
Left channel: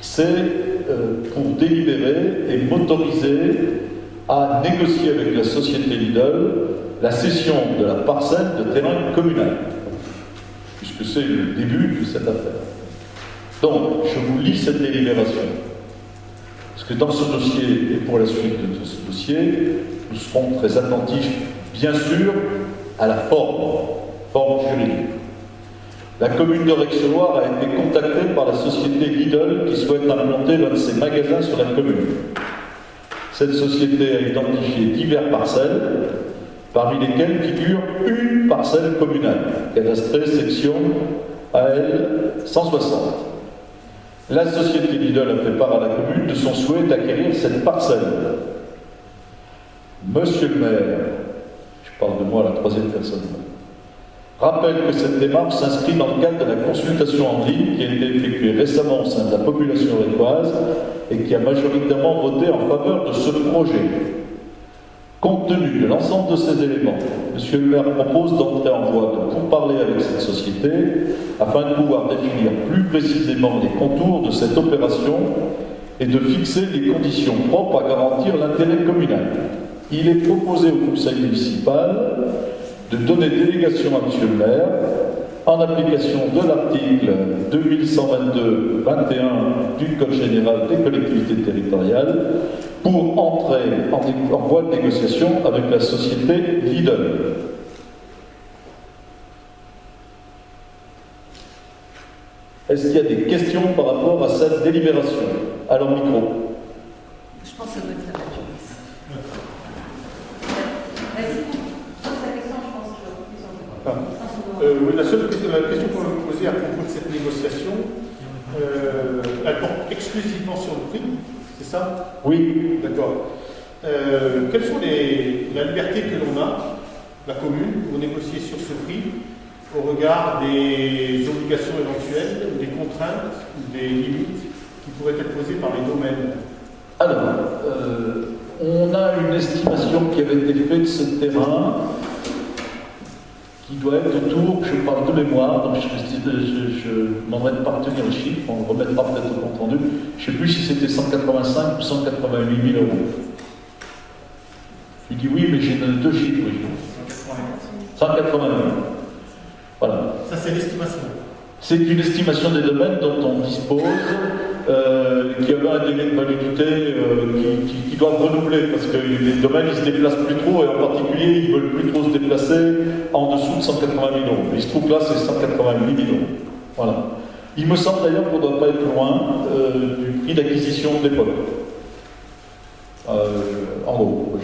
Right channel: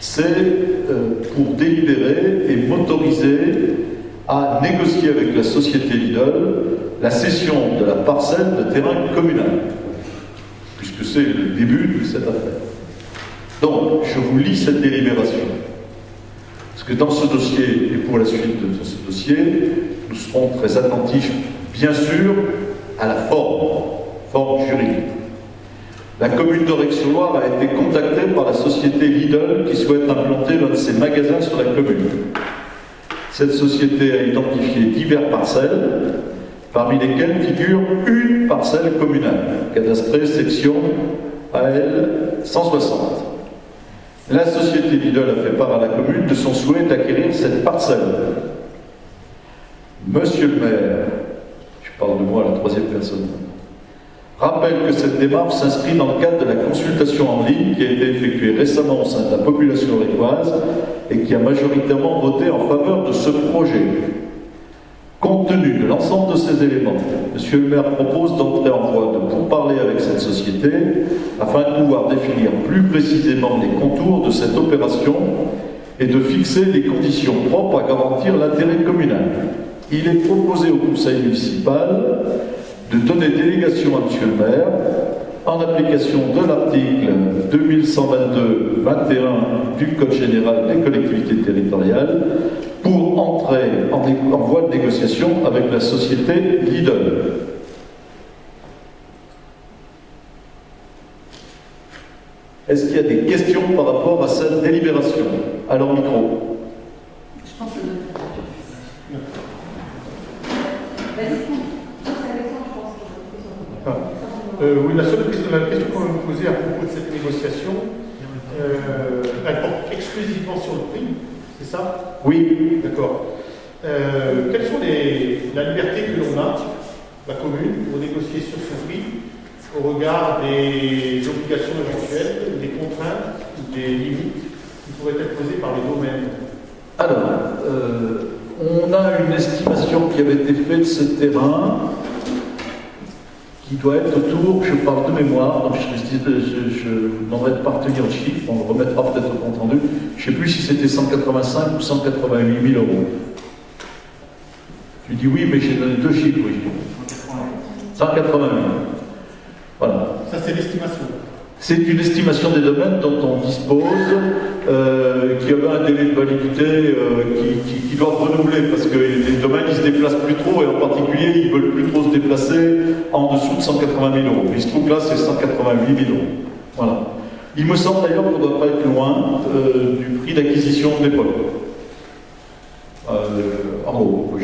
c'est pour délibérer et m'autoriser à négocier avec la société Lidl la cession de la parcelle de terrain communal, puisque c'est le début de cette affaire. Donc, je vous lis cette délibération. Parce que dans ce dossier, et pour la suite de ce dossier, nous serons très attentifs, bien sûr, à la forme juridique. La commune d'Aurec-sur-Loire a été contactée par la société Lidl qui souhaite implanter l'un de ses magasins sur la commune. Cette société a identifié diverses parcelles, parmi lesquelles figure une parcelle communale, cadastrée section AL 160. La société Lidl a fait part à la commune de son souhait d'acquérir cette parcelle. Monsieur le maire, je parle de moi à la troisième personne, rappelle que cette démarche s'inscrit dans le cadre de la consultation en ligne qui a été effectuée récemment au sein de la population aurécoise et qui a majoritairement voté en faveur de ce projet. Compte tenu de l'ensemble de ces éléments, Monsieur le maire propose d'entrer en voie de pourparlers avec cette société afin de pouvoir définir plus précisément les contours de cette opération et de fixer les conditions propres à garantir l'intérêt communal. Il est proposé au conseil municipal de donner délégation à Monsieur le maire en application de l'article 2122-21 du Code général des collectivités territoriales pour entrer en voie de négociation avec la société Lidl. Est-ce qu'il y a des questions par rapport à cette délibération? Alors, micro. Je pense que ça doit être la oui, la question qu'on va me poser à propos de cette négociation, elle porte exclusivement sur le prix, c'est ça? Oui. D'accord. Quelles sont la liberté que l'on a, la commune, pour négocier sur ce prix, au regard des obligations éventuelles, des contraintes, des limites qui pourraient être posées par les domaines? Alors, on a une estimation qui avait été faite de ce terrain, qui doit être autour, je parle de mémoire, donc je vous demanderai de partager le chiffre, on le remettra peut-être au compte rendu. Je ne sais plus si c'était 185 ou 188 000 euros. Tu dis oui, mais j'ai donné deux chiffres, oui. 180 000. Voilà. Ça, c'est l'estimation. C'est une estimation des domaines dont on dispose, qui avait un délai de validité qui doit renouveler, parce que les domaines ils se déplacent plus trop, et en particulier ils ne veulent plus trop se déplacer en dessous de 180 000 euros. Il se trouve que là c'est 188 000 euros. Voilà. Il me semble d'ailleurs qu'on ne doit pas être loin du prix d'acquisition de l'époque. En gros, bon.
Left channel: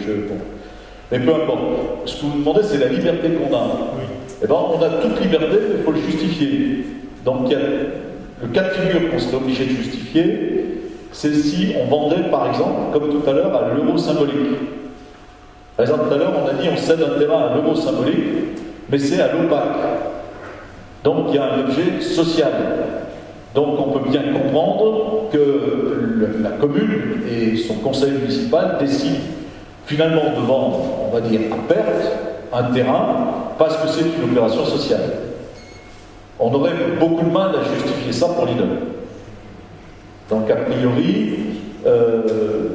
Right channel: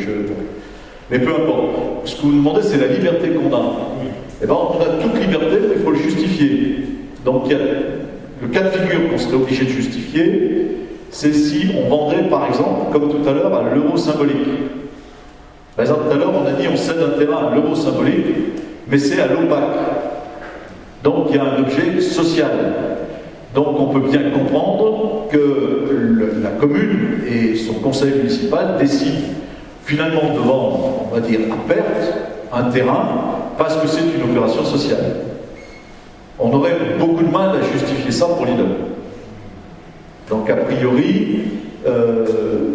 Mais peu importe. Ce que vous demandez, c'est la liberté qu'on a. Eh bien, on a toute liberté, mais il faut le justifier. Donc, il y a le cas de figure qu'on serait obligé de justifier, c'est si on vendait, par exemple, comme tout à l'heure, à l'euro symbolique. Par exemple, tout à l'heure, on a dit on cède un terrain à l'euro symbolique, mais c'est à l'OPAC. Donc, il y a un objet social. Donc, on peut bien comprendre que la commune et son conseil municipal décident finalement de vendre, on va dire, à perte, un terrain, parce que c'est une opération sociale. On aurait beaucoup de mal à justifier ça pour Lidl. Donc, a priori,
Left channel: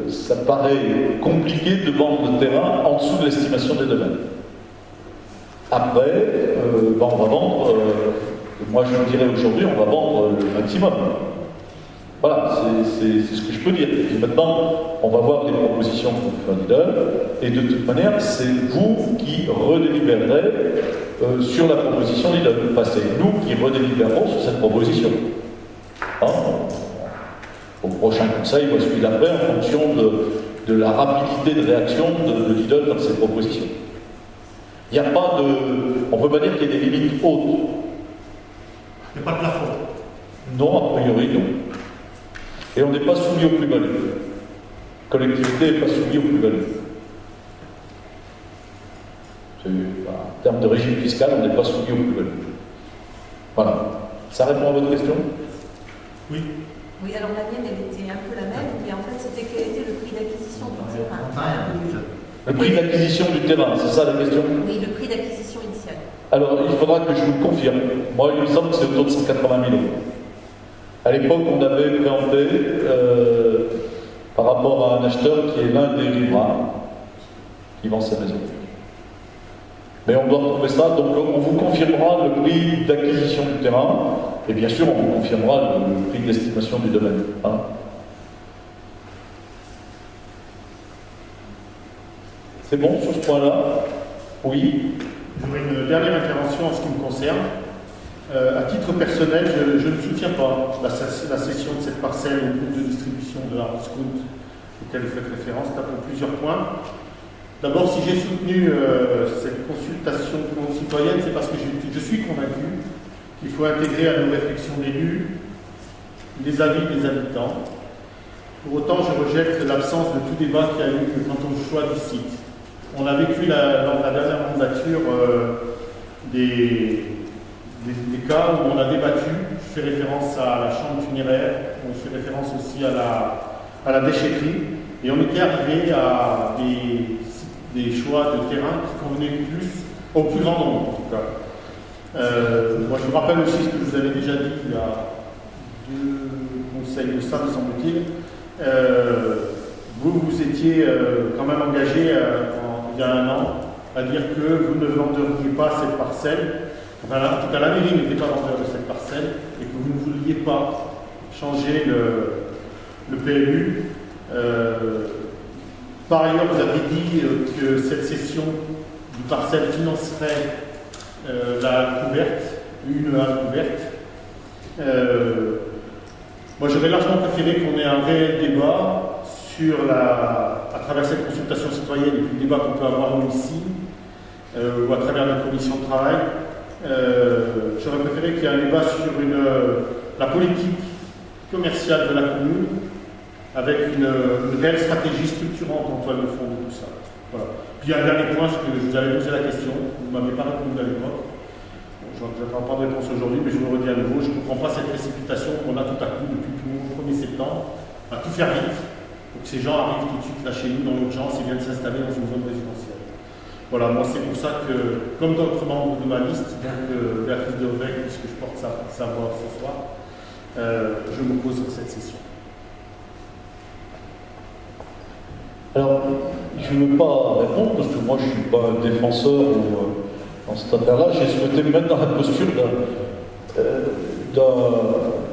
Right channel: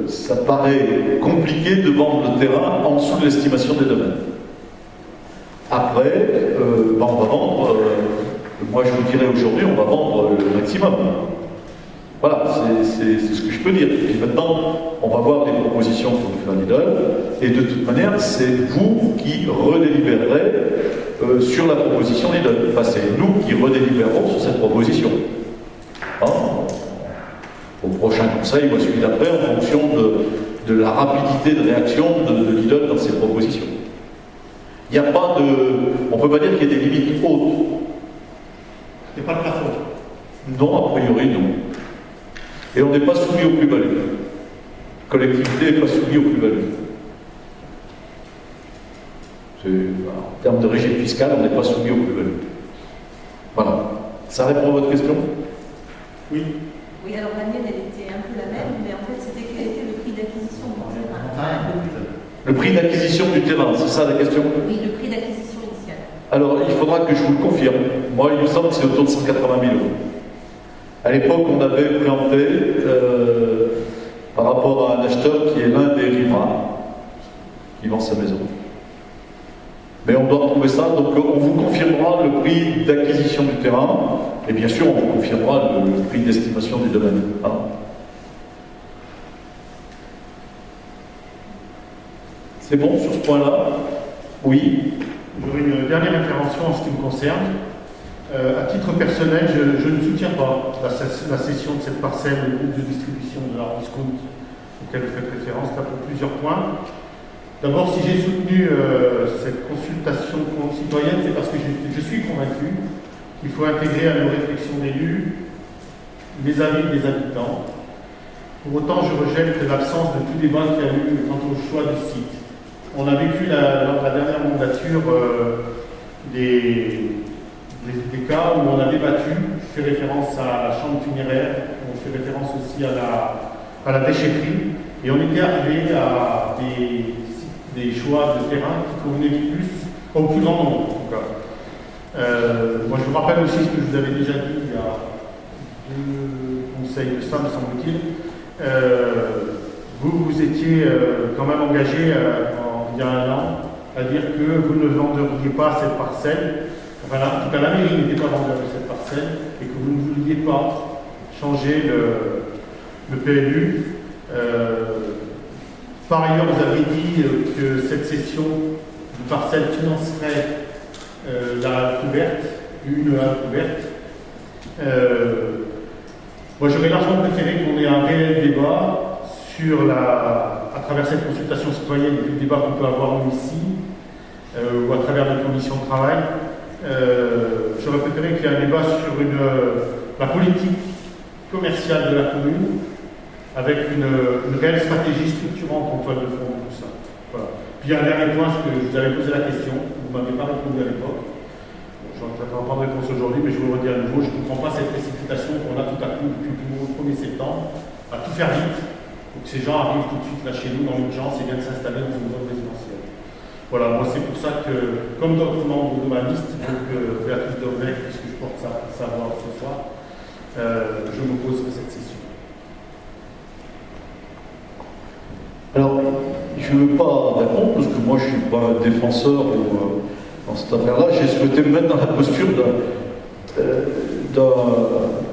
ça paraît compliqué de vendre le terrain en dessous de l'estimation des domaines. Après, on va vendre, moi je vous dirais aujourd'hui, on va vendre le maximum. Voilà, c'est ce que je peux dire. Et maintenant, on va voir des propositions pour le faire Lidl, et de toute manière, c'est vous qui redélibérerez sur la proposition Lidl. Enfin, c'est nous qui redélibérerons sur cette proposition. Hein, au prochain conseil ou à celui d'après, en fonction de la rapidité de réaction de Lidl dans ses propositions. Il n'y a pas de... On ne peut pas dire qu'il y a des limites hautes. Il n'y a pas de plafond. Non, a priori, non. Et on n'est pas soumis aux plus-values. La collectivité n'est pas soumise aux plus-values. En termes de régime fiscal, on n'est pas soumis aux plus-values. Voilà. Ça répond à votre question? Oui. Oui, alors la mienne, elle était un peu la même, mais en fait, c'était quel était le prix d'acquisition du terrain? Le prix d'acquisition du terrain, c'est ça la question? Oui, le prix d'acquisition initial. Alors, il faudra que je vous le confirme. Moi, il me semble que c'est autour de 180 000 euros. À l'époque, on avait préempté par rapport à un acheteur qui est l'un des riverains qui vend sa maison. Mais on doit retrouver ça, donc on vous confirmera le prix d'acquisition du terrain, et bien sûr, on vous confirmera le prix d'estimation du domaine. Hein. C'est bon sur ce point-là? Oui. J'aurai une dernière intervention en ce qui me concerne. À titre personnel, je ne soutiens pas la cession de cette parcelle au groupe de distribution de l'Arbre Scout auquel vous faites référence, là pour plusieurs points. D'abord, si j'ai soutenu cette consultation citoyenne, c'est parce que je suis convaincu qu'il faut intégrer à nos réflexions d'élus les avis des habitants. Pour autant, je rejette l'absence de tout débat qu'il y a eu quant au choix du site. On a vécu dans la dernière mandature des cas où on a débattu. Je fais référence à la chambre funéraire, on fait référence aussi à la déchetterie, et on était arrivé à des choix de terrain qui convenaient au plus grand nombre en tout cas. Moi je vous rappelle aussi ce que je vous avais déjà dit il y a 2 conseils de ça, me semble-t-il. Vous étiez quand même engagé il y a 1 an à dire que vous ne vendriez pas cette parcelle. Enfin, en tout cas, la mairie n'était pas vendeur de cette parcelle et que vous ne vouliez pas changer le PLU. Par ailleurs, vous avez dit que cette cession de parcelle financerait la couverte, une halle couverte. Moi, j'aurais largement préféré qu'on ait un réel débat à travers cette consultation citoyenne et puis le débat qu'on peut avoir ici, ou à travers les commissions de travail. J'aurais préféré qu'il y ait un débat sur la politique commerciale de la commune, avec une réelle stratégie structurante en toile de fond de tout ça. Voilà. Puis un dernier point, je vous avais posé la question, vous ne m'avez pas répondu à l'époque. Je n'attends pas de réponse aujourd'hui, mais je vous le redis à nouveau, je ne comprends pas cette précipitation qu'on a tout à coup depuis le 1er septembre, à tout faire vite, pour que ces gens arrivent tout de suite là chez nous dans l'urgence et viennent s'installer dans une zone résidentielle. Voilà, moi c'est pour ça que, comme d'autres membres de ma liste, donc Béatrice Deuvec, puisque je porte sa voix ce soir, je m'oppose à cette session. Alors, je ne veux pas répondre, parce que moi je ne suis pas un défenseur dans cette affaire-là. J'ai souhaité me mettre dans la posture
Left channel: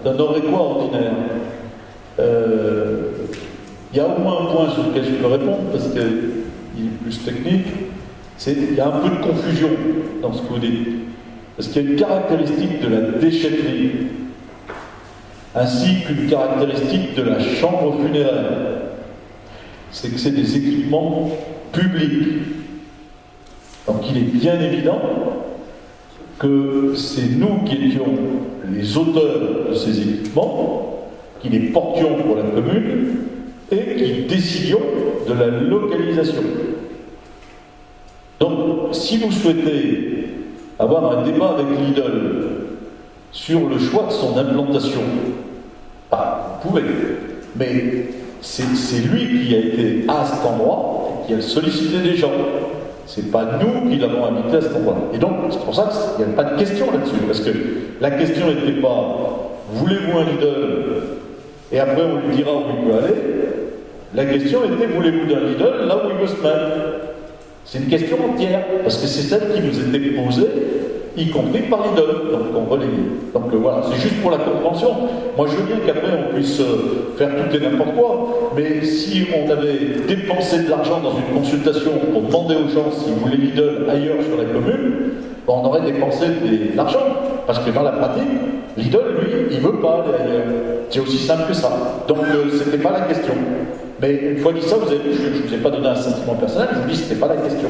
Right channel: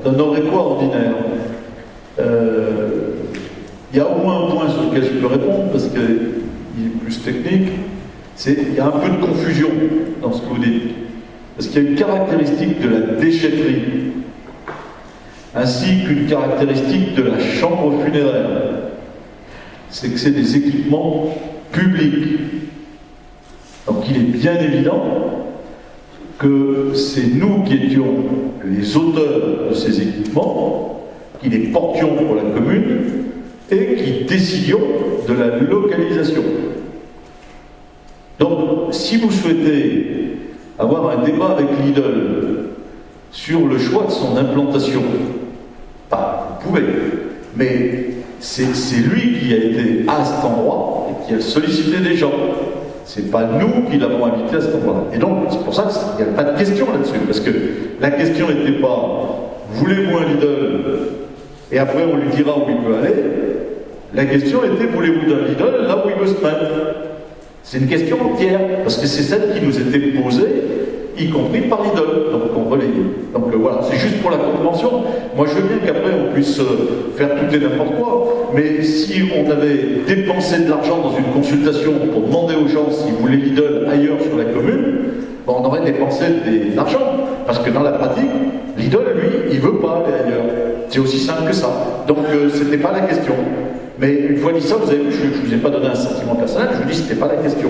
d'un Aurécois ordinaire. Il y a au moins un point sur lequel je peux répondre, parce qu'il est plus technique. Il y a un peu de confusion dans ce que vous dites. Parce qu'il y a une caractéristique de la déchetterie, ainsi qu'une caractéristique de la chambre funéraire. C'est que c'est des équipements publics. Donc il est bien évident que c'est nous qui étions les auteurs de ces équipements, qui les portions pour la commune et qui décidions de la localisation. Donc si vous souhaitez avoir un débat avec Lidl sur le choix de son implantation, vous pouvez, mais c'est lui qui a été à cet endroit et qui a sollicité des gens. C'est pas nous qui l'avons invité à cet endroit. Et donc, c'est pour ça qu'il n'y a pas de question là-dessus. Parce que la question n'était pas voulez-vous un Lidl? Et après on lui dira où il peut aller. La question était voulez-vous d'un Lidl là où il veut se mettre? C'est une question entière. Parce que c'est celle qui nous était posée, y compris par Lidl. Donc on relaye. Donc voilà, c'est juste pour la compréhension. Moi je veux bien qu'après on puisse faire tout et n'importe quoi. Mais si on avait dépensé de l'argent dans une consultation pour demander aux gens s'ils voulaient Lidl ailleurs sur la commune, on aurait dépensé de l'argent. Parce que dans la pratique, Lidl, lui, il ne veut pas aller ailleurs. C'est aussi simple que ça. Donc c'était pas la question. Mais une fois dit ça, vous avez vu, je ne vous ai pas donné un sentiment personnel, je vous dis que c'était pas la question.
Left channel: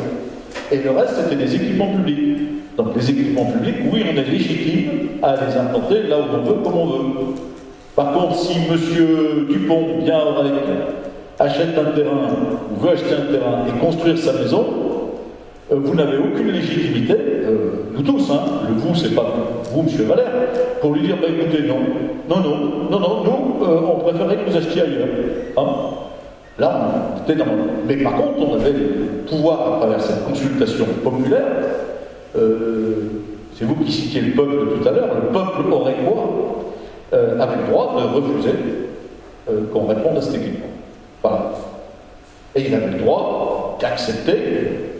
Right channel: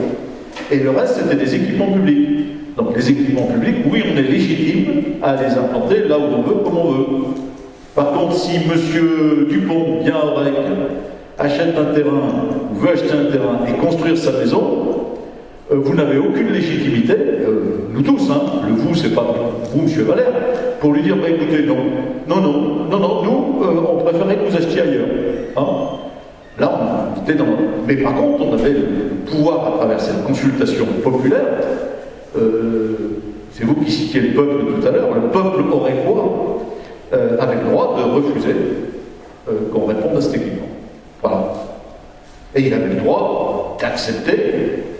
Et le reste, c'était des équipements publics. Donc les équipements publics, oui, on est légitime à les implanter là où on veut, comme on veut. Par contre, si M. Dupont, bien à Orec, achète un terrain, ou veut acheter un terrain et construire sa maison, vous n'avez aucune légitimité, nous tous, hein, le vous, c'est pas vous, M. Valère, pour lui dire, écoutez, non, nous, on préférait que vous achetiez ailleurs. Hein. Là, on était dans... Mais par contre, on avait le pouvoir, à travers cette consultation populaire, c'est vous qui citiez le peuple tout à l'heure, le peuple aurécois avait le droit de refuser qu'on réponde à cet équipement. Voilà. Et il avait le droit d'accepter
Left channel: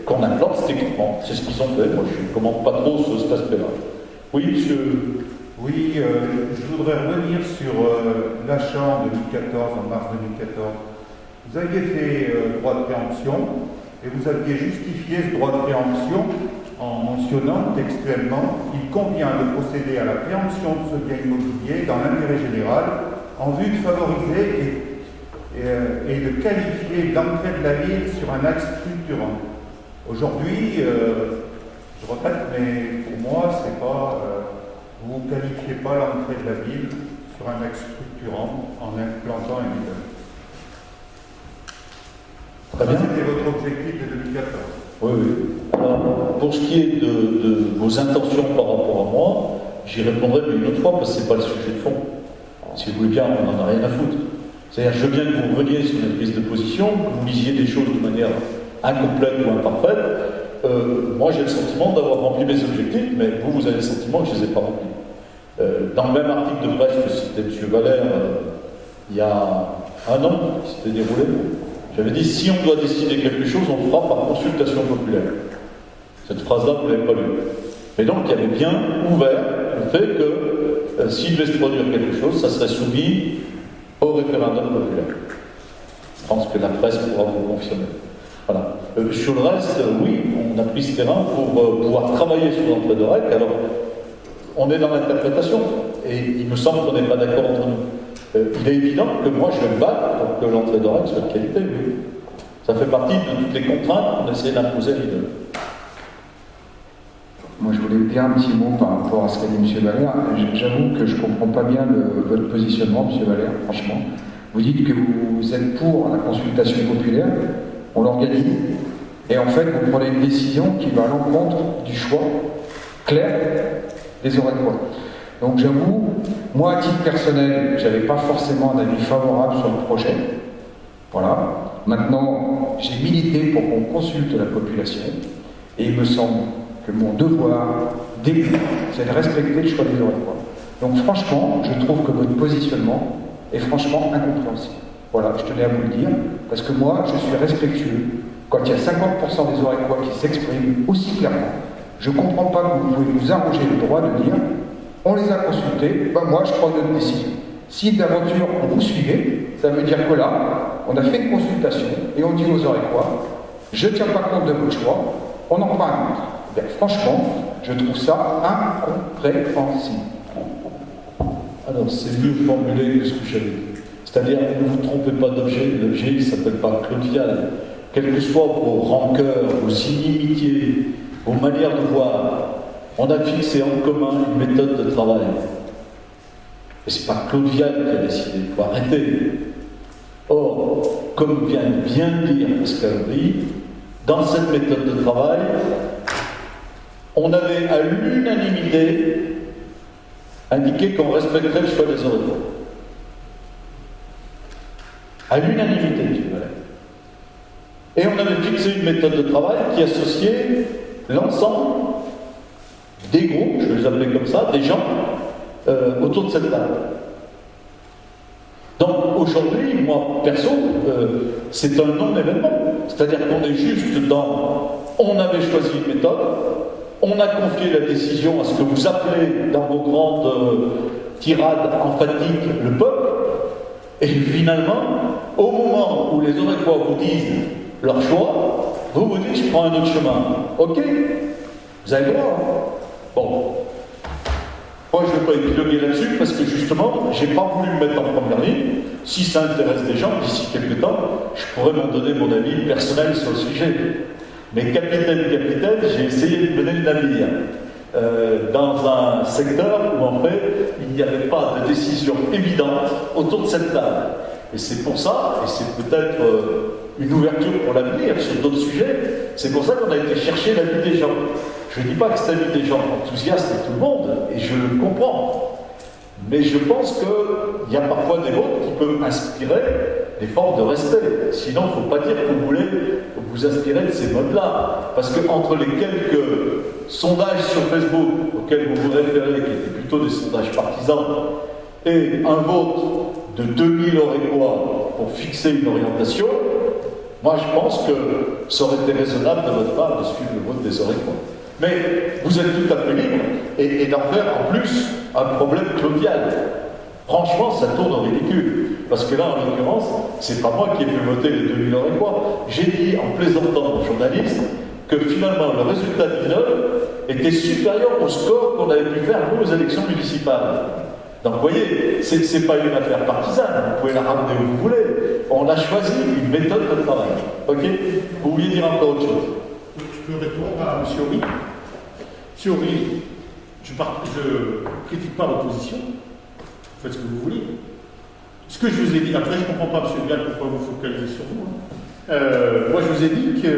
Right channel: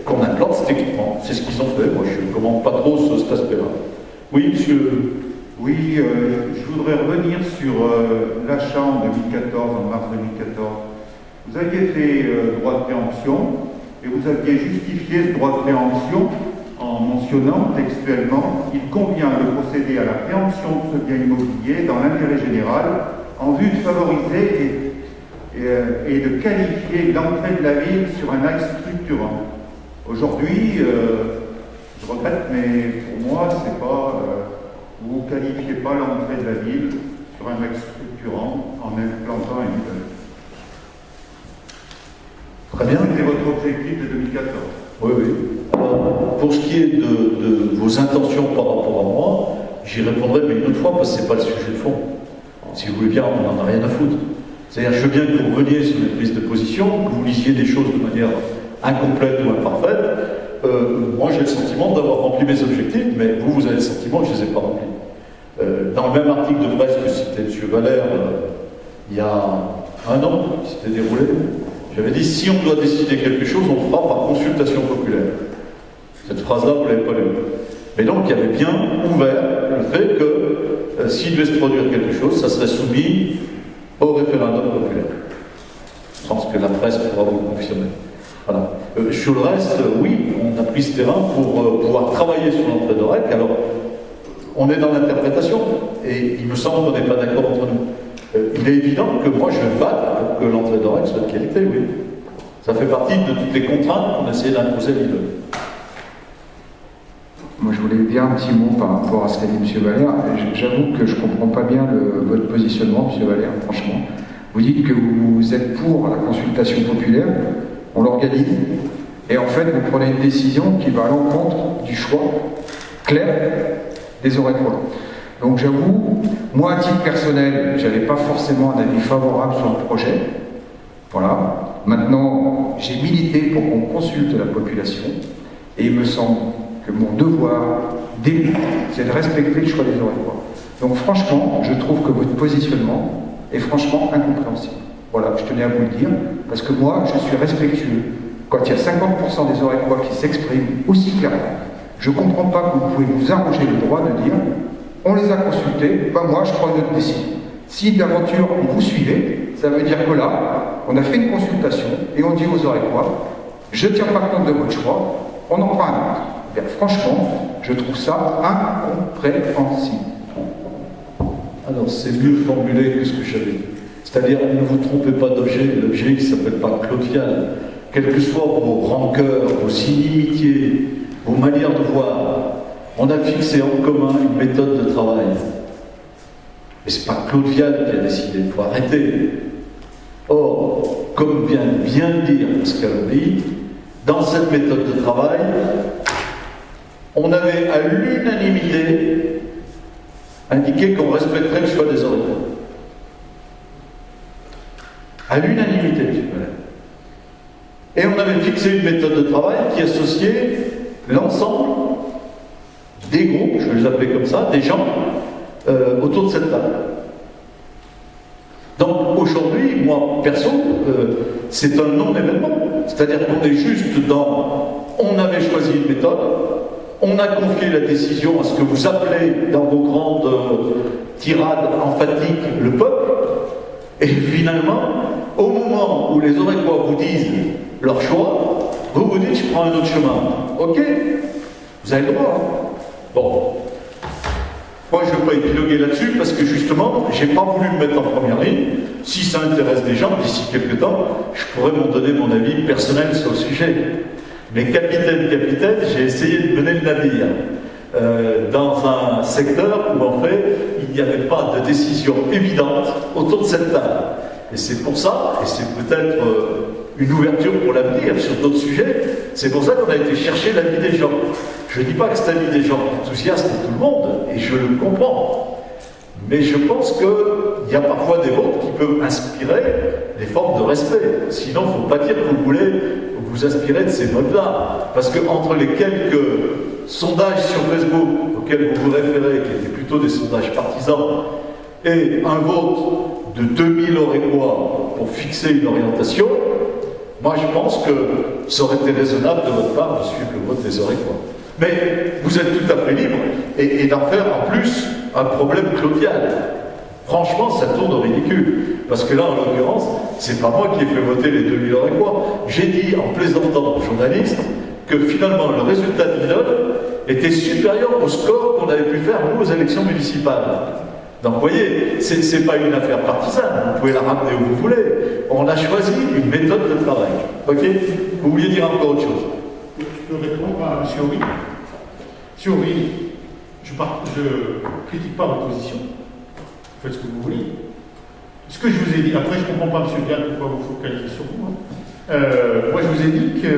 qu'on implante cet équipement. C'est ce qu'ils ont fait. Moi, je ne commande pas trop cet aspect-là. Oui, monsieur. Oui, je voudrais revenir sur l'achat en 2014, en mars 2014. Vous aviez fait droit de préemption et vous aviez justifié ce droit de préemption en mentionnant textuellement « Il convient de procéder à la préemption de ce bien immobilier dans l'intérêt général en vue de favoriser et de qualifier l'entrée de la ville sur un axe structurant. » Aujourd'hui, je regrette, mais pour moi, c'est pas, vous ne qualifiez pas l'entrée de la ville sur un axe structurant en implantant une nouvelle. Très bien. C'était votre objectif de 2014. Oui, oui. Alors, pour ce qui est de vos intentions par rapport à moi, j'y répondrai, mais une autre fois, parce que ce n'est pas le sujet de fond. Si vous voulez bien, on n'en a rien à foutre. C'est-à-dire, je veux bien que vous reveniez sur une prise de position, que vous lisiez des choses de manière incomplète ou imparfaite. Moi, j'ai le sentiment d'avoir rempli mes objectifs, mais vous avez le sentiment que je ne les ai pas remplis. Dans le même article de presse que citait M. Valère, il y a un an, qui s'était déroulé, j'avais dit, si on doit décider quelque chose, on le fera par consultation populaire. Cette phrase-là, vous ne l'avez pas lue. Mais donc, il y avait bien ouvert le fait que s'il devait se produire quelque chose, ça serait soumis au référendum populaire. Je pense que la presse pourra vous confirmer. Voilà. Sur le reste, oui, on a pris ce terrain pour pouvoir travailler sur l'entrée de règle. Alors, on est dans l'interprétation, et il me semble qu'on n'est pas d'accord entre nous. Il est évident que moi, je vais me battre pour que l'entrée de règle soit de qualité, oui. Ça fait partie de toutes les contraintes qu'on essaie d'imposer à l'immeuble. Moi, je voulais dire un petit mot par rapport à ce qu'a dit M. Valère. J'avoue que je ne comprends pas bien votre positionnement, M. Valère, franchement. Vous dites que vous êtes pour la consultation populaire, on l'organise, et en fait, vous prenez une décision qui va à l'encontre du choix clair des Orécois. Donc j'avoue, moi, à titre personnel, je n'avais pas forcément un avis favorable sur le projet. Voilà. Maintenant, j'ai milité pour qu'on consulte la population, et il me semble que mon devoir d'élu, c'est de respecter le choix des Orécois. Donc franchement, je trouve que votre positionnement est franchement incompréhensible. Voilà, je tenais à vous le dire, parce que moi, je suis respectueux. Quand il y a 50% des Orécois qui s'expriment aussi clairement, je ne comprends pas que vous pouvez vous arroger le droit de dire on les a consultés, ben moi je prends une autre décision. Si d'aventure vous suivez, ça veut dire que là, on a fait une consultation et on dit aux Orécois, je ne tiens pas compte de votre choix, on en prend un autre. Eh bien, franchement, je trouve ça incompréhensible. Alors, c'est mieux formulé que ce que j'avais dit. C'est-à-dire, ne vous trompez pas d'objet, l'objet qui ne s'appelle pas Claude Vial. Quelles que soient vos rancœurs, vos inimitiés, vos manières de voir, on a fixé en commun une méthode de travail. Et ce n'est pas Claude Vial qui a décidé, il faut arrêter. Or, comme vient de bien dire Pascal Horry, dans cette méthode de travail, on avait à l'unanimité indiqué qu'on respecterait le choix des Orécois. À l'unanimité, M. Valère. Et on avait fixé une méthode de travail qui associait l'ensemble des groupes, je vais les appeler comme ça, des gens autour de cette table. Donc aujourd'hui, moi perso, c'est un non-événement. C'est-à-dire qu'on est juste dans on avait choisi une méthode, on a confié la décision à ce que vous appelez dans vos grandes tirades emphatiques le peuple, et finalement, au moment où les Orécois vous disent leur choix, vous vous dites je prends un autre chemin. Ok, vous avez le droit. Bon. Moi je ne veux pas épiloguer là-dessus parce que justement, je n'ai pas voulu me mettre en première ligne. Si ça intéresse des gens, d'ici quelques temps, je pourrais m'en donner mon avis personnel sur le sujet. Mais capitaine, j'ai essayé de mener le navire dans un secteur où en fait, il n'y avait pas de décision évidente autour de cette table. Et c'est pour ça, et c'est peut-être une ouverture pour l'avenir sur d'autres sujets, c'est pour ça qu'on a été chercher l'avis des gens. Je ne dis pas que c'est l'avis des gens enthousiastes de tout le monde, et je le comprends. Mais je pense qu'il y a parfois des mots qui peuvent inspirer des formes de respect. Sinon, il ne faut pas dire que vous voulez vous inspirer de ces modes-là. Parce qu'entre les quelques sondages sur Facebook auxquels vous vous référez, qui étaient plutôt des sondages partisans, et un vote de 2000 Orécois pour fixer une orientation, moi je pense que ça aurait été raisonnable de votre part de suivre le vote des Orécois. Mais vous êtes tout à fait libre et d'en faire en plus un problème claudial. Franchement, ça tourne au ridicule. Parce que là, en l'occurrence, c'est pas moi qui ai fait voter les 2000 € et quoi. J'ai dit, en plaisantant aux journalistes, que finalement, le résultat de l'immeuble était supérieur au score qu'on avait pu faire, nous, aux élections municipales. Donc, vous voyez, c'est pas une affaire partisane. Vous pouvez la ramener où vous voulez. On a choisi une méthode de travail. Ok? Vous vouliez dire encore autre chose? Je peux répondre à M. Horry. M. Horry, je critique pas l'opposition. Faites ce que vous voulez. Ce que je vous ai dit, après je ne comprends pas, M. Vial, pourquoi vous focalisez sur vous. Moi, je vous ai dit que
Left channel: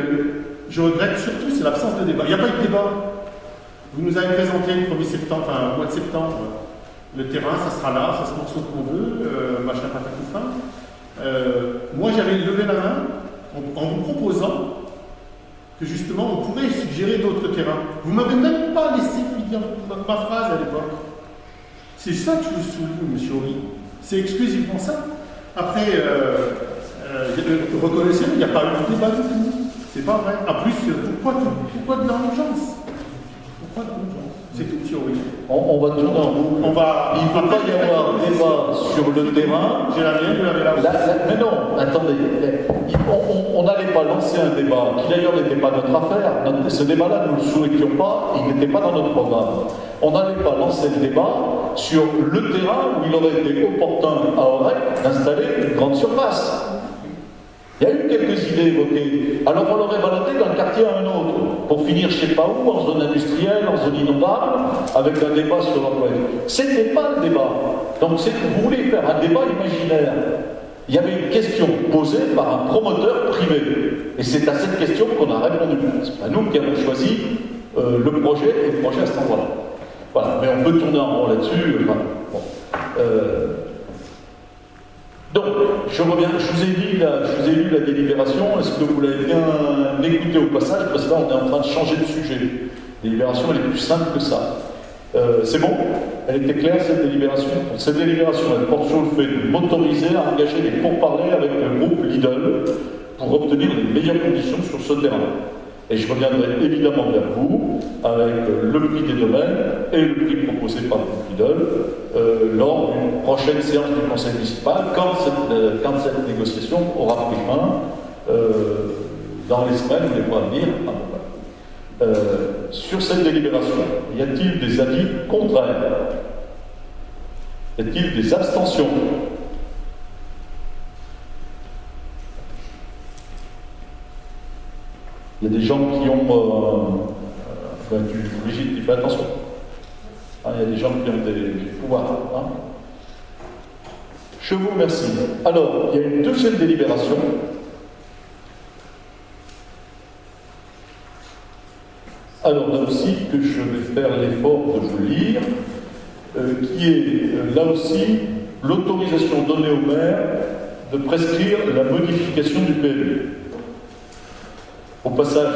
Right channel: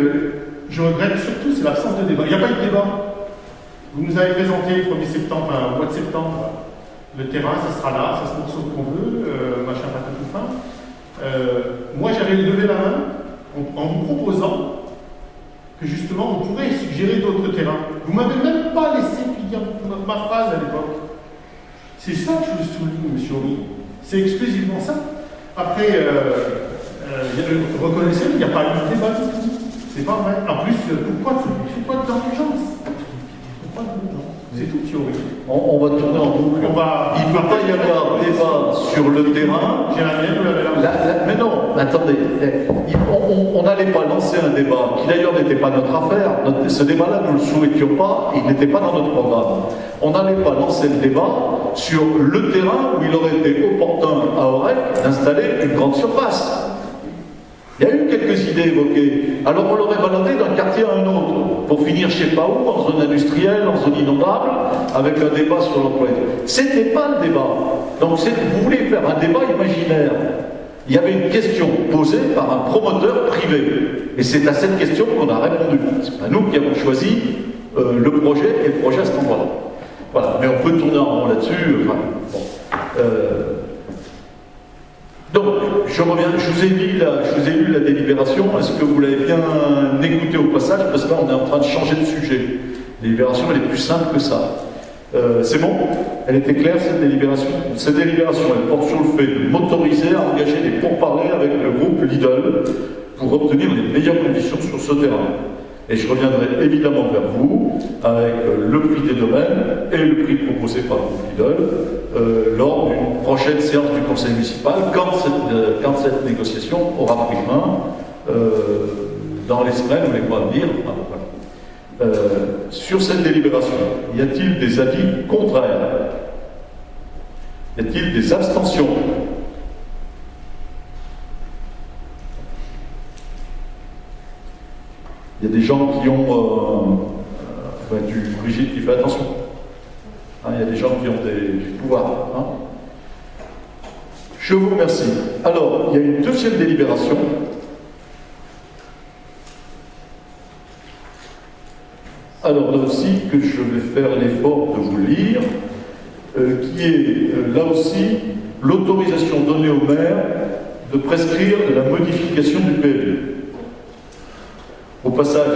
je regrette surtout, c'est l'absence de débat. Il n'y a pas eu de débat. Vous nous avez présenté le 1er septembre, enfin, au mois de septembre, le terrain, ça sera là, ça se trouve ce qu'on veut, machin, patin, tout fin. Moi, j'avais levé la main en vous proposant que justement, on pourrait suggérer d'autres terrains. Vous ne m'avez même pas laissé finir ma phrase à l'époque. C'est ça que je vous souligne, M. Horry. C'est exclusivement ça. Après, reconnaissez, il n'y a pas eu de débat du tout. C'est pas vrai. En plus, pourquoi dans l'urgence? Pourquoi dans l'urgence? C'est tout, M. Horry. On va tourner en boucle. Il ne peut pas y avoir débat sur le terrain. J'ai la mienne, vous l'avez là. Mais non, attendez. On n'allait pas lancer un débat qui d'ailleurs n'était pas notre affaire. Ce débat-là, nous ne le souhaitions pas, il n'était pas dans notre programme. On n'allait pas lancer le débat sur le terrain où il aurait été opportun à Aurec d'installer une grande surface. Il y a eu quelques idées évoquées. Alors on l'aurait baladé d'un quartier à un autre, pour finir je ne sais pas où, en zone industrielle, en zone inondable, avec un débat sur l'emploi. C'était pas le débat. Donc vous voulez faire un débat imaginaire. Il y avait une question posée par un promoteur privé. Et c'est à cette question qu'on a répondu. C'est pas nous qui avons choisi le projet et le projet à cet endroit-là. Voilà, mais on peut tourner en rond là-dessus. Enfin, bon. Donc, je reviens, je vous ai lu la délibération. Est-ce que vous l'avez bien écouté au passage? Parce que là, on est en train de changer de sujet. La délibération, elle est plus simple que ça. C'est bon? Elle était claire, cette délibération? Cette délibération, elle porte sur le fait de m'autoriser à engager des pourparlers avec le groupe Lidl pour obtenir les meilleures conditions sur ce terrain. Et je reviendrai évidemment vers vous avec le prix des domaines et le prix proposé par le groupe Lidl lors d'une prochaine séance du conseil municipal, quand cette négociation aura pris main dans les semaines ou les mois à venir. Sur cette délibération, y a-t-il des avis contraires? Y a-t-il des abstentions? Il y a des gens qui ont... Brigitte qui fait attention. Hein, il y a des gens qui ont des pouvoirs. Hein. Je vous remercie. Alors, il y a une deuxième délibération. Alors, là aussi, que je vais faire l'effort de vous lire, qui est, là aussi, l'autorisation donnée au maire de prescrire la modification du PLU. Au passage,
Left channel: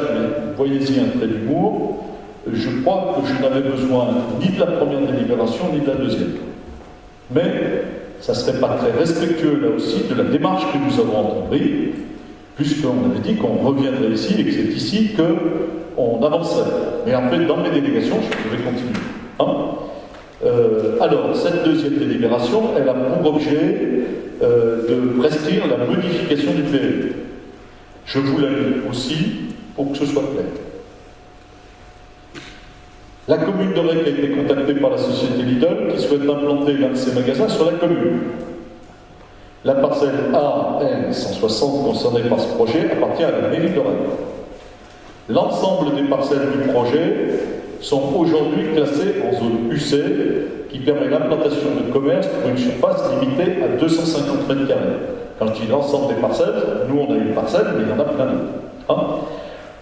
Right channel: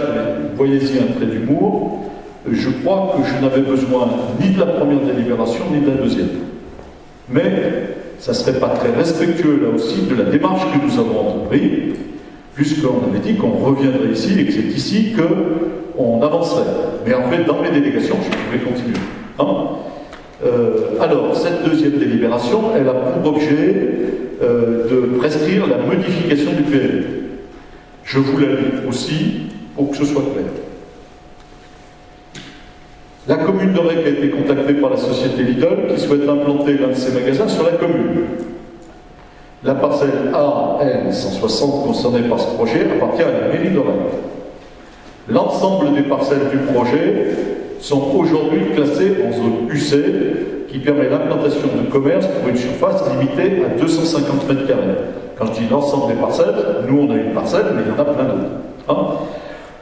voyez-y un trait d'humour, je crois que je n'avais besoin ni de la première délibération, ni de la deuxième. Mais, ça ne serait pas très respectueux, là aussi, de la démarche que nous avons entreprise, puisqu'on avait dit qu'on reviendrait ici, et que c'est ici qu'on avancerait. Mais en fait, dans mes délégations, je pourrais continuer. Hein. Alors, cette deuxième délibération, elle a pour objet de prescrire la modification du PLU. Je vous la lis aussi, pour que ce soit clair. La commune d'Aurec a été contactée par la société Lidl qui souhaite implanter l'un de ses magasins sur la commune. La parcelle AN 160 concernée par ce projet appartient à la mairie d'Aurec. L'ensemble des parcelles du projet sont aujourd'hui classées en zone UC qui permet l'implantation de commerce pour une surface limitée à 250 m². Quand je dis l'ensemble des parcelles, nous on a une parcelle, mais il y en a plein d'autres. Hein.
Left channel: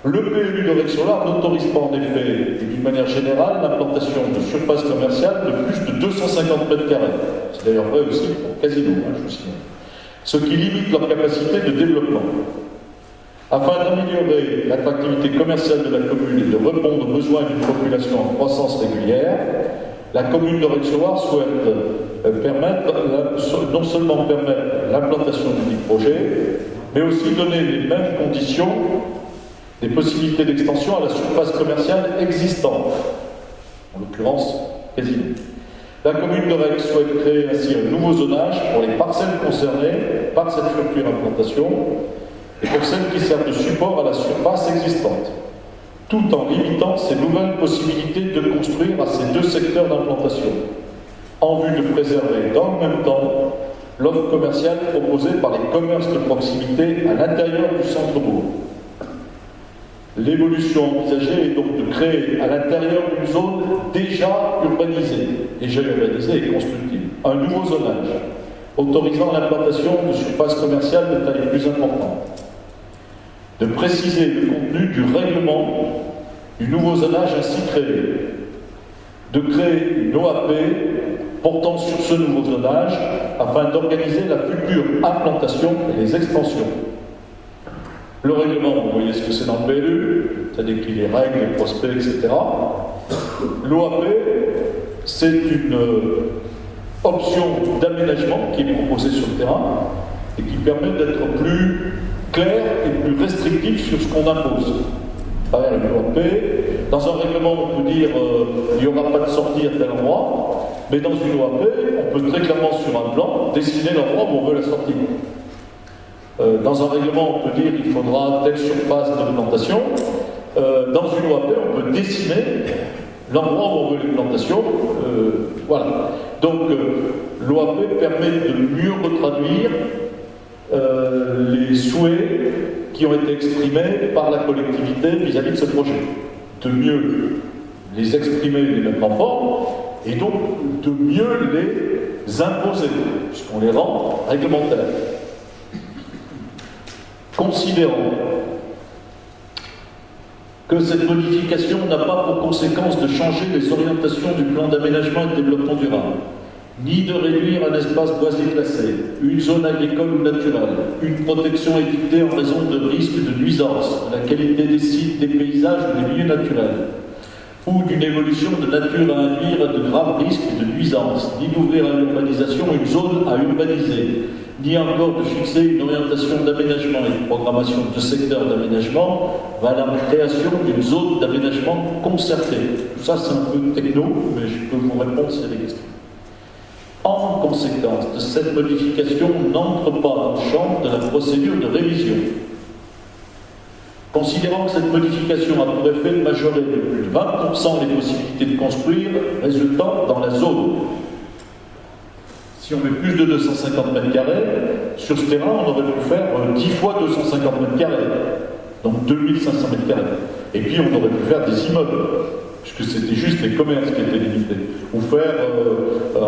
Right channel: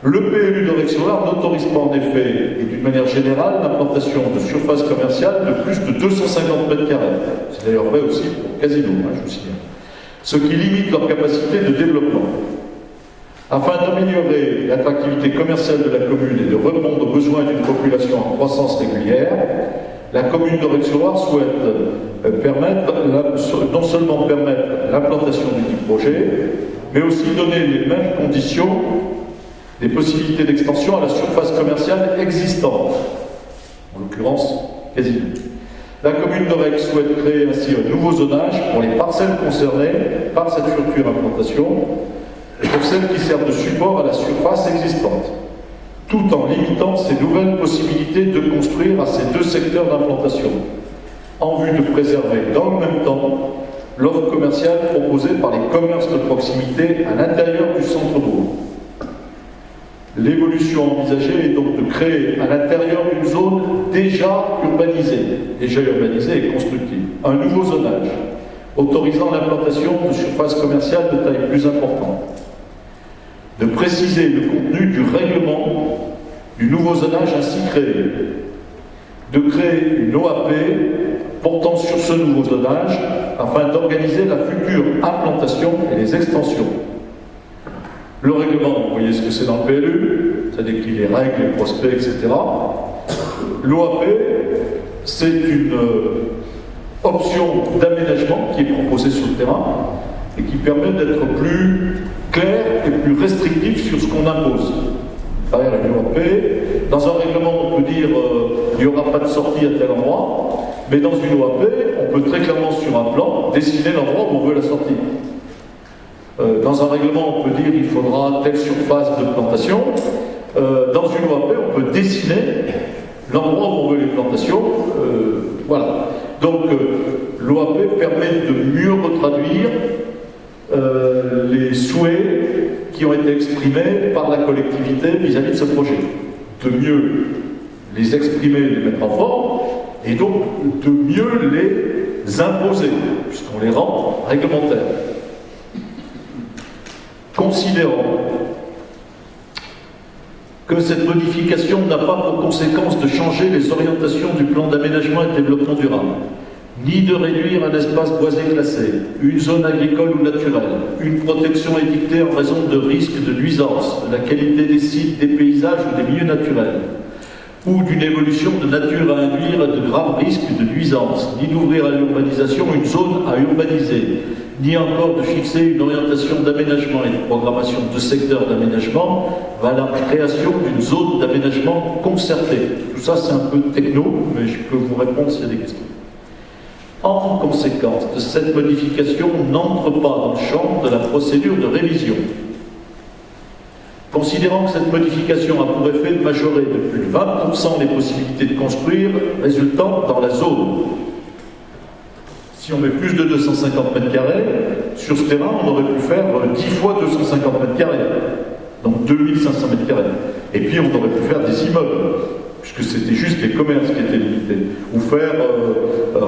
Le PLU d'Aurec-sur-l'Arve n'autorise pas en effet, et d'une manière générale, l'implantation de surfaces commerciales de plus de 250 m². C'est d'ailleurs vrai aussi pour Casino, hein, je vous signale. Ce qui limite leur capacité de développement. Afin d'améliorer l'attractivité commerciale de la commune et de répondre aux besoins d'une population en croissance régulière, la commune d'Aurec-sur-Loire souhaite non seulement permettre l'implantation du projet, mais aussi donner les mêmes conditions, des possibilités d'extension à la surface commerciale existante, en l'occurrence Casino. La commune d'Orec souhaite créer ainsi un nouveau zonage pour les parcelles concernées par cette future implantation et pour celles qui servent de support à la surface existante, tout en limitant ces nouvelles possibilités de construire à ces deux secteurs d'implantation, en vue de préserver dans le même temps l'offre commerciale proposée par les commerces de proximité à l'intérieur du centre-bourg. L'évolution envisagée est donc de créer à l'intérieur d'une zone déjà urbanisée et constructive, un nouveau zonage, autorisant l'implantation de surfaces commerciales de taille plus importante, de préciser le contenu du règlement du nouveau zonage ainsi créé, de créer une OAP portant sur ce nouveau zonage afin d'organiser la future implantation et les extensions. Le règlement, vous voyez ce que c'est dans le PLU, ça décrit les règles, les prospects, etc. L'OAP, c'est une option d'aménagement qui est proposée sur le terrain et qui permet d'être plus clair et plus restrictif sur ce qu'on impose. Derrière une OAP, dans un règlement, on peut dire il n'y aura pas de sortie à tel endroit, mais dans une OAP, on peut très clairement sur un plan dessiner l'endroit où on veut la sortie. Dans un règlement, on peut dire il faudra telle surface de plantation. Dans une OAP, on peut dessiner l'endroit où on veut les plantations. Voilà. Donc, l'OAP permet de mieux retraduire les souhaits qui ont été exprimés par la collectivité vis-à-vis de ce projet. De mieux les exprimer et les mettre en forme, et donc de mieux les imposer, puisqu'on les rend réglementaires. Considérons que cette modification n'a pas pour conséquence de changer les orientations du plan d'aménagement et de développement durable, ni de réduire un espace boisé classé, une zone agricole ou naturelle, une protection édictée en raison de risques de nuisance, de la qualité des sites, des paysages ou des milieux naturels, ou d'une évolution de nature à induire de graves risques de nuisance, ni d'ouvrir à l'urbanisation une zone à urbaniser, ni encore de fixer une orientation d'aménagement et de programmation de secteur d'aménagement vers la création d'une zone d'aménagement concertée. Tout ça, c'est un peu techno, mais je peux vous répondre s'il y a des questions. En conséquence de cette modification, n'entre pas dans le champ de la procédure de révision. Considérant que cette modification a pour effet de majorer de plus de 20% les possibilités de construire résultant dans la zone. Si on met plus de 250 mètres carrés, sur ce terrain, on aurait pu faire 10 fois 250 mètres carrés, donc 2500 mètres carrés. Et puis, on aurait pu faire des immeubles, puisque c'était juste les commerces qui étaient limités, ou faire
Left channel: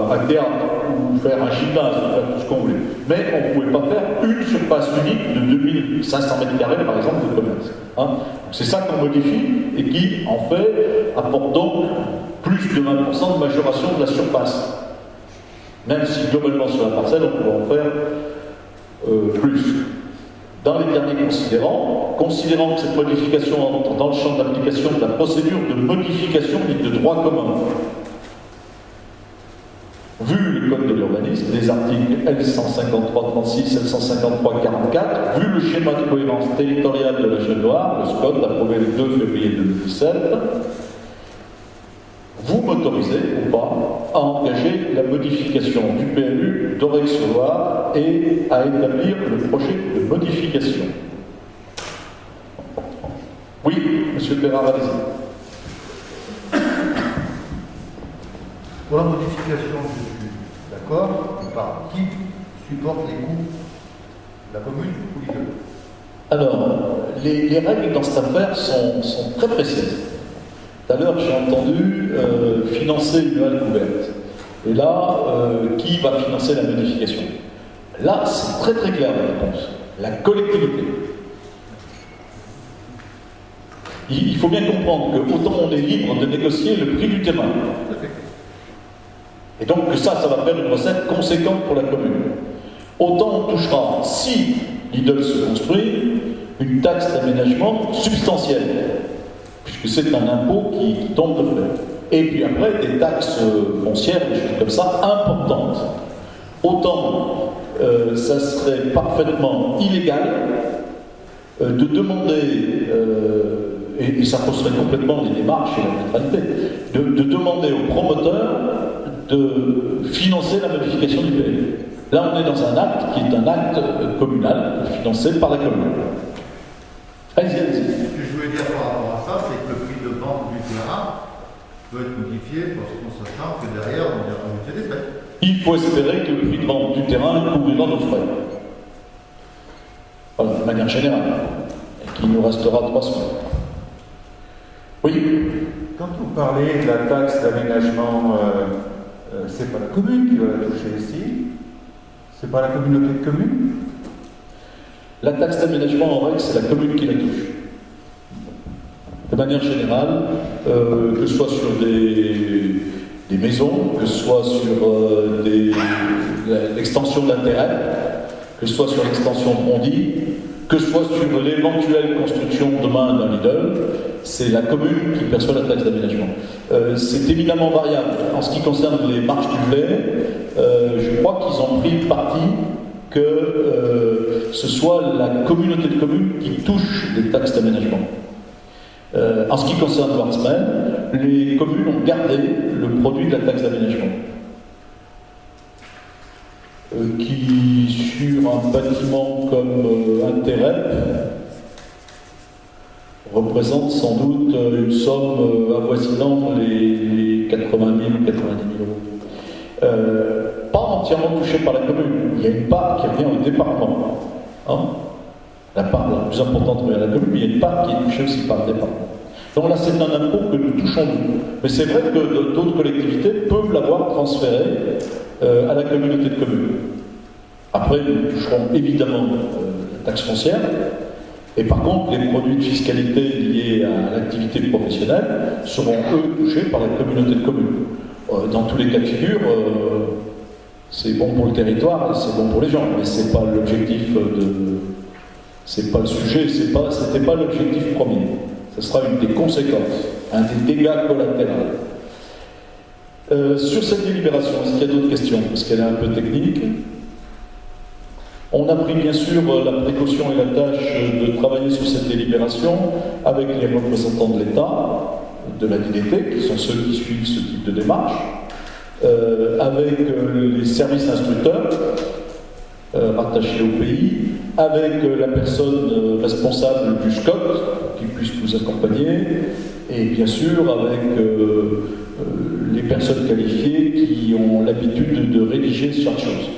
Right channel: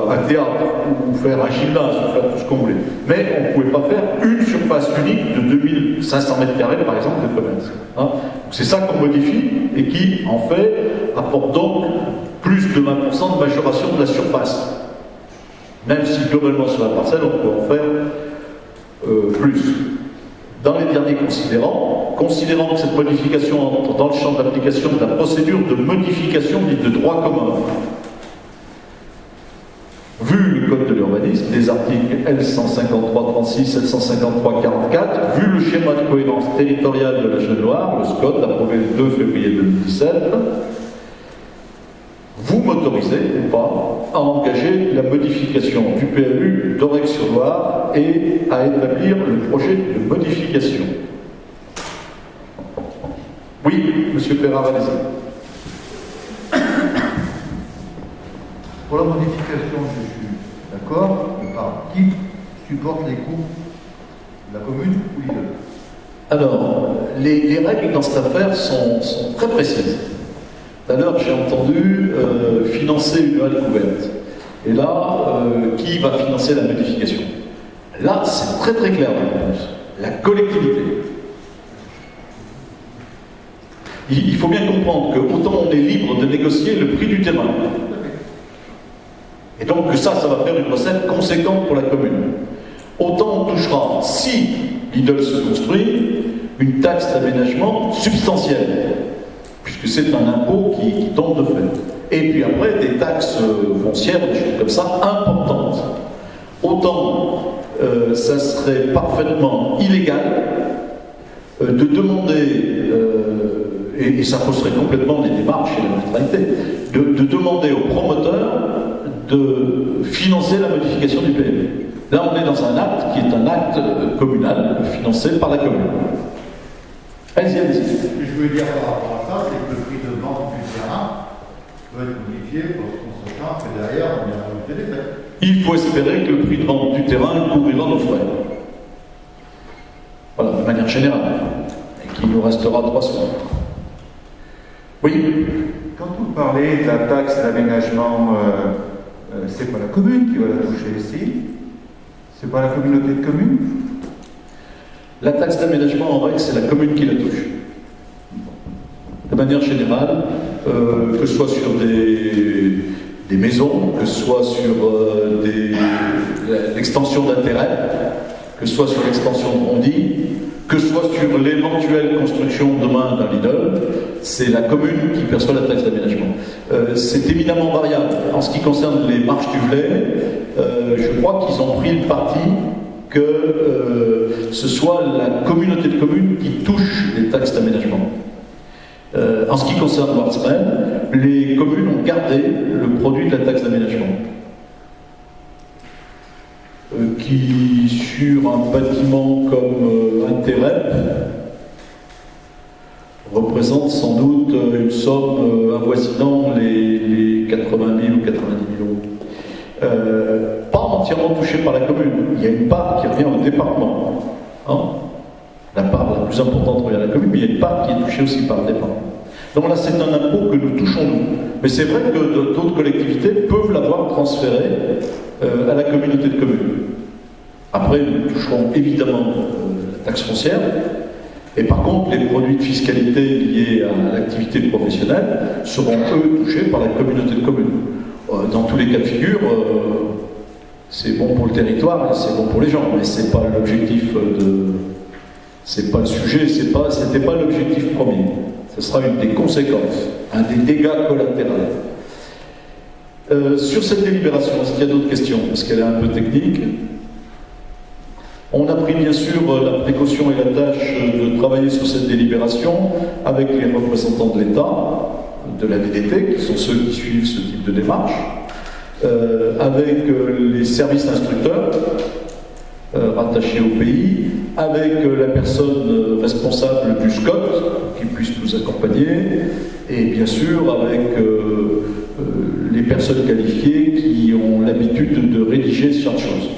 un théâtre, ou faire un gymnase, ou faire tout ce qu'on voulait. Mais on ne pouvait pas faire une surface unique de 2500 mètres carrés, par exemple, de commerce. Hein. C'est ça qu'on modifie, et qui, en fait, apporte donc plus de 20% de majoration de la surface. Même si globalement sur la parcelle, on peut en faire plus. Dans les derniers considérants que cette modification entre dans le champ d'application de la procédure de modification dite de droit commun, vu le Code de l'urbanisme, les articles L153-36, L153-44, vu le schéma de cohérence territoriale de la Jeune-Loire, le SCOT approuvé le 2 février 2017, vous m'autorisez ou pas à engager la modification du PLU d'Orec-sur-Loire et à établir le projet de modification. Oui, monsieur Perrin, allez-y. Pour la modification, je suis d'accord, mais par qui supporte les coûts? La commune ou l'immeuble? Alors, les règles dans cette affaire sont très précises. Tout à l'heure, j'ai entendu financer une halle couverte. Et là, qui va financer la modification? Là, c'est très très clair la réponse. La collectivité. Il faut bien comprendre que autant on est libre de négocier le prix du terrain. Et donc que ça va faire une recette conséquente pour la commune. Autant on touchera, si Lidl se construit, une taxe d'aménagement substantielle, puisque c'est un impôt qui tombe de fait. Et puis après, des taxes foncières, des choses comme ça, importantes. Autant ça serait parfaitement illégal de demander, et ça fausserait complètement les démarches et la neutralité, de demander aux promoteurs de financer la modification du PLU. Là, on est dans un acte qui est un acte communal, financé par la commune. Allez-y, allez-y. Ce que je voulais dire par rapport à ça, c'est que le prix de vente du terrain peut être modifié parce qu'on s'attend que derrière, on ira rajouter des frais. Il faut espérer que le prix de vente du terrain couvrira nos frais. Voilà, de manière générale. Et qu'il nous restera 3 semaines. Oui. Quand vous parlez de la taxe d'aménagement, c'est pas la commune qui va la toucher ici, c'est pas la communauté de communes. La taxe d'aménagement, en règle, c'est la commune qui la touche. De manière générale, que ce soit sur des maisons, que ce soit sur l'extension d'intérêt, que ce soit sur l'extension de Bondy, que ce soit sur l'éventuelle construction demain d'un Lidl, c'est la commune qui perçoit la taxe d'aménagement. C'est évidemment variable. En ce qui concerne les marches du Velay, je crois qu'ils ont pris le parti que ce soit la communauté de communes qui touche les taxes d'aménagement. En ce qui concerne Wartsmen, les communes ont gardé le produit de la taxe d'aménagement, qui, sur un bâtiment comme un Terep, représente sans doute une somme avoisinant les 80 000 ou 90 000 euros. Pas entièrement touché par la commune. Il y a une part qui revient au département. Hein, la part la plus importante revient à la commune, mais il y a une part qui est touchée aussi par le département. Donc là, c'est un impôt que nous touchons nous. Mais c'est vrai que d'autres collectivités peuvent l'avoir transféré à la communauté de communes. Après, nous toucherons évidemment la taxe foncière. Et par contre, les produits de fiscalité liés à l'activité professionnelle seront, eux, touchés par la communauté de communes. Dans tous les cas de figure, c'est bon pour le territoire et c'est bon pour les gens, mais c'est pas l'objectif c'est pas le sujet, c'était pas l'objectif premier. Ce sera une des conséquences, un des dégâts collatéraux. Sur cette délibération, est-ce qu'il y a d'autres questions? Parce qu'elle est un peu technique. On a pris bien sûr la précaution et la tâche de travailler sur cette délibération avec les représentants de l'État, de la DDT, qui sont ceux qui suivent ce type de démarche, avec les services instructeurs rattachés au pays, avec la personne responsable du SCOT qui puisse nous accompagner, et bien sûr avec les personnes qualifiées qui ont l'habitude de rédiger ce genre de choses.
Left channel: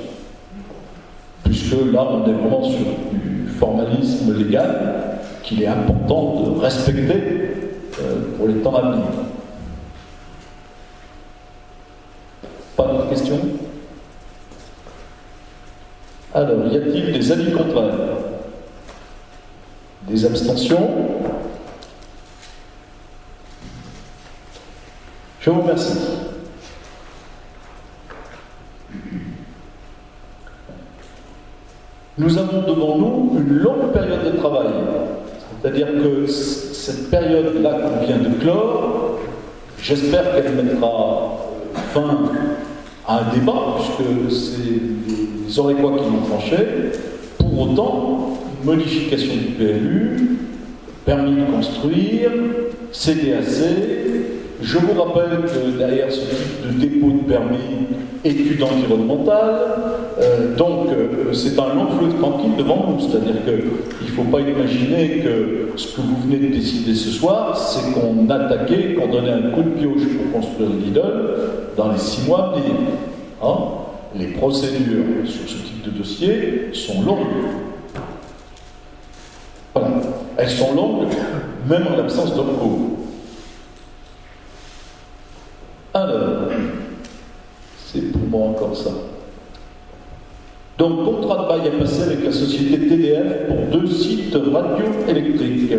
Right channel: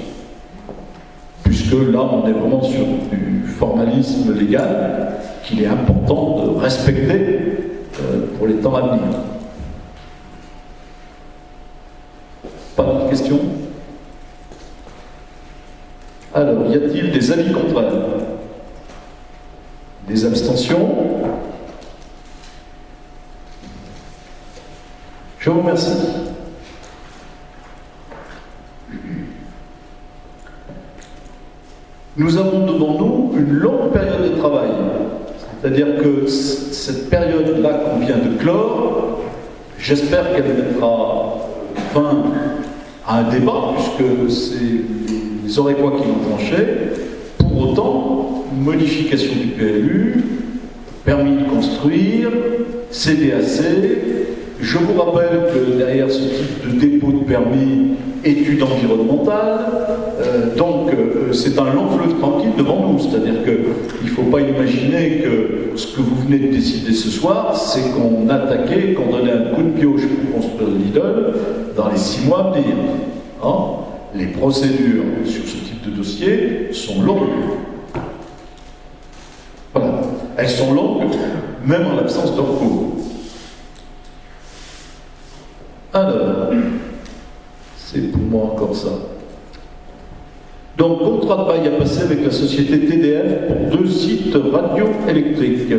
Puisque là, on est vraiment sur du formalisme légal qu'il est important de respecter pour les temps à venir. Pas de questions? Alors, y a-t-il des avis contraires? Des abstentions? Je vous remercie. Nous avons devant nous une longue période de travail. C'est-à-dire que cette période-là qu'on vient de clore, j'espère qu'elle mettra fin à un débat, puisque c'est les Orécois qui l'ont tranché. Pour autant, modification du PLU, permis de construire, CDAC. Je vous rappelle que derrière ce type de dépôt de permis, études environnementales, donc c'est un long fleuve tranquille devant nous. C'est-à-dire qu'il ne faut pas imaginer que ce que vous venez de décider ce soir, c'est qu'on attaquait, qu'on donnait un coup de pioche pour construire le Lidl dans les 6 mois à venir. Hein? Les procédures sur ce type de dossier sont longues. Voilà. Elles sont longues, même en l'absence de recours. Alors, c'est pour moi encore ça. Donc, contrat de bail à passer avec la société TDF pour 2 sites radioélectriques.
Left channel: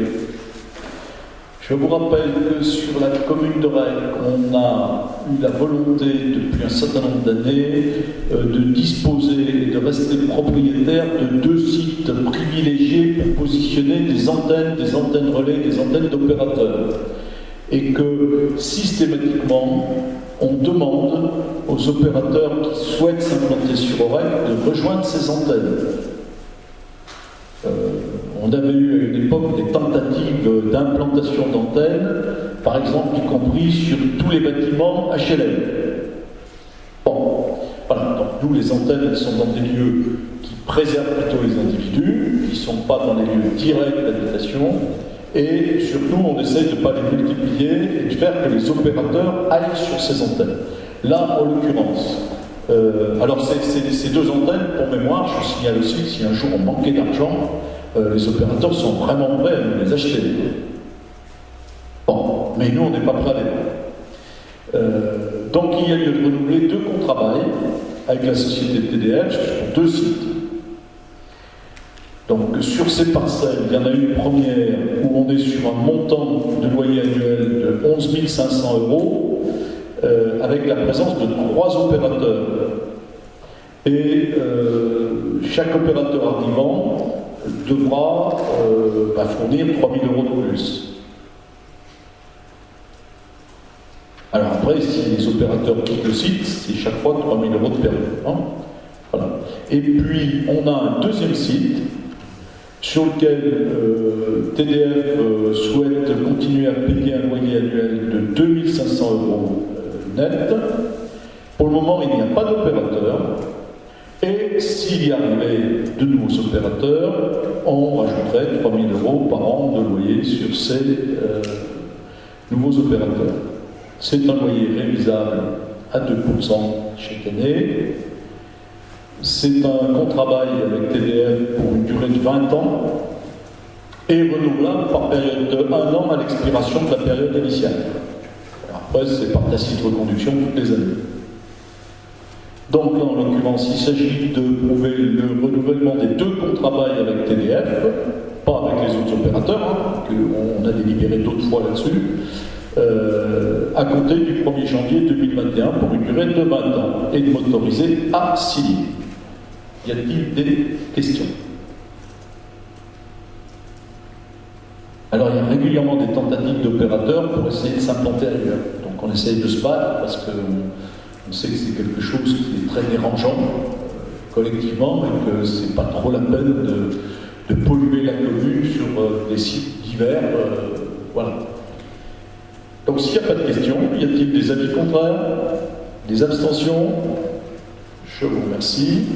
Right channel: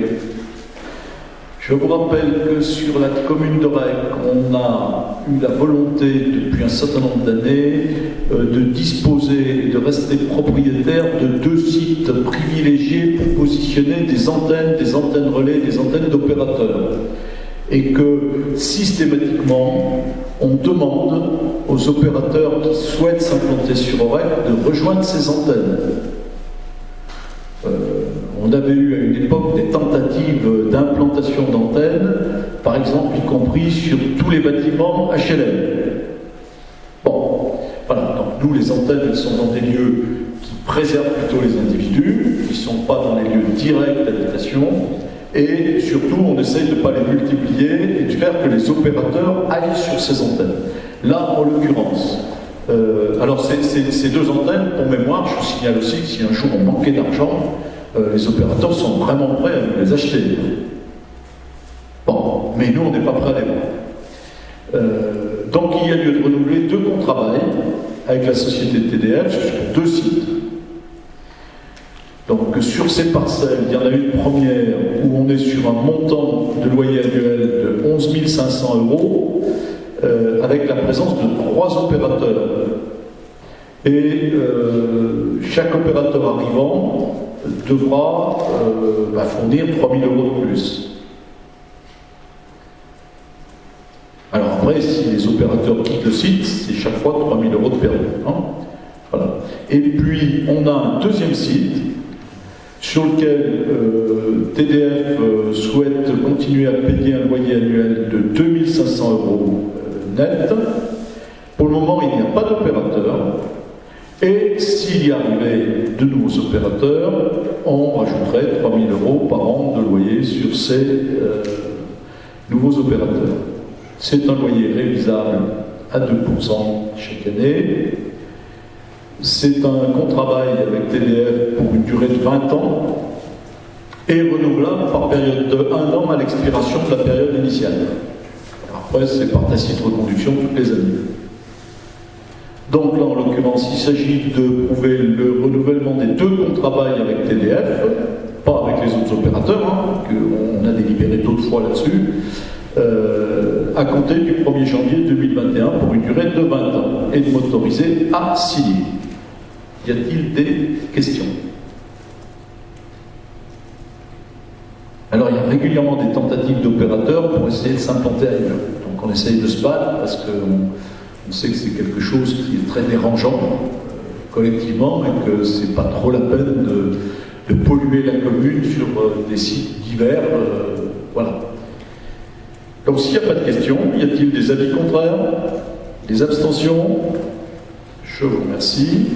Je vous rappelle que sur la commune d'Aurec, on a eu la volonté depuis un certain nombre d'années de disposer et de rester propriétaire de 2 sites privilégiés pour positionner des antennes relais, des antennes d'opérateurs. Et que systématiquement, on demande aux opérateurs qui souhaitent s'implanter sur Aurec de rejoindre ces antennes. On On avait eu à une époque des tentatives d'implantation d'antennes, par exemple, y compris sur tous les bâtiments HLM. Bon, voilà, donc nous, les antennes, elles sont dans des lieux qui préservent plutôt les individus, qui ne sont pas dans les lieux directs d'habitation, et surtout, on essaye de ne pas les multiplier et de faire que les opérateurs aillent sur ces antennes. Là, en l'occurrence, alors ces deux antennes, pour mémoire, je vous signale aussi que si un jour on manquait d'argent, les opérateurs sont vraiment prêts à nous les acheter. Bon, mais nous, on n'est pas prêts à les vendre. Donc, il y a lieu de renouveler 2 contrats bail avec la société TDF pour 2 sites. Donc, sur ces parcelles, il y en a une première où on est sur un montant de loyer annuel de 11 500 €, avec la présence de 3 opérateurs. Et chaque opérateur arrivant devra fournir 3 000 € de plus. Alors après, si les opérateurs quittent le site, c'est chaque fois 3 000 € de perdu. Hein, voilà. Et puis, on a un deuxième site sur lequel TDF souhaite continuer à payer un loyer annuel de 2 500 € net. Pour le moment, il n'y a pas d'opérateur. Et s'il y arrivait de nouveaux opérateurs, on rajouterait 3 000 € par an de loyer sur ces nouveaux opérateurs. C'est un loyer révisable à 2% chaque année. C'est un contrat bail avec TDF pour une durée de 20 ans et renouvelable par période de 1 an à l'expiration de la période initiale. Après, c'est par tacite reconduction toutes les années. Donc là, en l'occurrence, il s'agit de prouver le renouvellement des 2 contrats bail avec TDF, pas avec les autres opérateurs, hein, qu'on a délibéré d'autres fois là-dessus, à compter du 1er janvier 2021 pour une durée de 20 ans et de m'autoriser à signer. Y a-t-il des questions? Alors, il y a régulièrement des tentatives d'opérateurs pour essayer de s'implanter ailleurs. Donc, on essaye de se battre parce qu'on sait que c'est quelque chose qui est très dérangeant collectivement et que c'est pas trop la peine de polluer la commune sur des sites divers. Voilà. Donc, s'il n'y a pas de questions, y a-t-il des avis contraires? Des abstentions? Je vous remercie.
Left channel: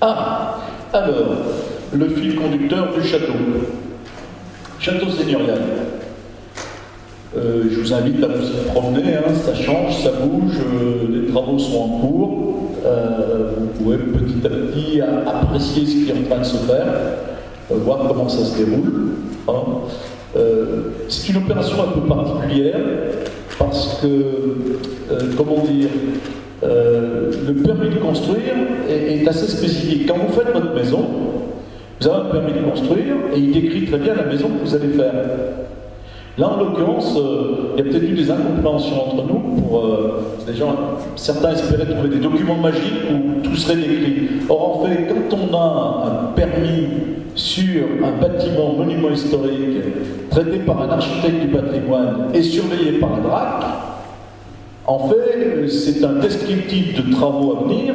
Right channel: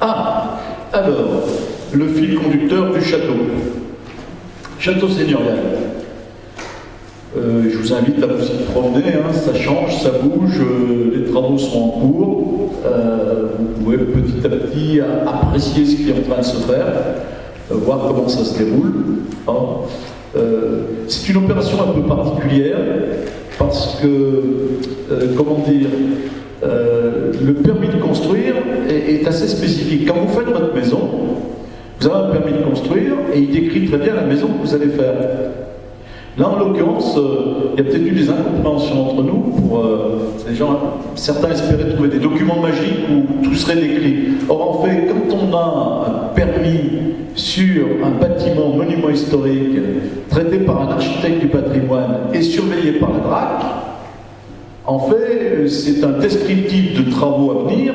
Ah, alors, le fil conducteur du château. Château seigneurial. Je vous invite à vous y promener, hein, ça change, ça bouge, les travaux sont en cours. Vous pouvez petit à petit apprécier ce qui est en train de se faire, voir comment ça se déroule. Hein. C'est une opération un peu particulière parce que, comment dire, le permis de construire est assez spécifique. Quand vous faites votre maison, vous avez un permis de construire et il décrit très bien la maison que vous allez faire. Là, en l'occurrence, il y a peut-être eu des incompréhensions entre nous. Les gens, certains espéraient trouver des documents magiques où tout serait décrit. Or, en fait, quand on a un permis sur un bâtiment monument historique traité par un architecte du patrimoine et surveillé par la DRAC, en fait, c'est un descriptif de travaux à venir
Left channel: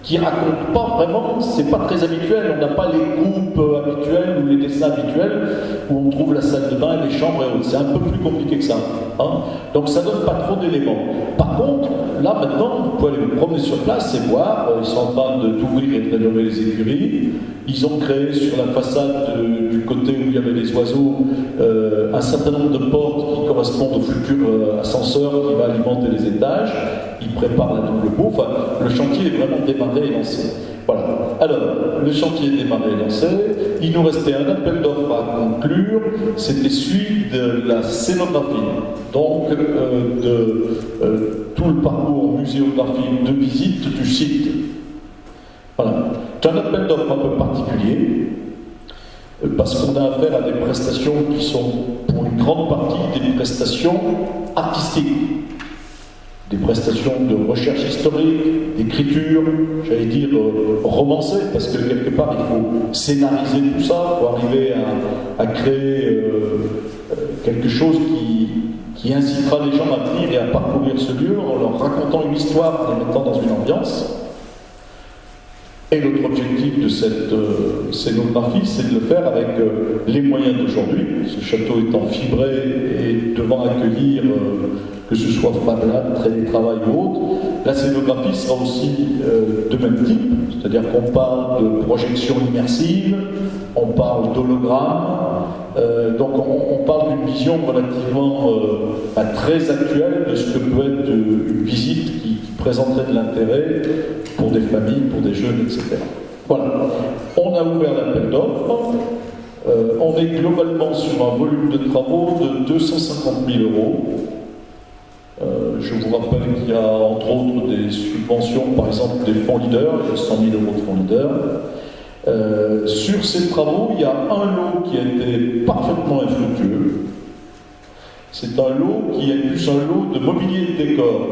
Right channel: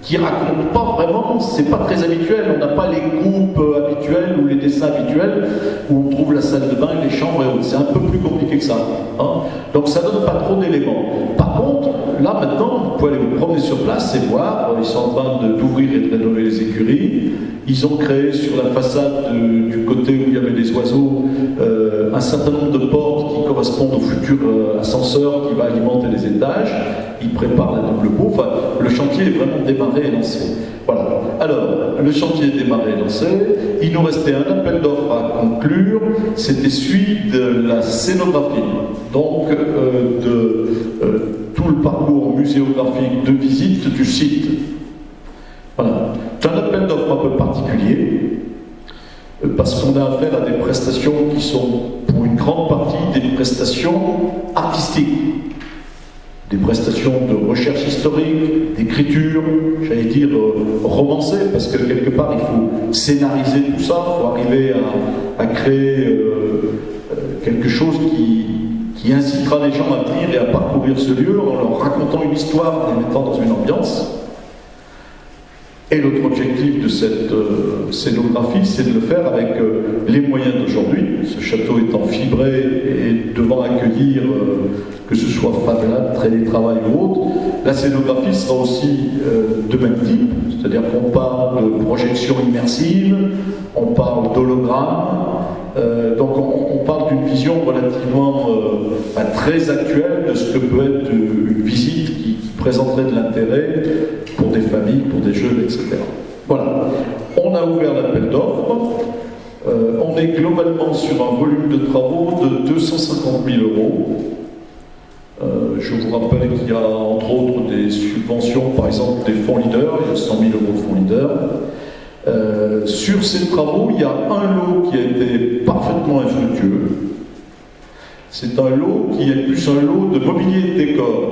qui raconte pas vraiment, c'est pas très habituel, on n'a pas les coupes habituelles ou les dessins habituels où on trouve la salle de bain, les chambres et autres. C'est un peu plus compliqué que ça. Hein. Donc ça donne pas trop d'éléments. Par contre, là maintenant, vous pouvez aller vous promener sur place et voir, ils sont en train d'ouvrir et de rénover les écuries. Ils ont créé sur la façade du côté où il y avait les oiseaux un certain nombre de portes qui correspondent au futur ascenseur qui va alimenter les étages. Ils préparent la double boue. Enfin, le chantier est vraiment démarré et lancé. Voilà. Alors, le chantier est démarré et lancé. Il nous restait un appel d'offres à conclure. C'était celui de la scénographie. Donc, tout le parcours muséographique de visite du site. Voilà. C'est un appel d'offres un peu particulier, parce qu'on a affaire à des prestations qui sont, pour une grande partie, des prestations artistiques. Des prestations de recherche historique, d'écriture, j'allais dire romancée, parce que quelque part il faut scénariser tout ça, il faut arriver à créer quelque chose qui incitera les gens à venir et à parcourir ce lieu en leur racontant une histoire, en les mettant dans une ambiance. Et notre objectif de cette scénographie, c'est de le faire avec les moyens d'aujourd'hui, ce château étant fibré et devant accueillir, que ce soit Fab Lab, télétravail ou autre. La scénographie sera aussi de même type, c'est-à-dire qu'on parle de projection immersive, on parle d'hologramme, donc on parle d'une vision relativement très actuelle de ce que peut être une visite qui présenterait de l'intérêt pour des familles, pour des jeunes, etc. Voilà. On a ouvert l'appel d'offres. On est globalement sur un volume de travaux de 250 000 €. Je vous rappelle qu'il y a entre autres des subventions, par exemple des fonds leaders, il y a 100 000 € de fonds leaders. Sur ces travaux, il y a un lot qui a été parfaitement infructueux. C'est un lot qui est plus un lot de mobilier et de décor.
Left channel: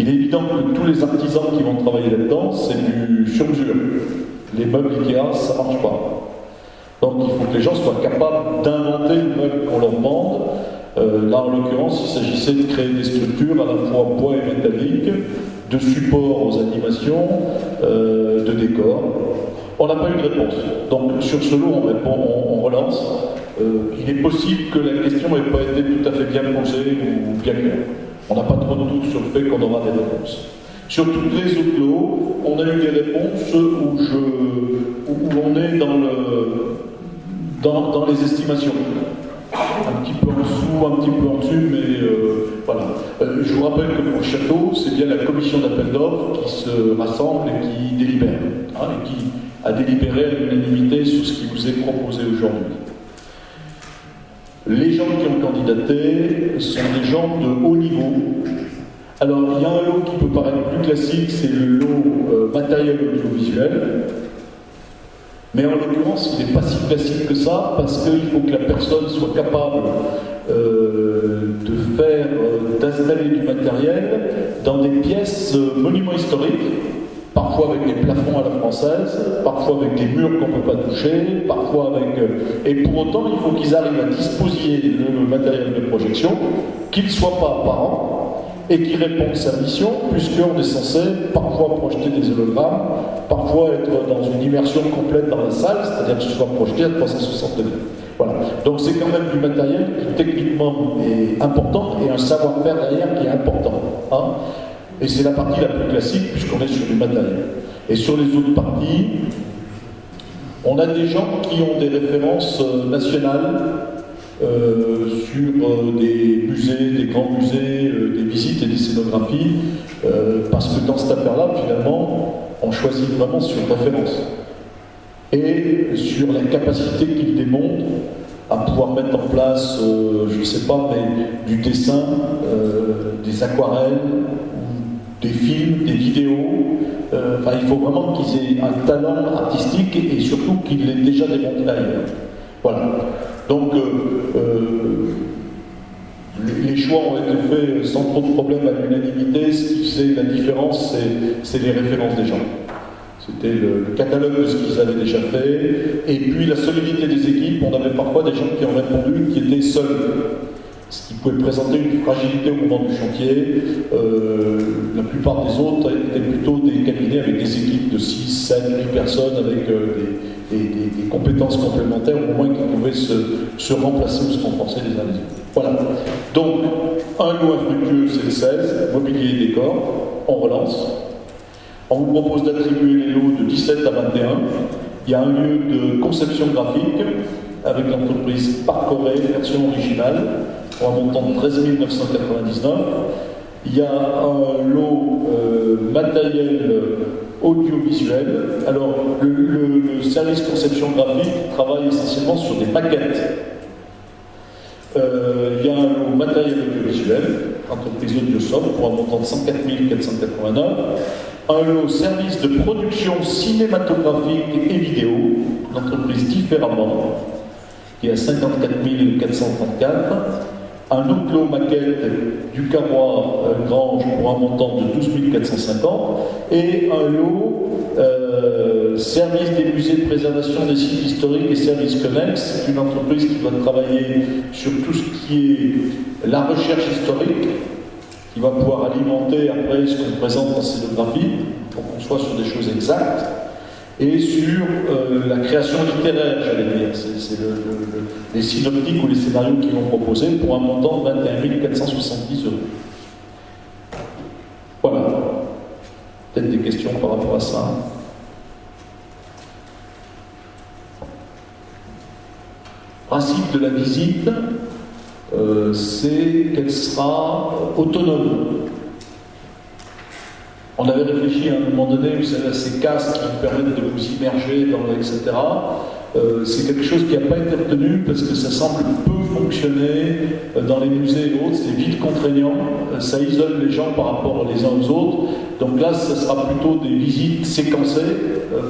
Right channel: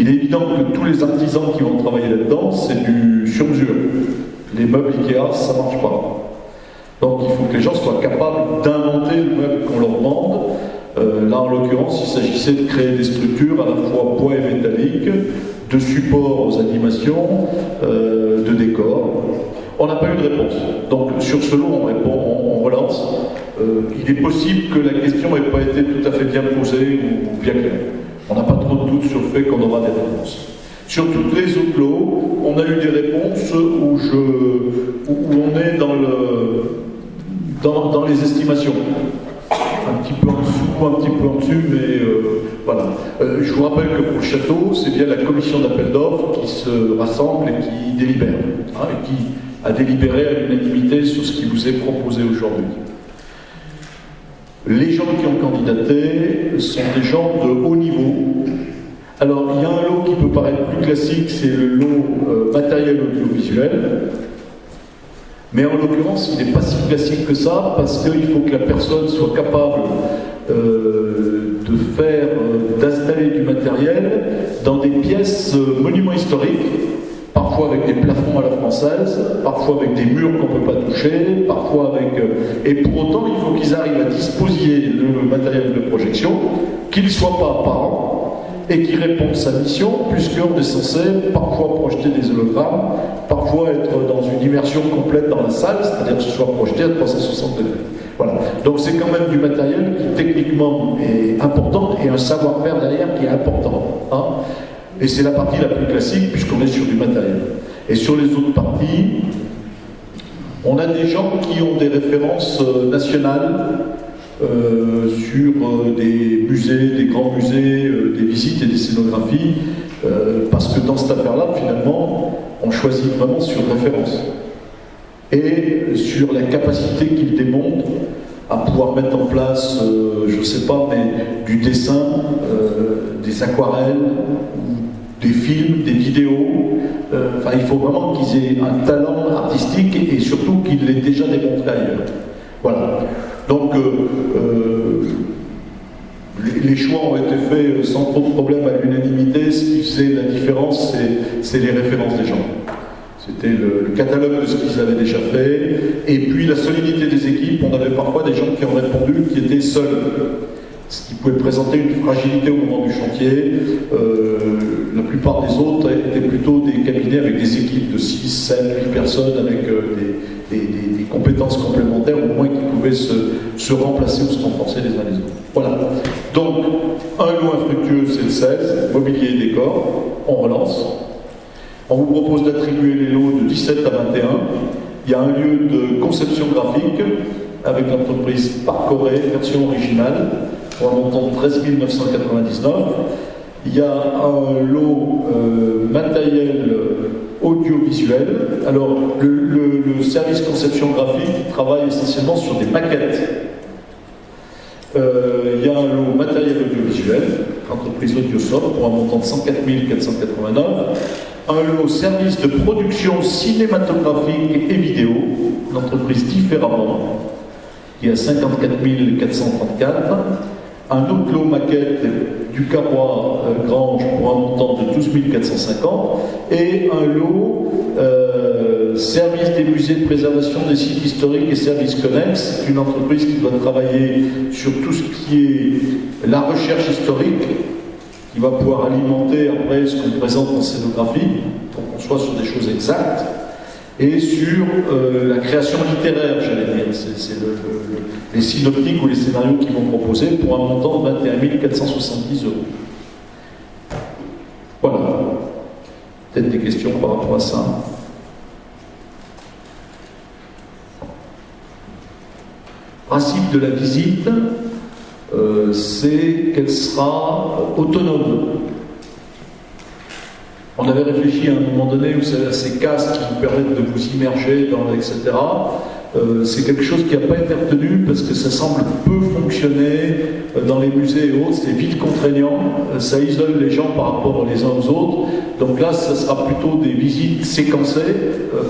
Il est évident que tous les artisans qui vont travailler là-dedans, c'est du sur-mesure. Les meubles Ikea, ça ne marche pas. Donc il faut que les gens soient capables d'inventer le meuble qu'on leur vende. Là, en l'occurrence, il s'agissait de créer des structures à la fois bois et métallique, de support aux animations, de décors. On n'a pas eu de réponse. Donc sur ce lot, on relance. Il est possible que la question n'ait pas été tout à fait bien posée ou bien claire. On n'a pas trop de doute sur le fait qu'on aura des réponses. Sur tous les autres lots, on a eu des réponses où on est dans les estimations. Un petit peu en dessous, un petit peu en dessus, mais voilà. Je vous rappelle que pour le château, c'est bien la commission d'appel d'offres qui se rassemble et qui délibère, et qui a délibéré à l'unanimité sur ce qui vous est proposé aujourd'hui. Les gens qui ont candidaté sont des gens de haut niveau. Alors, il y a un lot qui peut paraître plus classique, c'est le lot matériel audiovisuel. Mais en l'occurrence, il n'est pas si classique que ça, parce qu'il faut que la personne soit capable d'installer du matériel dans des pièces monuments historiques, parfois avec des plafonds à la française, parfois avec des murs qu'on ne peut pas toucher, parfois avec... Et pour autant, il faut qu'ils arrivent à disposer le matériel de projection, qu'il ne soit pas apparent, et qui répond à sa mission, puisqu'on est censé parfois projeter des hologrammes, parfois être dans une immersion complète dans la salle, c'est-à-dire que ce soit projeté à 360 degrés. Voilà. Donc c'est quand même du matériel qui techniquement est important, et un savoir-faire derrière qui est important. Hein. Et c'est la partie la plus classique, puisqu'on est sur du matériel. Et sur les autres parties, on a des gens qui ont des références nationales sur des musées, des grands musées, des visites et des scénographies, parce que dans cette affaire-là, finalement, on choisit vraiment sur référence. Et sur la capacité qu'ils démontrent à pouvoir mettre en place, je ne sais pas, mais du dessin, des aquarelles, des films, des vidéos. Enfin, il faut vraiment qu'ils aient un talent artistique et surtout qu'ils l'aient déjà démontré ailleurs. Voilà. Donc, les choix ont été faits sans trop de problèmes à l'unanimité. Ce qui faisait la différence, c'est les références des gens. C'était le catalogue de ce qu'ils avaient déjà fait. Et puis la solidité des équipes. On avait parfois des gens qui ont répondu qui étaient seuls, ce qui pouvait présenter une fragilité au moment du chantier. La plupart des autres étaient plutôt des cabinets avec des équipes de 6, 7, 8 personnes avec des compétences complémentaires, au moins qui pouvaient se remplacer ou se renforcer les uns les autres. Voilà. Donc, un lot infructueux, c'est le 16, mobilier et décor, on relance. On vous propose d'attribuer les lots de 17 à 21. Il y a un lieu de conception graphique avec l'entreprise Parcoré, version originale, pour un montant de 13 999. Il y a un lot matériel audiovisuel. Alors, le service conception graphique travaille essentiellement sur des maquettes. Il y a un lot matériel audiovisuel, entreprise Audiosoft, pour un montant de 104 489. Un lot service de production cinématographique et vidéo, l'entreprise Différemment, qui est à 54 434. Un autre lot maquette du Carrois Grange pour un montant de 12 450. Et un lot service des musées de préservation des sites historiques et services connexes. C'est une entreprise qui doit travailler sur tout ce qui est la recherche historique, qui va pouvoir alimenter après ce qu'on présente en scénographie, pour qu'on soit sur des choses exactes. et sur la création littéraire, j'allais dire. C'est les synoptiques ou les scénarios qu'ils vont proposer pour un montant de 21 470 €. Voilà. Peut-être des questions par rapport à ça. Le principe de la visite, c'est qu'elle sera autonome. On avait réfléchi à un moment donné, vous savez, à ces casques qui vous permettent de vous immerger dans, etc. C'est quelque chose qui n'a pas été retenu parce que ça semble peu fonctionner dans les musées et autres, c'est vite contraignant, ça isole les gens par rapport les uns aux autres. Donc là, ça sera plutôt des visites séquencées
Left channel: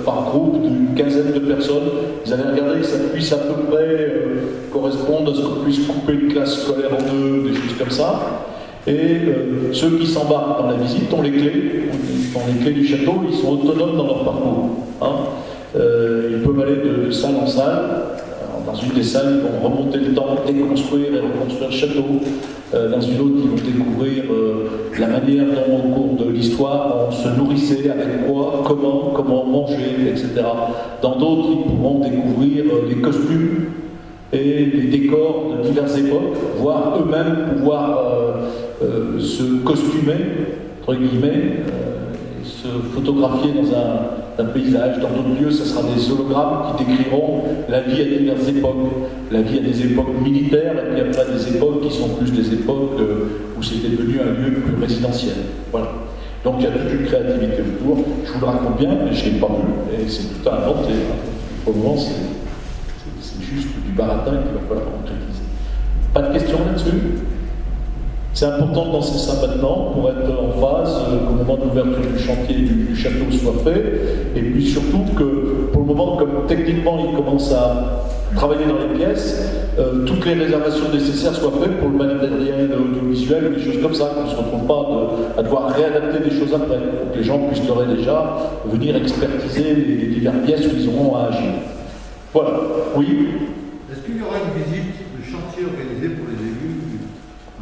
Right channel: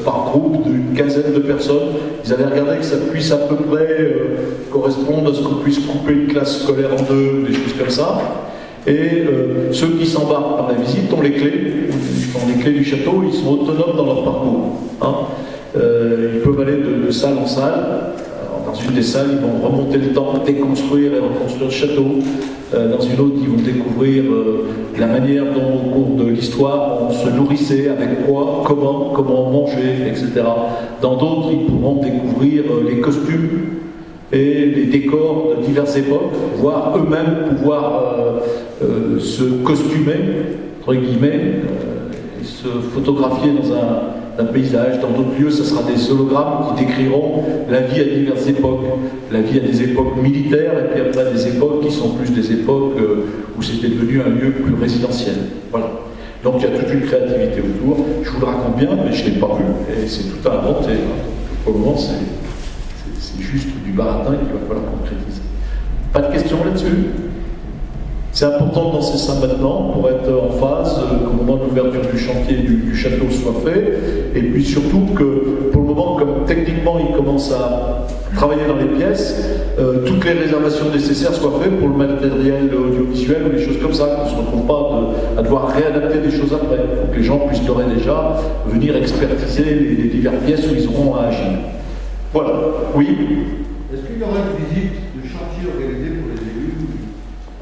par groupe d'une quinzaine de personnes. Ils avaient regardé que ça puisse à peu près correspondre à ce qu'on puisse couper une classe scolaire en deux, des choses comme ça. Et ceux qui s'embarquent dans la visite ont les clés du château, ils sont autonomes dans leur parcours. Hein. Ils peuvent aller de salle en salle. Dans une des salles, ils vont remonter le temps, déconstruire et reconstruire le château. Dans une autre, ils vont découvrir la manière dont, au cours de l'histoire, on se nourrissait, avec quoi, comment on mangeait, etc. Dans d'autres, ils pourront découvrir les costumes et les décors de diverses époques, voire eux-mêmes pouvoir se costumer, entre guillemets, et se photographier dans un paysage. Dans d'autres lieux, ce sera des hologrammes qui décriront la vie à diverses époques. La vie à des époques militaires, et puis après des époques qui sont plus des époques où c'était devenu un lieu plus résidentiel. Voilà. Donc il y a toute une créativité autour. Je vous le raconte bien, mais je ne l'ai pas vu, et c'est tout à inventer. Pour le moment, c'est juste du baratin qu'il va falloir concrétiser. Pas de questions là-dessus? C'est important de lancer ça maintenant pour être en phase qu'au moment de l'ouverture du chantier du château soit fait, et puis surtout que pour le moment, comme techniquement il commence à travailler dans les pièces, toutes les réservations nécessaires soient faites pour le matériel audiovisuel ou des choses comme ça, qu'on ne se retrouve pas à devoir réadapter des choses après. Il faut que les gens puissent d'ores et déjà venir expertiser les diverses pièces où ils auront à agir. Voilà, oui. Est-ce qu'il y aura une visite de chantier organisée pour les élus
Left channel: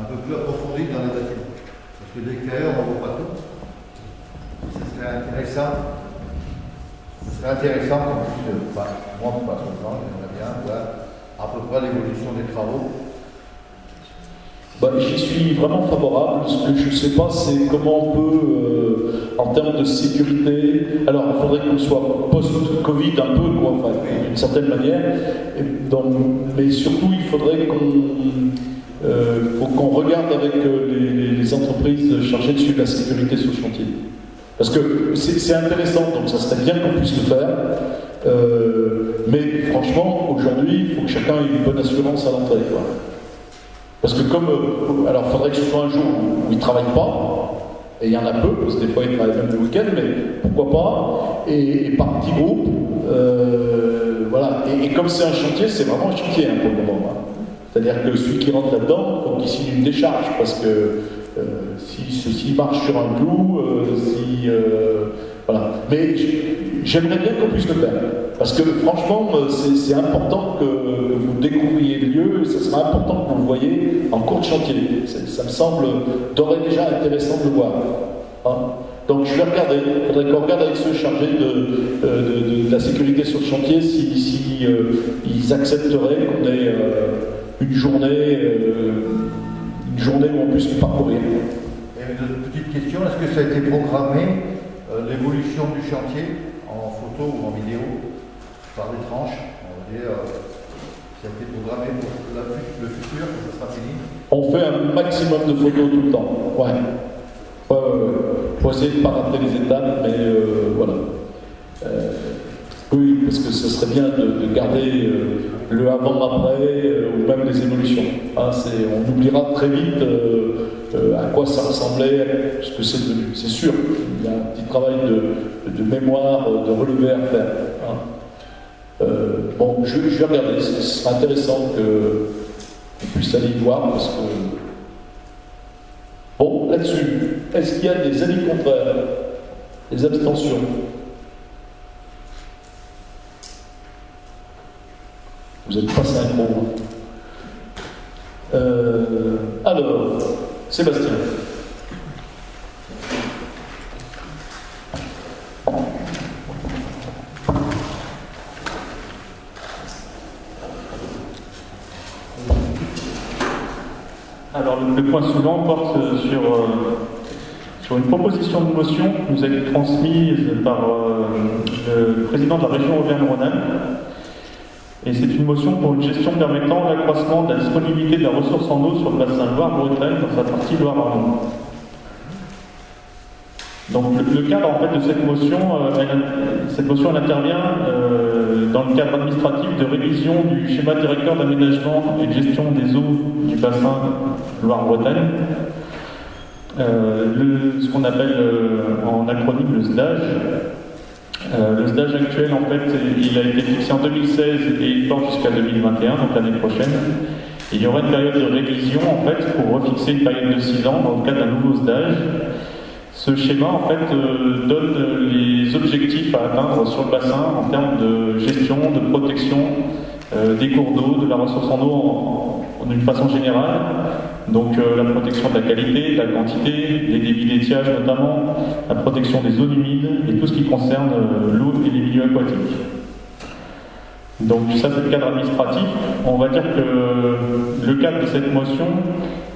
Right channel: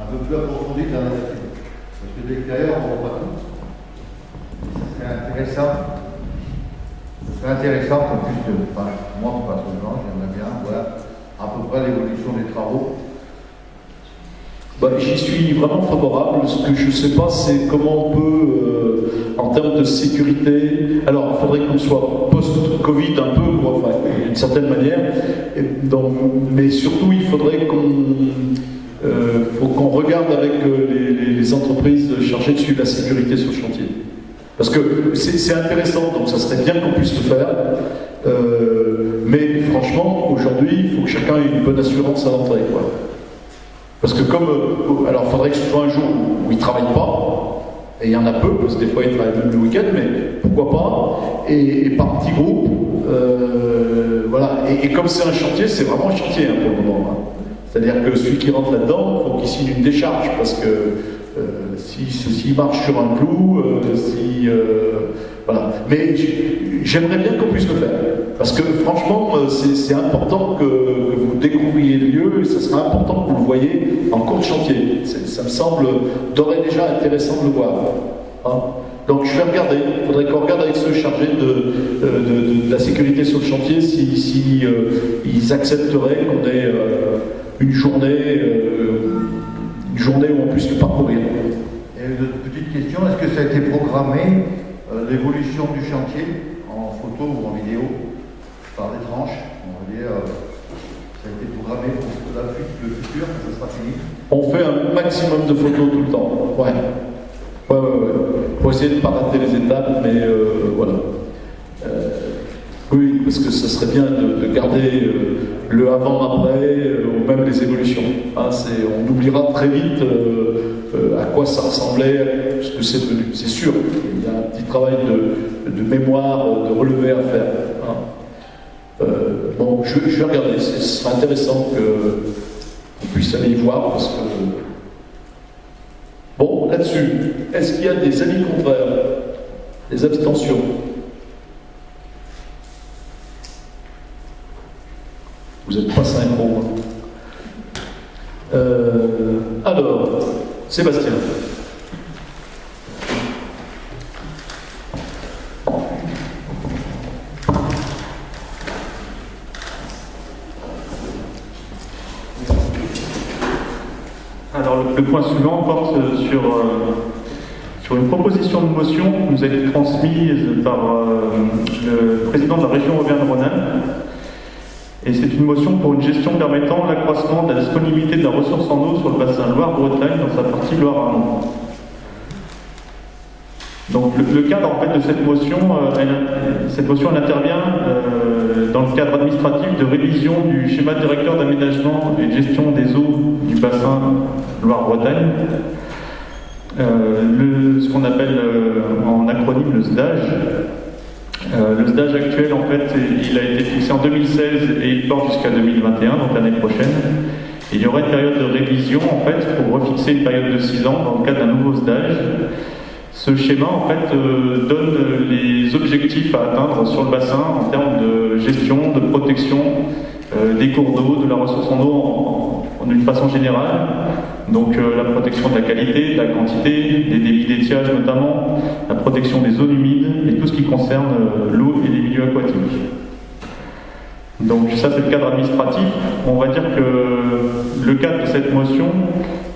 un peu plus approfondie dans les bâtiments? Parce que dès qu'ailleurs, on ne voit pas tout. C'est intéressant. C'est intéressant qu'on puisse, enfin, moi personnellement, j'aimerais bien voir à peu près l'évolution des travaux. J'y suis vraiment favorable. Ce que je ne sais pas, c'est comment on peut, en termes de sécurité, alors il faudrait qu'on soit post-Covid un peu, quoi, enfin, d'une certaine manière, mais surtout il faudrait qu'on regarde avec les entreprises chargées de suivre la sécurité sur le chantier. Parce que c'est intéressant, donc ça serait bien qu'on puisse le faire, mais franchement, aujourd'hui, il faut que chacun ait une bonne assurance à l'entrée, quoi. Parce que alors il faudrait que ce soit un jour où ils ne travaillent pas, et il y en a peu, parce que des fois ils travaillent même le week-end, mais pourquoi pas, et par petits groupes, voilà. Et comme c'est un chantier, c'est vraiment un chantier pour le moment. Hein. C'est-à-dire que celui qui rentre là-dedans, il faut qu'il signe une décharge, parce que s'il marche sur un clou, voilà. Mais j'aimerais bien qu'on puisse le faire. Parce que franchement, c'est important que vous découvriez le lieu, et ça sera important que vous le voyez en cours de chantier. Ça me semble d'ores et déjà intéressant de le voir. Hein. Donc je vais regarder. Il faudrait qu'on regarde avec ceux chargés de la sécurité sur le chantier si ils accepteraient qu'on ait une journée où on puisse le parcourir. Et une petite question, est-ce que ça a été programmé, l'évolution du chantier, en photo ou en vidéo, par des tranches, on va dire, ça a été programmé pour le futur, ça sera fini? On fait un maximum de photos tout le temps, ouais. Pour essayer de ne pas rater les étapes, mais voilà. Oui, parce que ce serait bien de garder le avant-après, ou même les évolutions. Hein, on oubliera très vite à quoi ça ressemblait, ce que c'est devenu. C'est sûr, il y a un petit travail de mémoire, de relevé à faire. Hein. Bon, je vais regarder, ce sera intéressant qu'on puisse aller y voir, parce que... Bon, là-dessus, est-ce qu'il y a des avis contraires, des abstentions? Vous n'êtes pas synchro. Hein. Alors, Sébastien. le point suivant porte sur une proposition de motion qui nous a été transmise par le président de la région Auvergne-Rhône-Alpes. Et c'est une motion pour une gestion permettant l'accroissement de la disponibilité de la ressource en eau sur le bassin Loire-Bretagne dans sa partie Loire-Amont. Donc le cadre en fait de cette motion elle intervient dans le cadre administratif de révision du schéma directeur d'aménagement et de gestion des eaux du bassin Loire-Bretagne, ce qu'on appelle en acronyme le SDAGE. Le SDAGE actuel en fait il a été fixé en 2016 et il porte jusqu'à 2021, donc l'année prochaine. Et il y aura une période de révision en fait pour refixer une période de 6 ans dans le cadre d'un nouveau SDAGE. Ce schéma en fait donne les objectifs à atteindre sur le bassin en termes de gestion, de protection des cours d'eau, de la ressource en eau d'une façon générale. Donc la protection de la qualité, de la quantité, des débits d'étiage notamment, la protection des zones humides et tout ce qui concerne l'eau et les milieux aquatiques. Donc ça c'est le cadre administratif. On va dire que le cadre de cette motion,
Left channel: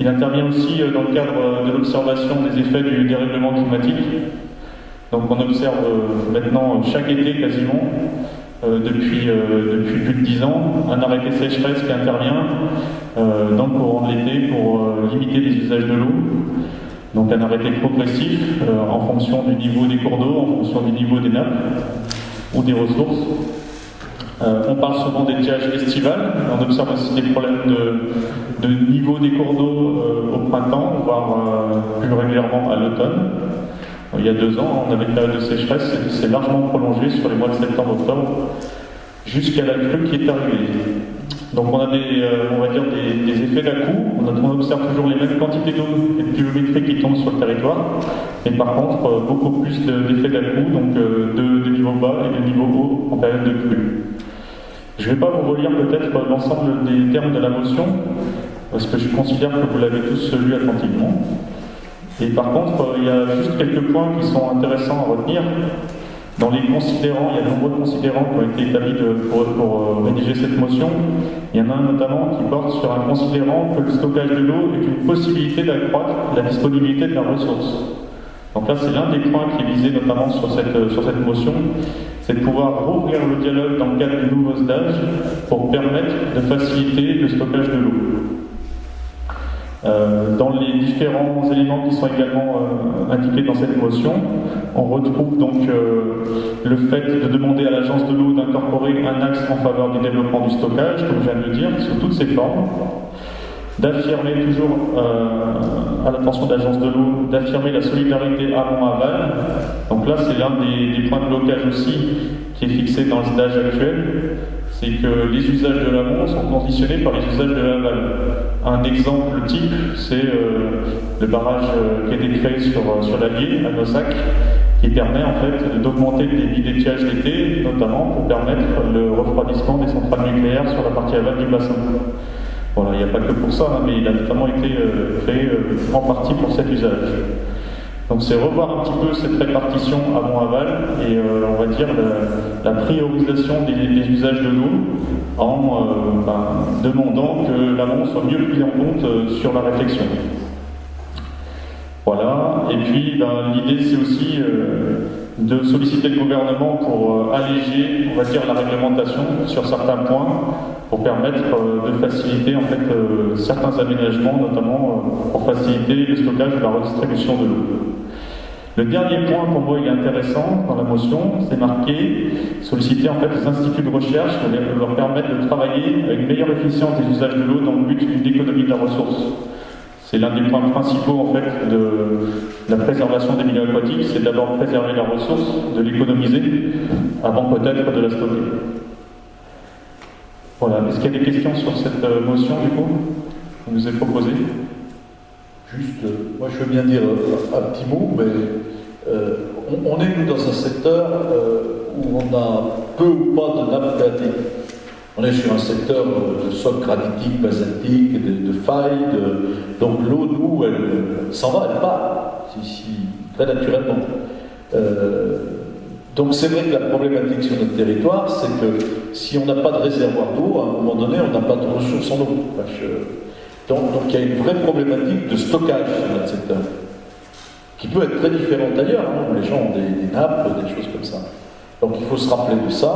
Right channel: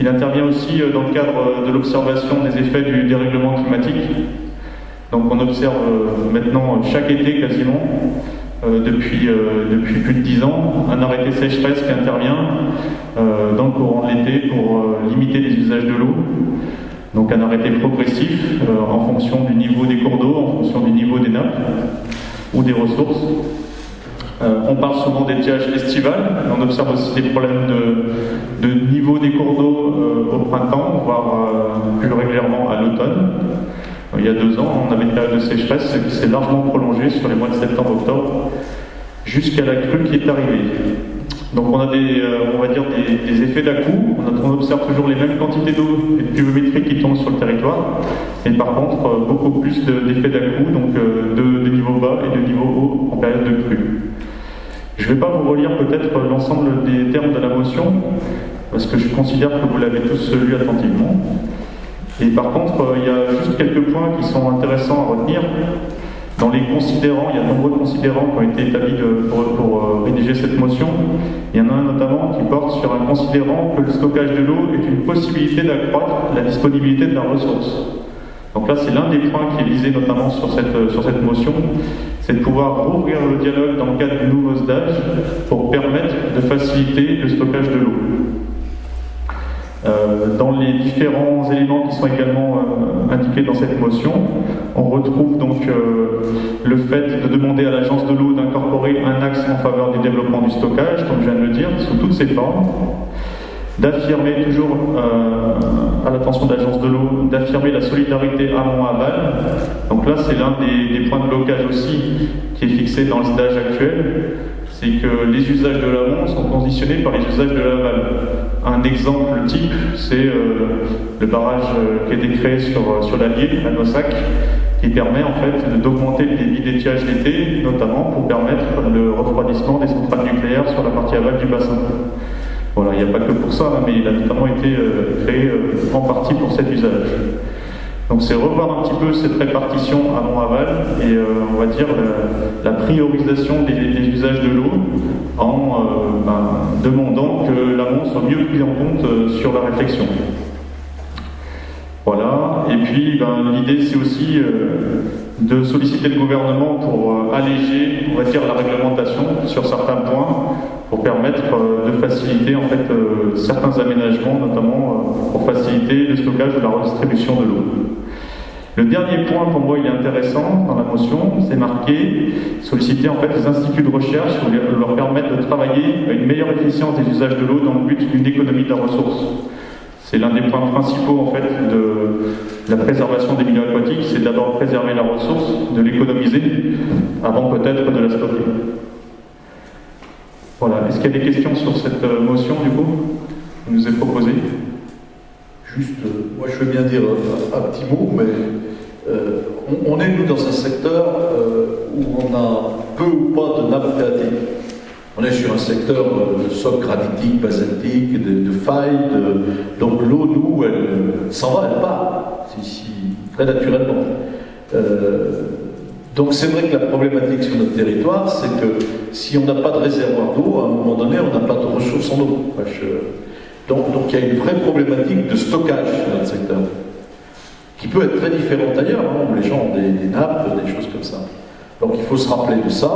il intervient aussi dans le cadre de l'observation des effets du dérèglement climatique. Donc on observe maintenant chaque été quasiment, depuis plus de 10 ans, un arrêté sécheresse qui intervient dans le courant de l'été pour limiter les usages de l'eau. Donc un arrêté progressif en fonction du niveau des cours d'eau, en fonction du niveau des nappes ou des ressources. On parle souvent d'étiage estival, on observe aussi des problèmes de niveau des cours d'eau au printemps, voire plus régulièrement à l'automne. Il y a 2 ans, on avait une période de sécheresse qui s'est largement prolongée sur les mois de septembre-octobre jusqu'à la crue qui est arrivée. Donc on a des effets d'à-coups, on observe toujours les mêmes quantités d'eau et de pluviométrie qui tombent sur le territoire, mais par contre beaucoup plus d'effets d'à-coups, donc de niveau bas et de niveau haut en période de crue. Je ne vais pas vous relire peut-être l'ensemble des termes de la motion, parce que je considère que vous l'avez tous lu attentivement. Et par contre, il y a juste quelques points qui sont intéressants à retenir. Dans les considérants, il y a de nombreux considérants qui ont été établis pour rédiger cette motion. Il y en a un notamment qui porte sur un considérant que le stockage de l'eau est une possibilité d'accroître la disponibilité de la ressource. Donc là, c'est l'un des points qui est visé notamment sur cette motion, c'est de pouvoir rouvrir le dialogue dans le cadre du nouveau SDAGE pour permettre de faciliter le stockage de l'eau. Dans les différents éléments qui sont également indiqués dans cette motion, on retrouve donc le fait de demander à l'agence de l'eau d'incorporer un axe en faveur du développement du stockage, comme je viens de le dire, sous toutes ses formes, d'affirmer toujours à l'attention de l'agence de l'eau, d'affirmer la solidarité amont-aval. Donc là, c'est l'un des points de blocage aussi qui est fixé dans le SDAGE actuel, c'est que les usages de l'amont sont conditionnés par les usages de l'aval. Un exemple type, c'est le barrage qui a été créé sur l'Allier, à Nossac, qui permet en fait d'augmenter le débit d'étiage d'été, notamment pour permettre le refroidissement des centrales nucléaires sur la partie aval du bassin. Voilà, il n'y a pas que pour ça, mais il a notamment été créé en partie pour cet usage. Donc c'est revoir un petit peu cette répartition amont-aval et on va dire la priorisation des usages de l'eau en demandant que l'amont soit mieux pris en compte sur la réflexion. Voilà, et puis l'idée c'est aussi de solliciter le gouvernement pour alléger, on va dire, la réglementation sur certains points pour permettre de faciliter en fait certains aménagements, notamment pour faciliter le stockage et la redistribution de l'eau. Le dernier point, pour moi, il est intéressant dans la motion, c'est marqué solliciter en fait les instituts de recherche pour leur permettre de travailler à une meilleure efficience des usages de l'eau dans le but d'une économie de la ressource. C'est l'un des points principaux en fait de la préservation des milieux aquatiques, c'est d'abord préserver la ressource, de l'économiser, avant peut-être de la stocker. Voilà, est-ce qu'il y a des questions sur cette motion du coup qui nous est proposée? Juste, moi je veux bien dire un petit mot, mais on est nous dans un secteur où on a peu ou pas de nappe phréatique. On est sur un secteur de soc granitique, basaltique, de failles, donc l'eau, nous, elle s'en va, elle part, très naturellement. Donc c'est vrai que la problématique sur notre territoire, c'est que si on n'a pas de réservoir d'eau, à un moment donné, on n'a pas de ressources en eau. Donc il y a une vraie problématique de stockage sur notre secteur, qui peut être très différente d'ailleurs, hein, où les gens ont des nappes, des choses comme ça. Donc il faut se rappeler de ça.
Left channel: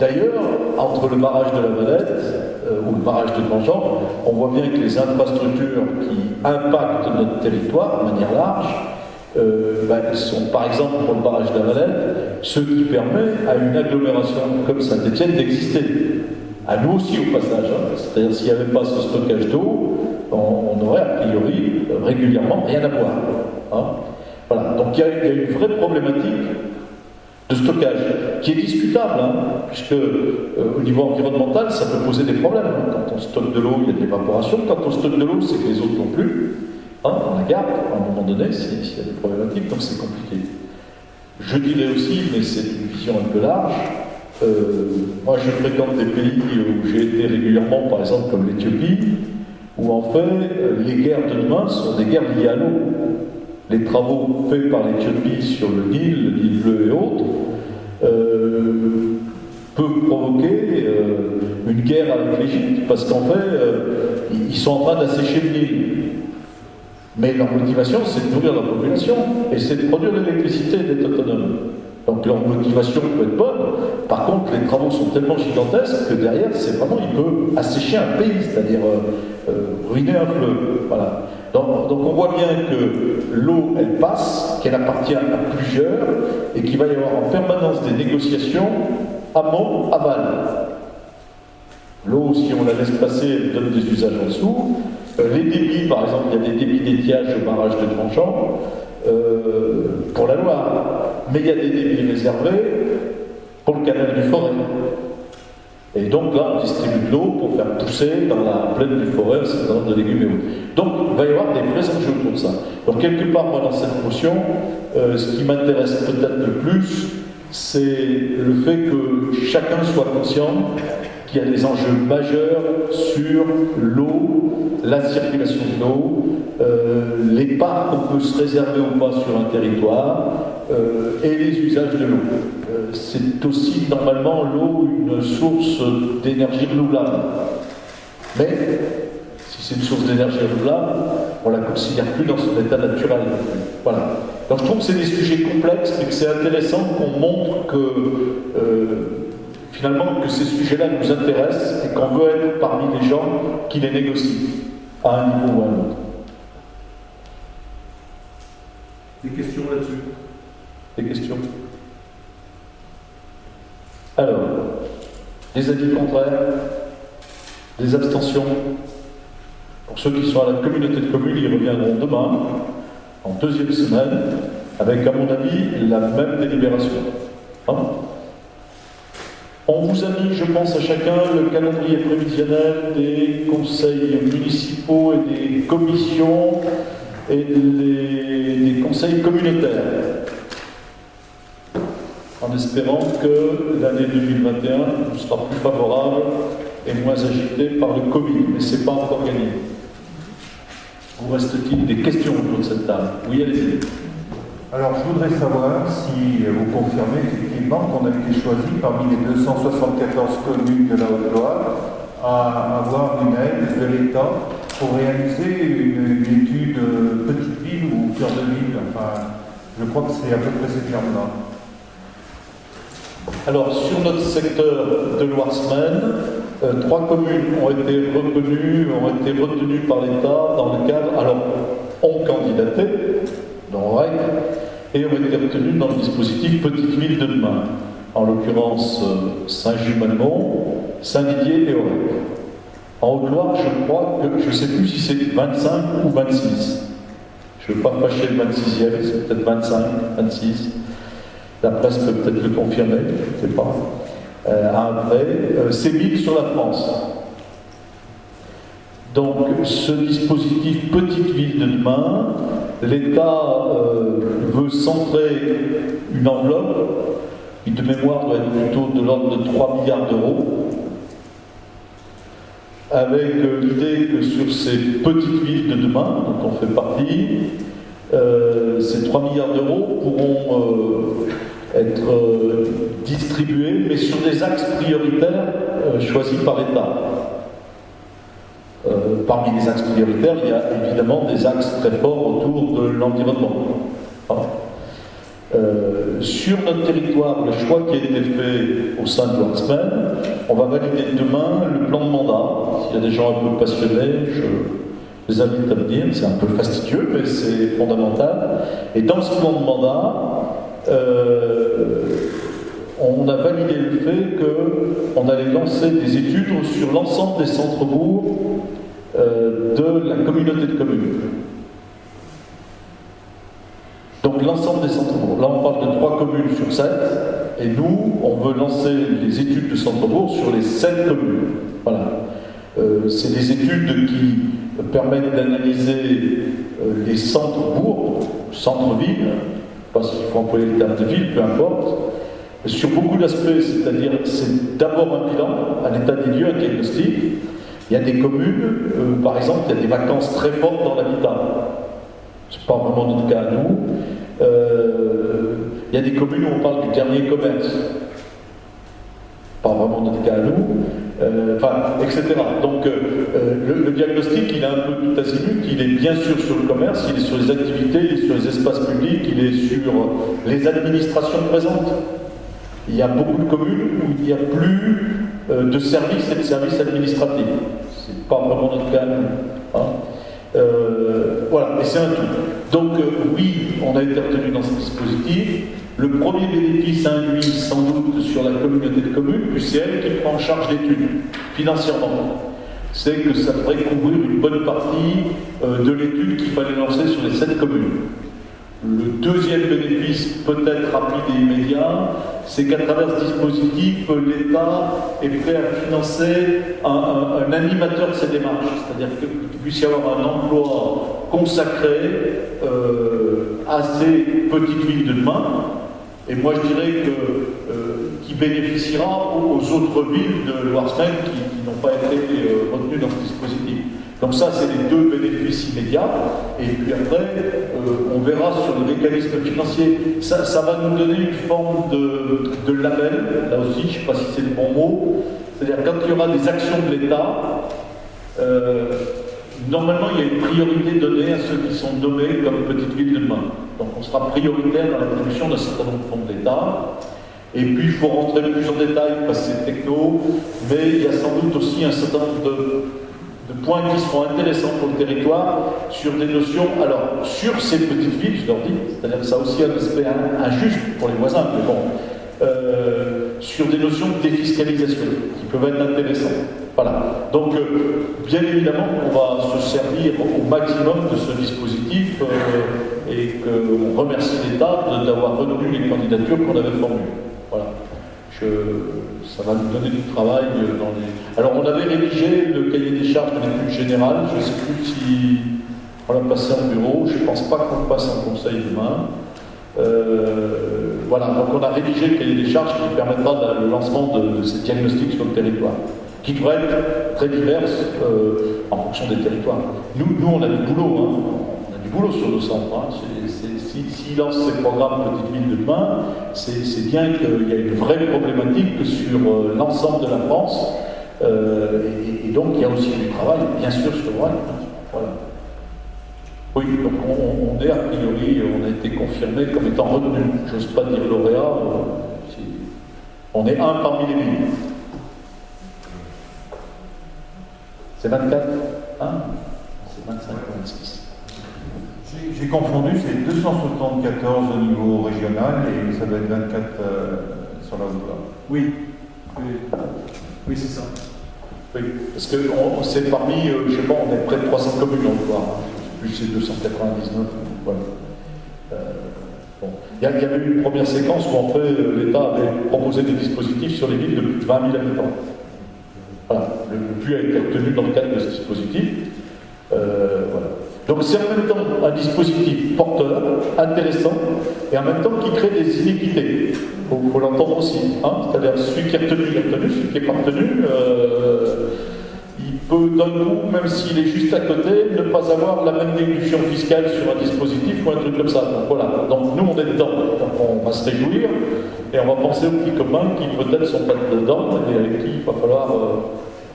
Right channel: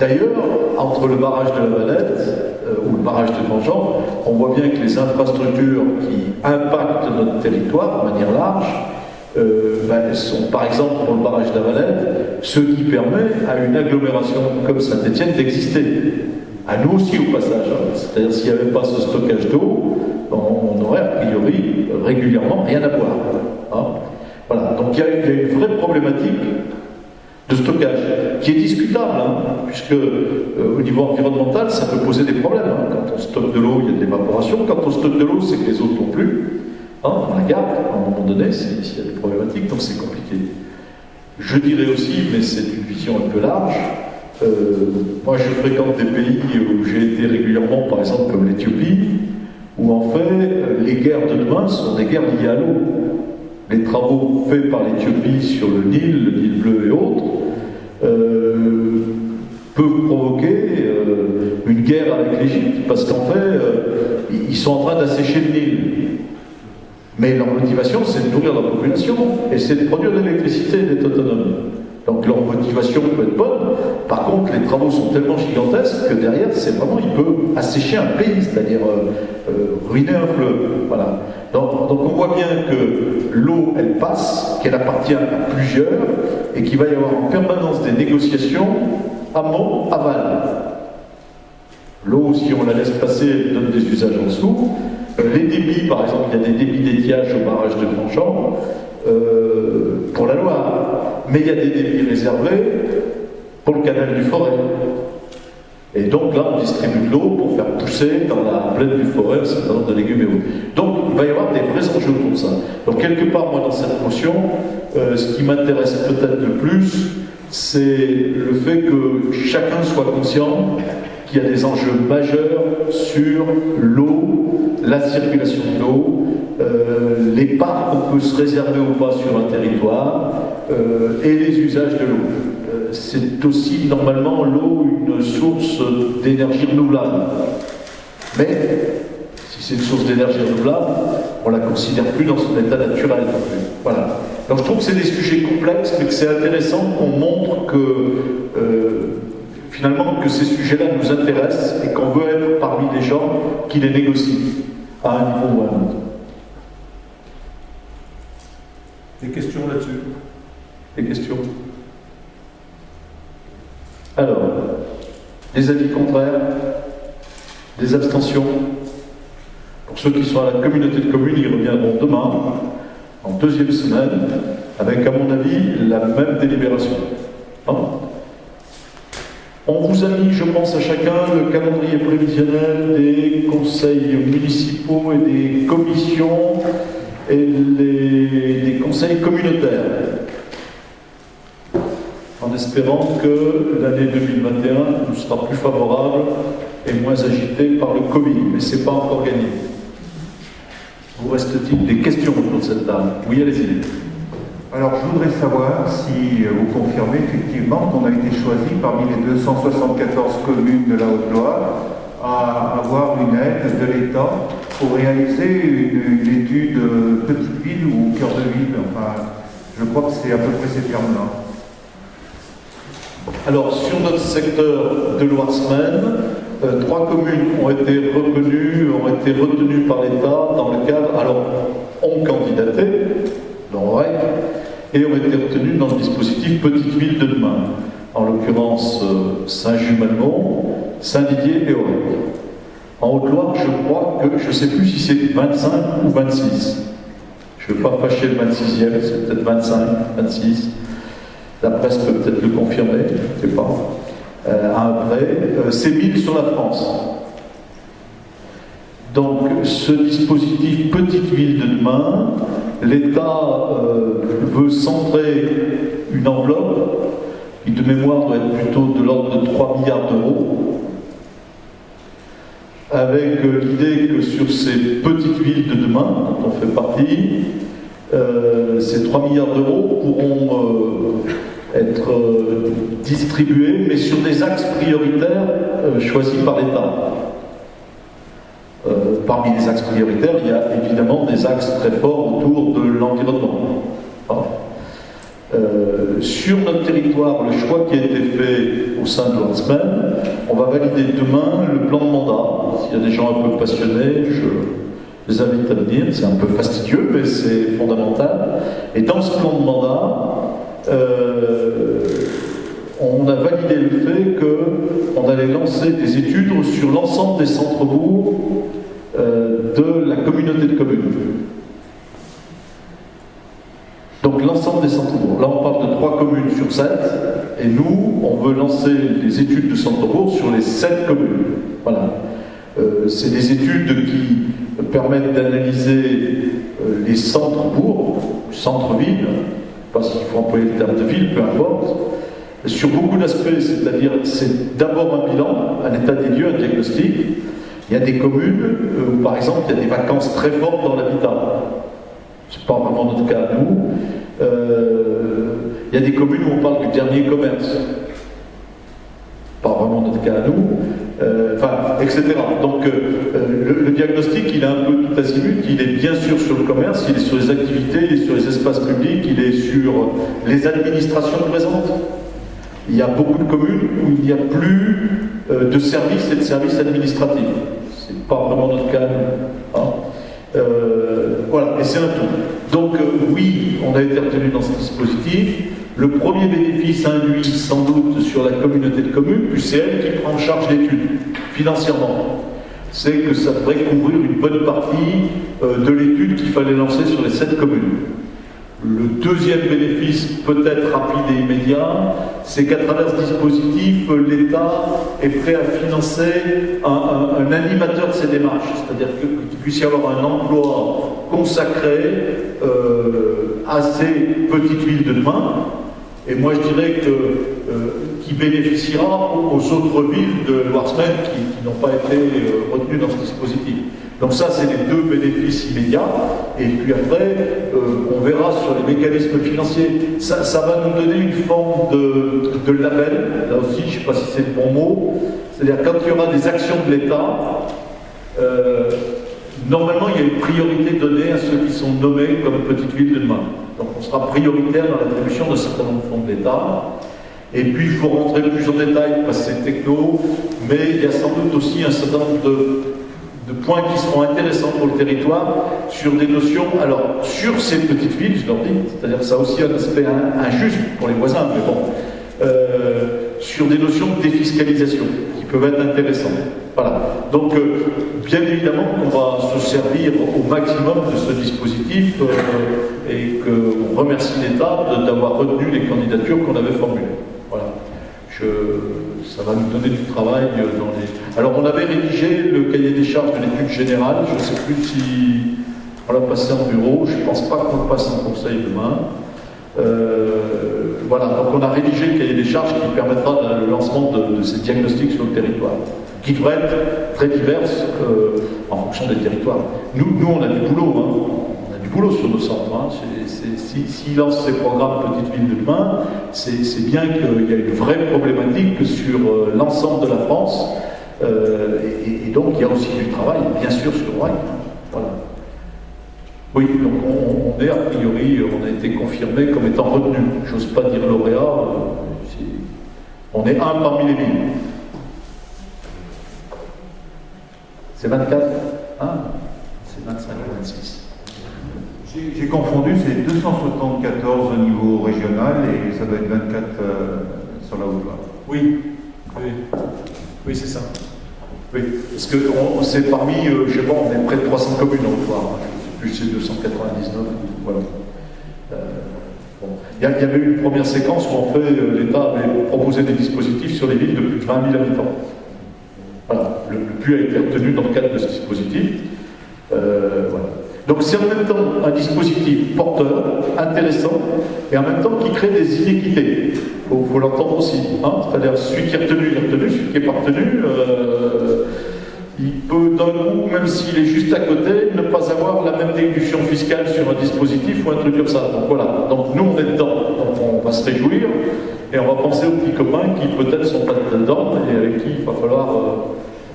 D'ailleurs, entre le barrage de la Valette ou le barrage de Grandjean, on voit bien que les infrastructures qui impactent notre territoire de manière large sont, par exemple, pour le barrage de la Valette, ce qui permet à une agglomération comme Saint-Étienne d'exister. À nous aussi, au passage. Hein. C'est-à-dire, s'il n'y avait pas ce stockage d'eau, on aurait a priori régulièrement rien à boire. Hein. Voilà. Donc il y a une vraie problématique de stockage, qui est discutable, hein, puisque au niveau environnemental, ça peut poser des problèmes. Hein. Quand on stocke de l'eau, il y a de l'évaporation. Quand on stocke de l'eau, c'est que les autres n'ont plus. Hein, on la garde à un moment donné, s'il y a des problématiques, donc c'est compliqué. Je dirais aussi, mais c'est une vision un peu large, moi je fréquente des pays où j'ai été régulièrement, par exemple comme l'Éthiopie, où en fait, les guerres de demain sont des guerres liées à l'eau. Les travaux faits par l'Éthiopie sur le Nil bleu et autres, peuvent provoquer une guerre avec l'Égypte, parce qu'en fait, ils sont en train d'assécher le Nil. Mais leur motivation, c'est de nourrir la population, et c'est de produire de l'électricité et d'être autonome. Donc leur motivation peut être bonne. Par contre, les travaux sont tellement gigantesques que derrière, c'est vraiment, il peut assécher un pays, c'est-à-dire ruiner un fleuve. Voilà. Donc on voit bien que l'eau, elle passe, qu'elle appartient à plusieurs, et qu'il va y avoir en permanence des négociations amont-aval. L'eau, si on la laisse passer, elle donne des usages en dessous. Les débits, par exemple, il y a des débits d'étiage au barrage de Grandjean pour la Loire, mais il y a des débits réservés pour le canal du Forêt. Et donc là, on distribue de l'eau pour faire pousser dans la plaine du Forêt un certain nombre de légumes et autres. Donc il va y avoir des vrais enjeux pour ça. Donc quelque part, moi, dans cette motion, ce qui m'intéresse peut-être le plus, c'est le fait que chacun soit conscient qu'il y a des enjeux majeurs sur l'eau, la circulation de l'eau, les parts qu'on peut se réserver ou pas sur un territoire, et les usages de l'eau. C'est aussi normalement l'eau une source d'énergie renouvelable. Mais si c'est une source d'énergie renouvelable, on ne la considère plus dans son état naturel non plus. Voilà. Donc je trouve que c'est des sujets complexes, mais que c'est intéressant qu'on montre que finalement que ces sujets-là nous intéressent et qu'on veut être parmi les gens qui les négocient à un niveau ou à un autre. Des questions là-dessus? Des questions? Alors, des avis contraires? Des abstentions? Pour ceux qui sont à la communauté de communes, ils reviendront demain, en deuxième semaine, avec, à mon avis, la même délibération. Hein? On vous a mis, je pense, à chacun le calendrier prévisionnel des conseils municipaux et des commissions et des conseils communautaires, en espérant que l'année 2021 nous sera plus favorable et moins agitée par le Covid, mais ce n'est pas encore gagné. Vous reste-t-il des questions autour de cette table? Oui, allez-y. Alors, je voudrais savoir si vous confirmez effectivement qu'on a été choisi parmi les 274 communes de la Haute-Loire à avoir une aide de l'État pour réaliser une étude petite ville ou cœur de ville. Enfin, je crois que c'est à peu près ces termes-là. Alors, sur notre secteur de Loire-Semaine, 3 communes ont été retenues par l'État dans le cadre, alors, ont candidaté, et ont été retenues dans le dispositif Petite Ville de demain, en l'occurrence Saint-Just-Malmont, Saint-Didier et Aurec. En Haute-Loire, je crois que, je ne sais plus si c'est 25 ou 26. Je ne veux pas fâcher le 26e, c'est peut-être 25, 26. La presse peut peut-être le confirmer, je ne sais pas. Après, c'est 1000 sur la France. Donc, ce dispositif Petite Ville de demain, l'État veut centrer une enveloppe qui de mémoire doit être plutôt de l'ordre de 3 milliards d'euros, avec l'idée que sur ces petites villes de demain, dont on fait partie, ces 3 milliards d'euros pourront être distribués, mais sur des axes prioritaires choisis par l'État. Parmi les axes prioritaires, il y a évidemment des axes très forts autour de l'environnement. Sur notre territoire, le choix qui a été fait au sein de l'Artsmen, on va valider demain le plan de mandat. S'il y a des gens un peu passionnés, je les invite à venir. C'est un peu fastidieux, mais c'est fondamental. Et dans ce plan de mandat, on a validé le fait qu'on allait lancer des études sur l'ensemble des centres-bourgs de la communauté de communes. Donc l'ensemble des centres-bourgs. Là, on parle de 3 communes sur 7, et nous, on veut lancer les études de centre-bourg sur les 7 communes. Voilà. C'est des études qui permettent d'analyser les centres-bourgs, centres-villes, parce qu'il faut employer le terme de ville, peu importe, sur beaucoup d'aspects, c'est-à-dire c'est d'abord un bilan, un état des lieux, un diagnostic. Il y a des communes où, par exemple, il y a des vacances très fortes dans l'habitat. Ce n'est pas vraiment notre cas à nous. Il y a des communes où on parle du dernier commerce. Pas vraiment notre cas à nous. Etc. Donc le diagnostic, il est un peu tout azimut. Il est bien sûr sur le commerce, il est sur les activités, il est sur les espaces publics, il est sur les administrations présentes. Il y a beaucoup de communes où il n'y a plus de services et de services administratifs. C'est pas vraiment notre cas à nous. Voilà, et c'est un tout. Donc oui, on a été retenu dans ce dispositif. Le premier bénéfice induit sans doute sur la communauté de communes, puis c'est elle qui prend en charge l'étude, financièrement. C'est que ça devrait couvrir une bonne partie de l'étude qu'il fallait lancer sur les 7 communes. Le deuxième bénéfice, peut-être rapide et immédiat, c'est qu'à travers ce dispositif, l'État est prêt à financer un animateur de ces démarches, c'est-à-dire qu'il puisse y avoir un emploi consacré à ces petites villes de demain. Et moi, je dirais qui bénéficiera aux autres villes de Loire-Semaine qui n'ont pas été retenues dans ce dispositif. Donc ça, c'est les 2 bénéfices immédiats. Et puis après, on verra sur les mécanismes financiers. Ça va nous donner une forme de label. Là aussi, je ne sais pas si c'est le bon mot. C'est-à-dire quand il y aura des actions de l'État, normalement, il y a une priorité donnée à ceux qui sont nommés comme petite ville de demain. Donc on sera prioritaire dans l'attribution d'un certain nombre de fonds de l'État. Et puis il faut rentrer plus en détail parce que c'est techno, mais il y a sans doute aussi un certain nombre de points qui seront intéressants pour le territoire sur des notions, alors sur ces petites villes, je leur dis, c'est-à-dire que ça a aussi un aspect injuste pour les voisins, mais bon, sur des notions de défiscalisation qui peuvent être intéressantes. Voilà. Donc, bien évidemment qu'on va se servir au maximum de ce dispositif et qu'on remercie l'État d'avoir retenu les candidatures qu'on avait formulées. Voilà. Ça va nous donner du travail dans les... Alors, on avait rédigé le cahier des charges de l'étude générale. Je ne sais plus si on l'a passé en bureau. Je ne pense pas qu'on le passe en conseil demain. Voilà. Donc, on a rédigé le cahier des charges qui permettra le lancement de ces diagnostics sur le territoire, qui devraient être très diverses en fonction des territoires. Nous, on a du boulot, hein. On a du boulot sur nos centres. Hein. S'ils lancent ces programmes Petites Villes de demain, c'est bien qu'il y a une vraie problématique sur l'ensemble de la France. Et donc, il y a aussi du travail, bien sûr, sur le Rhin. Voilà. Oui, donc on est a priori, on a été confirmé comme étant retenu. J'ose pas dire lauréat. On est un parmi les 1000. C'est 24 hein? C'est 25 ou 26. J'ai confondu, c'est 274 au niveau régional et ça doit être 24 sur la Haute-Loire. Oui, c'est ça. Oui, parce que c'est parmi, je sais pas, on est près de 300 communes en Haute-Loire, plus c'est 299, voilà. Bon. Il y avait eu une première séquence où en fait l'État avait proposé des dispositifs sur les villes de plus de 20 000 habitants. Voilà, le PU a été retenu dans le cadre de ce dispositif. Voilà. Donc c'est en même temps un dispositif porteur, intéressant, et en même temps qui crée des inéquités. Il faut l'entendre aussi. Hein. C'est-à-dire celui qui est retenu, il est retenu, celui qui n'est pas retenu, il peut d'un coup, même s'il est juste à côté, ne pas avoir la même déduction fiscale sur un dispositif ou un truc comme ça. Donc voilà, donc nous on est dedans, donc on va se réjouir, et on va penser aux petits copains qui peut-être ne sont pas dedans, et avec qui il va falloir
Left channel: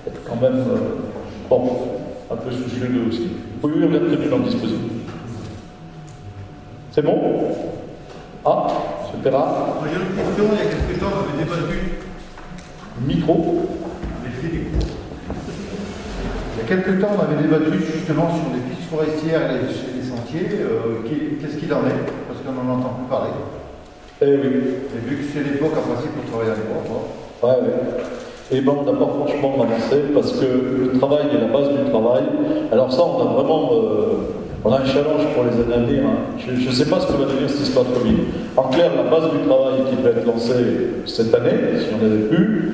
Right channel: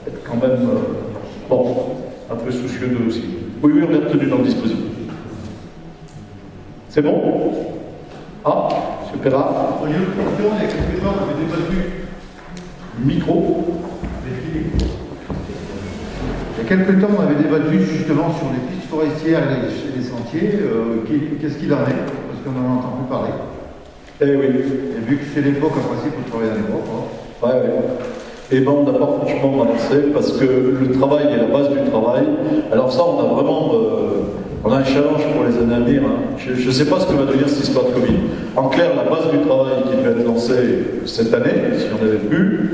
être quand même... bon. un peu soucieux d'eux aussi. Oui, on est retenu dans le dispositif. C'est bon? Ah, M. Perra. Il y a une question, il y a quelques temps, on avait débattu. Micro. Il y a quelques temps, on avait débattu justement sur les pistes forestières et les sentiers. Qu'est-ce qu'il en est? Parce qu'on n'en entend plus parler. Eh oui. Et vu que c'est l'époque, en principe, on travaille dans les bois, quoi. Ouais. Et ben on n'a pas franchement avancé parce que le travail est la base du travail. Alors ça, on a vraiment on a un challenge pour les années à venir. Hein. Je ne sais pas ce que va devenir cette histoire de Covid. En clair, la base du travail qui devait être lancée cette année, si on avait pu,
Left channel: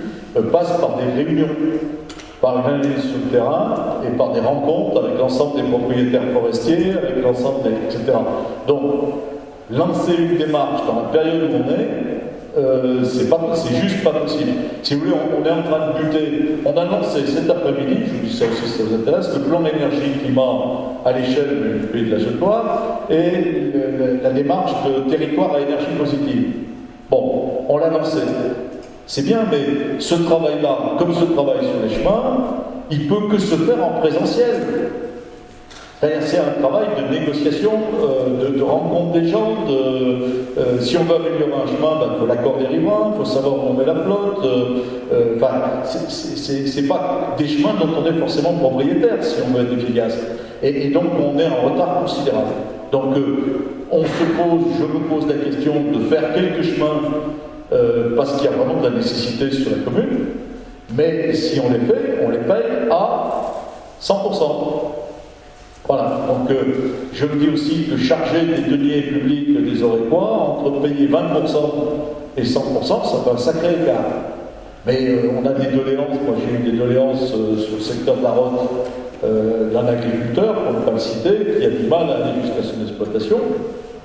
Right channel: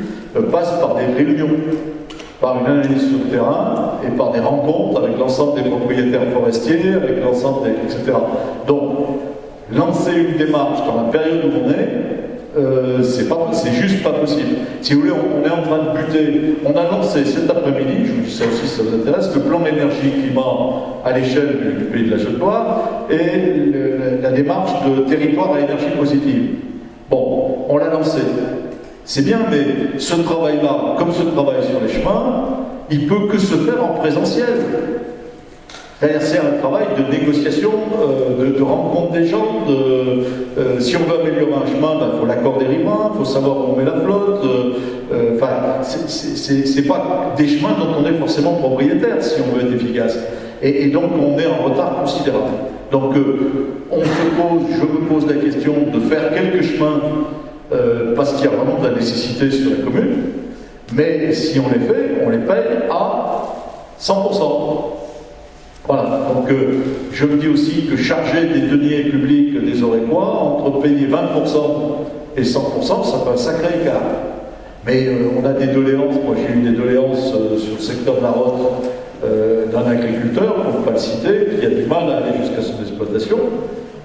passe par des réunions, par une analyse sur le terrain et par des rencontres avec l'ensemble des propriétaires forestiers, avec l'ensemble des... etc. Donc, lancer une démarche dans la période où on est, c'est juste pas possible. Si vous voulez, on est en train de buter. On a lancé cet après-midi, je vous dis ça aussi si ça vous intéresse, le plan énergie-climat à l'échelle du pays de la Chaude-Loire et la démarche de territoire à énergie positive. Bon, on l'a lancé. C'est bien, mais ce travail-là, comme ce travail sur les chemins, il peut que se faire en présentiel. C'est un travail de négociation, de rencontre des gens. Si on veut améliorer un chemin, il faut l'accord des riverains, il faut savoir où on met la flotte. C'est pas des chemins dont on est forcément propriétaire si on veut être efficace. Et donc on est en retard considérable. Donc je me pose la question de faire quelques chemins parce qu'il y a vraiment de la nécessité sur la commune. Mais si on les fait, on les paye à 100%. Voilà, donc je me dis aussi que charger des deniers publics des Orécois, entre payer 20% et 100%, ça fait un sacré écart. Mais on a des doléances, moi j'ai eu des doléances sur le secteur de la Rotte d'un agriculteur, pour ne pas le citer, qui a du mal à aller jusqu'à son exploitation.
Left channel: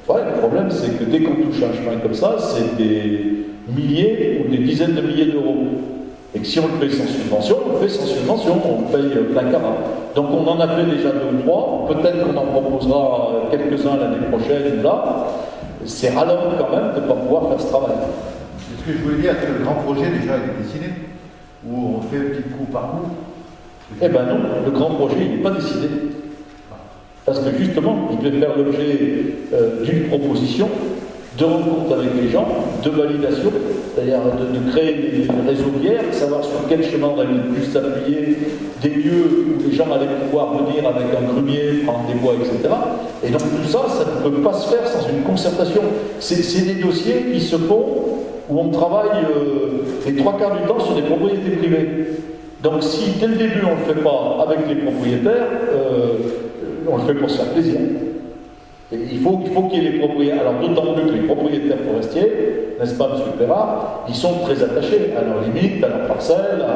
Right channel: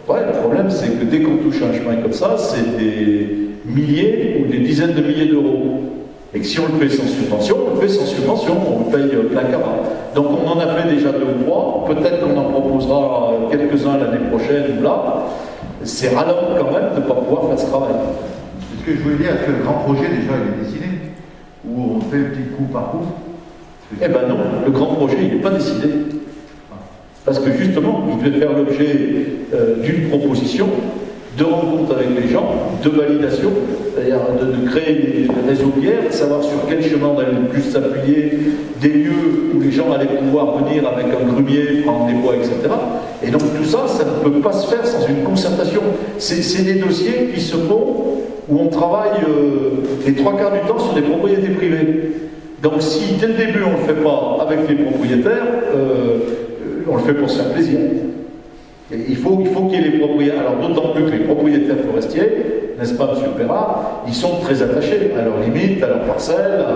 Ouais, le problème c'est que dès qu'on touche un chemin comme ça, c'est des milliers ou des dizaines de milliers d'euros. Et que si on le fait sans subvention, on le fait sans subvention, on le paye plein carat. Donc on en a fait déjà 2 ou 3, peut-être qu'on en proposera quelques-uns l'année prochaine ou là. C'est ralent quand même de ne pas pouvoir faire ce travail. Ce que je voulais dire, est-ce que le grand projet déjà il est dessiné? Ou on fait petit coup par coup? Eh ben non, le grand projet il n'est pas décidé. Parce que justement, il devait faire l'objet d'une proposition, de rencontre avec les gens, de validation, c'est-à-dire de créer des réseaux bières, de savoir sur quel chemin on allait le plus s'appuyer, des lieux où les gens allaient pouvoir venir avec un grumier, prendre des bois, etc. Et donc tout ça, ça ne peut pas se faire sans une concertation. C'est des dossiers qui se font où on travaille les 3/4 du temps sur des propriétés privées. Donc si dès le début on ne le fait pas avec les propriétaires, on le fait pour se faire plaisir. Et il faut qu'il y ait les propriétaires, alors d'autant plus que les propriétaires forestiers, n'est-ce pas, M. Perra, ils sont très attachés à leurs limites, à leurs parcelles,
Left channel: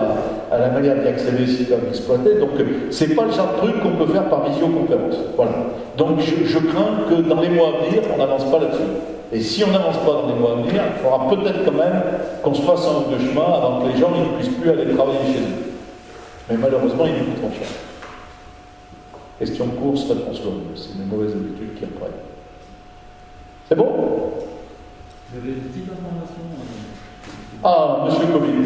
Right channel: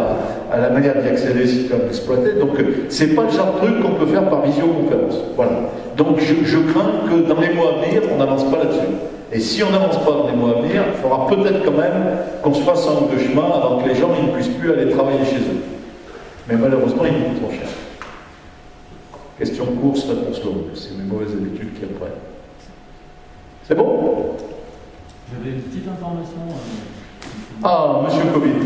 à la manière d'y accéder s'ils peuvent l'exploiter. Donc c'est pas le genre de truc qu'on peut faire par visioconférence. Voilà. Donc je crains que dans les mois à venir, on n'avance pas là-dessus. Et si on n'avance pas dans les mois à venir, il faudra peut-être quand même qu'on se fasse un ou deux chemins avant que les gens ne puissent plus aller travailler chez eux. Mais malheureusement, ils coûtent trop cher. Question de course, réponse longue. C'est mes mauvaises habitudes qui reprennent. C'est bon? J'avais une petite information. Ah, monsieur Covid.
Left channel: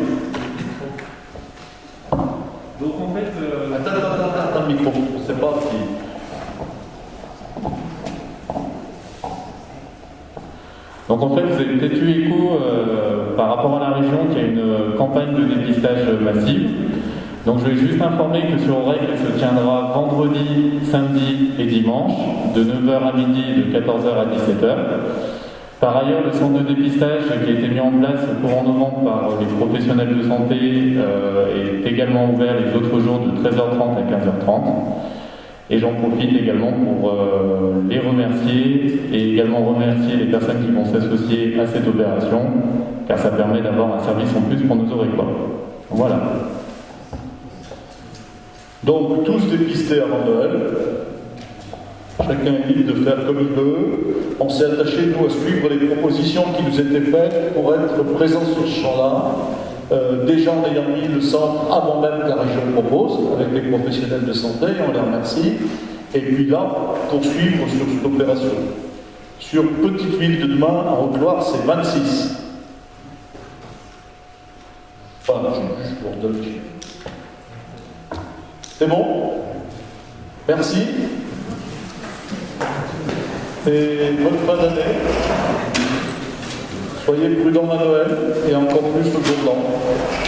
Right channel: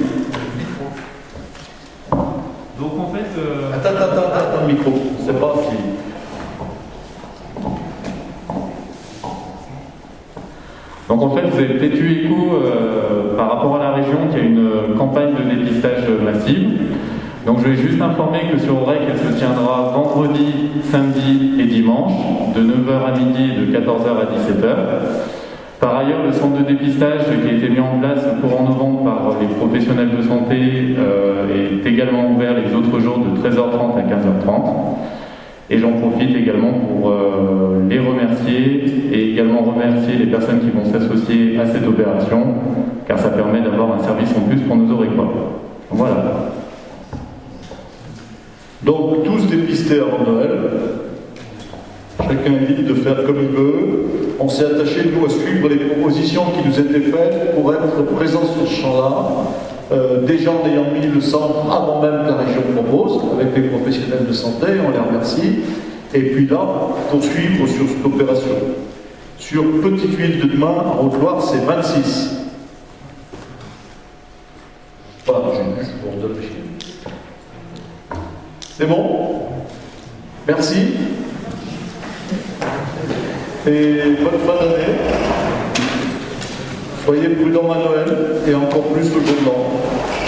Donc en fait... Attends, le micro. On ne sait pas si... Donc en fait, vous avez peut-être eu écho par rapport à la région qui a une campagne de dépistage massive. Donc je vais juste informer que sur Aurec, elle se tiendra vendredi, samedi et dimanche, de 9h à midi et de 14h à 17h. Par ailleurs, le centre de dépistage qui a été mis en place courant novembre par les professionnels de santé est également ouvert les autres jours de 13h30 à 15h30. Et j'en profite également pour les remercier et également remercier les personnes qui vont s'associer à cette opération, car ça permet d'avoir un service en plus pour nos Aurécois. Voilà. Donc tous dépistés avant Noël, chacun est libre de faire comme il veut. On s'est attaché, nous, à suivre les propositions qui nous étaient faites pour être présents sur ce champ-là. Déjà en ayant mis le centre avant même que la région propose, avec les professionnels de santé, on les remercie. Et puis là, poursuivre sur cette opération. Sur Petite-Ville de demain, en Haute-Loire, c'est 26. Voilà, je vous redonne le chiffre. C'est bon? Merci. Et bonne fin d'année. Soyez prudents à Noël et encore plus le jour de l'an.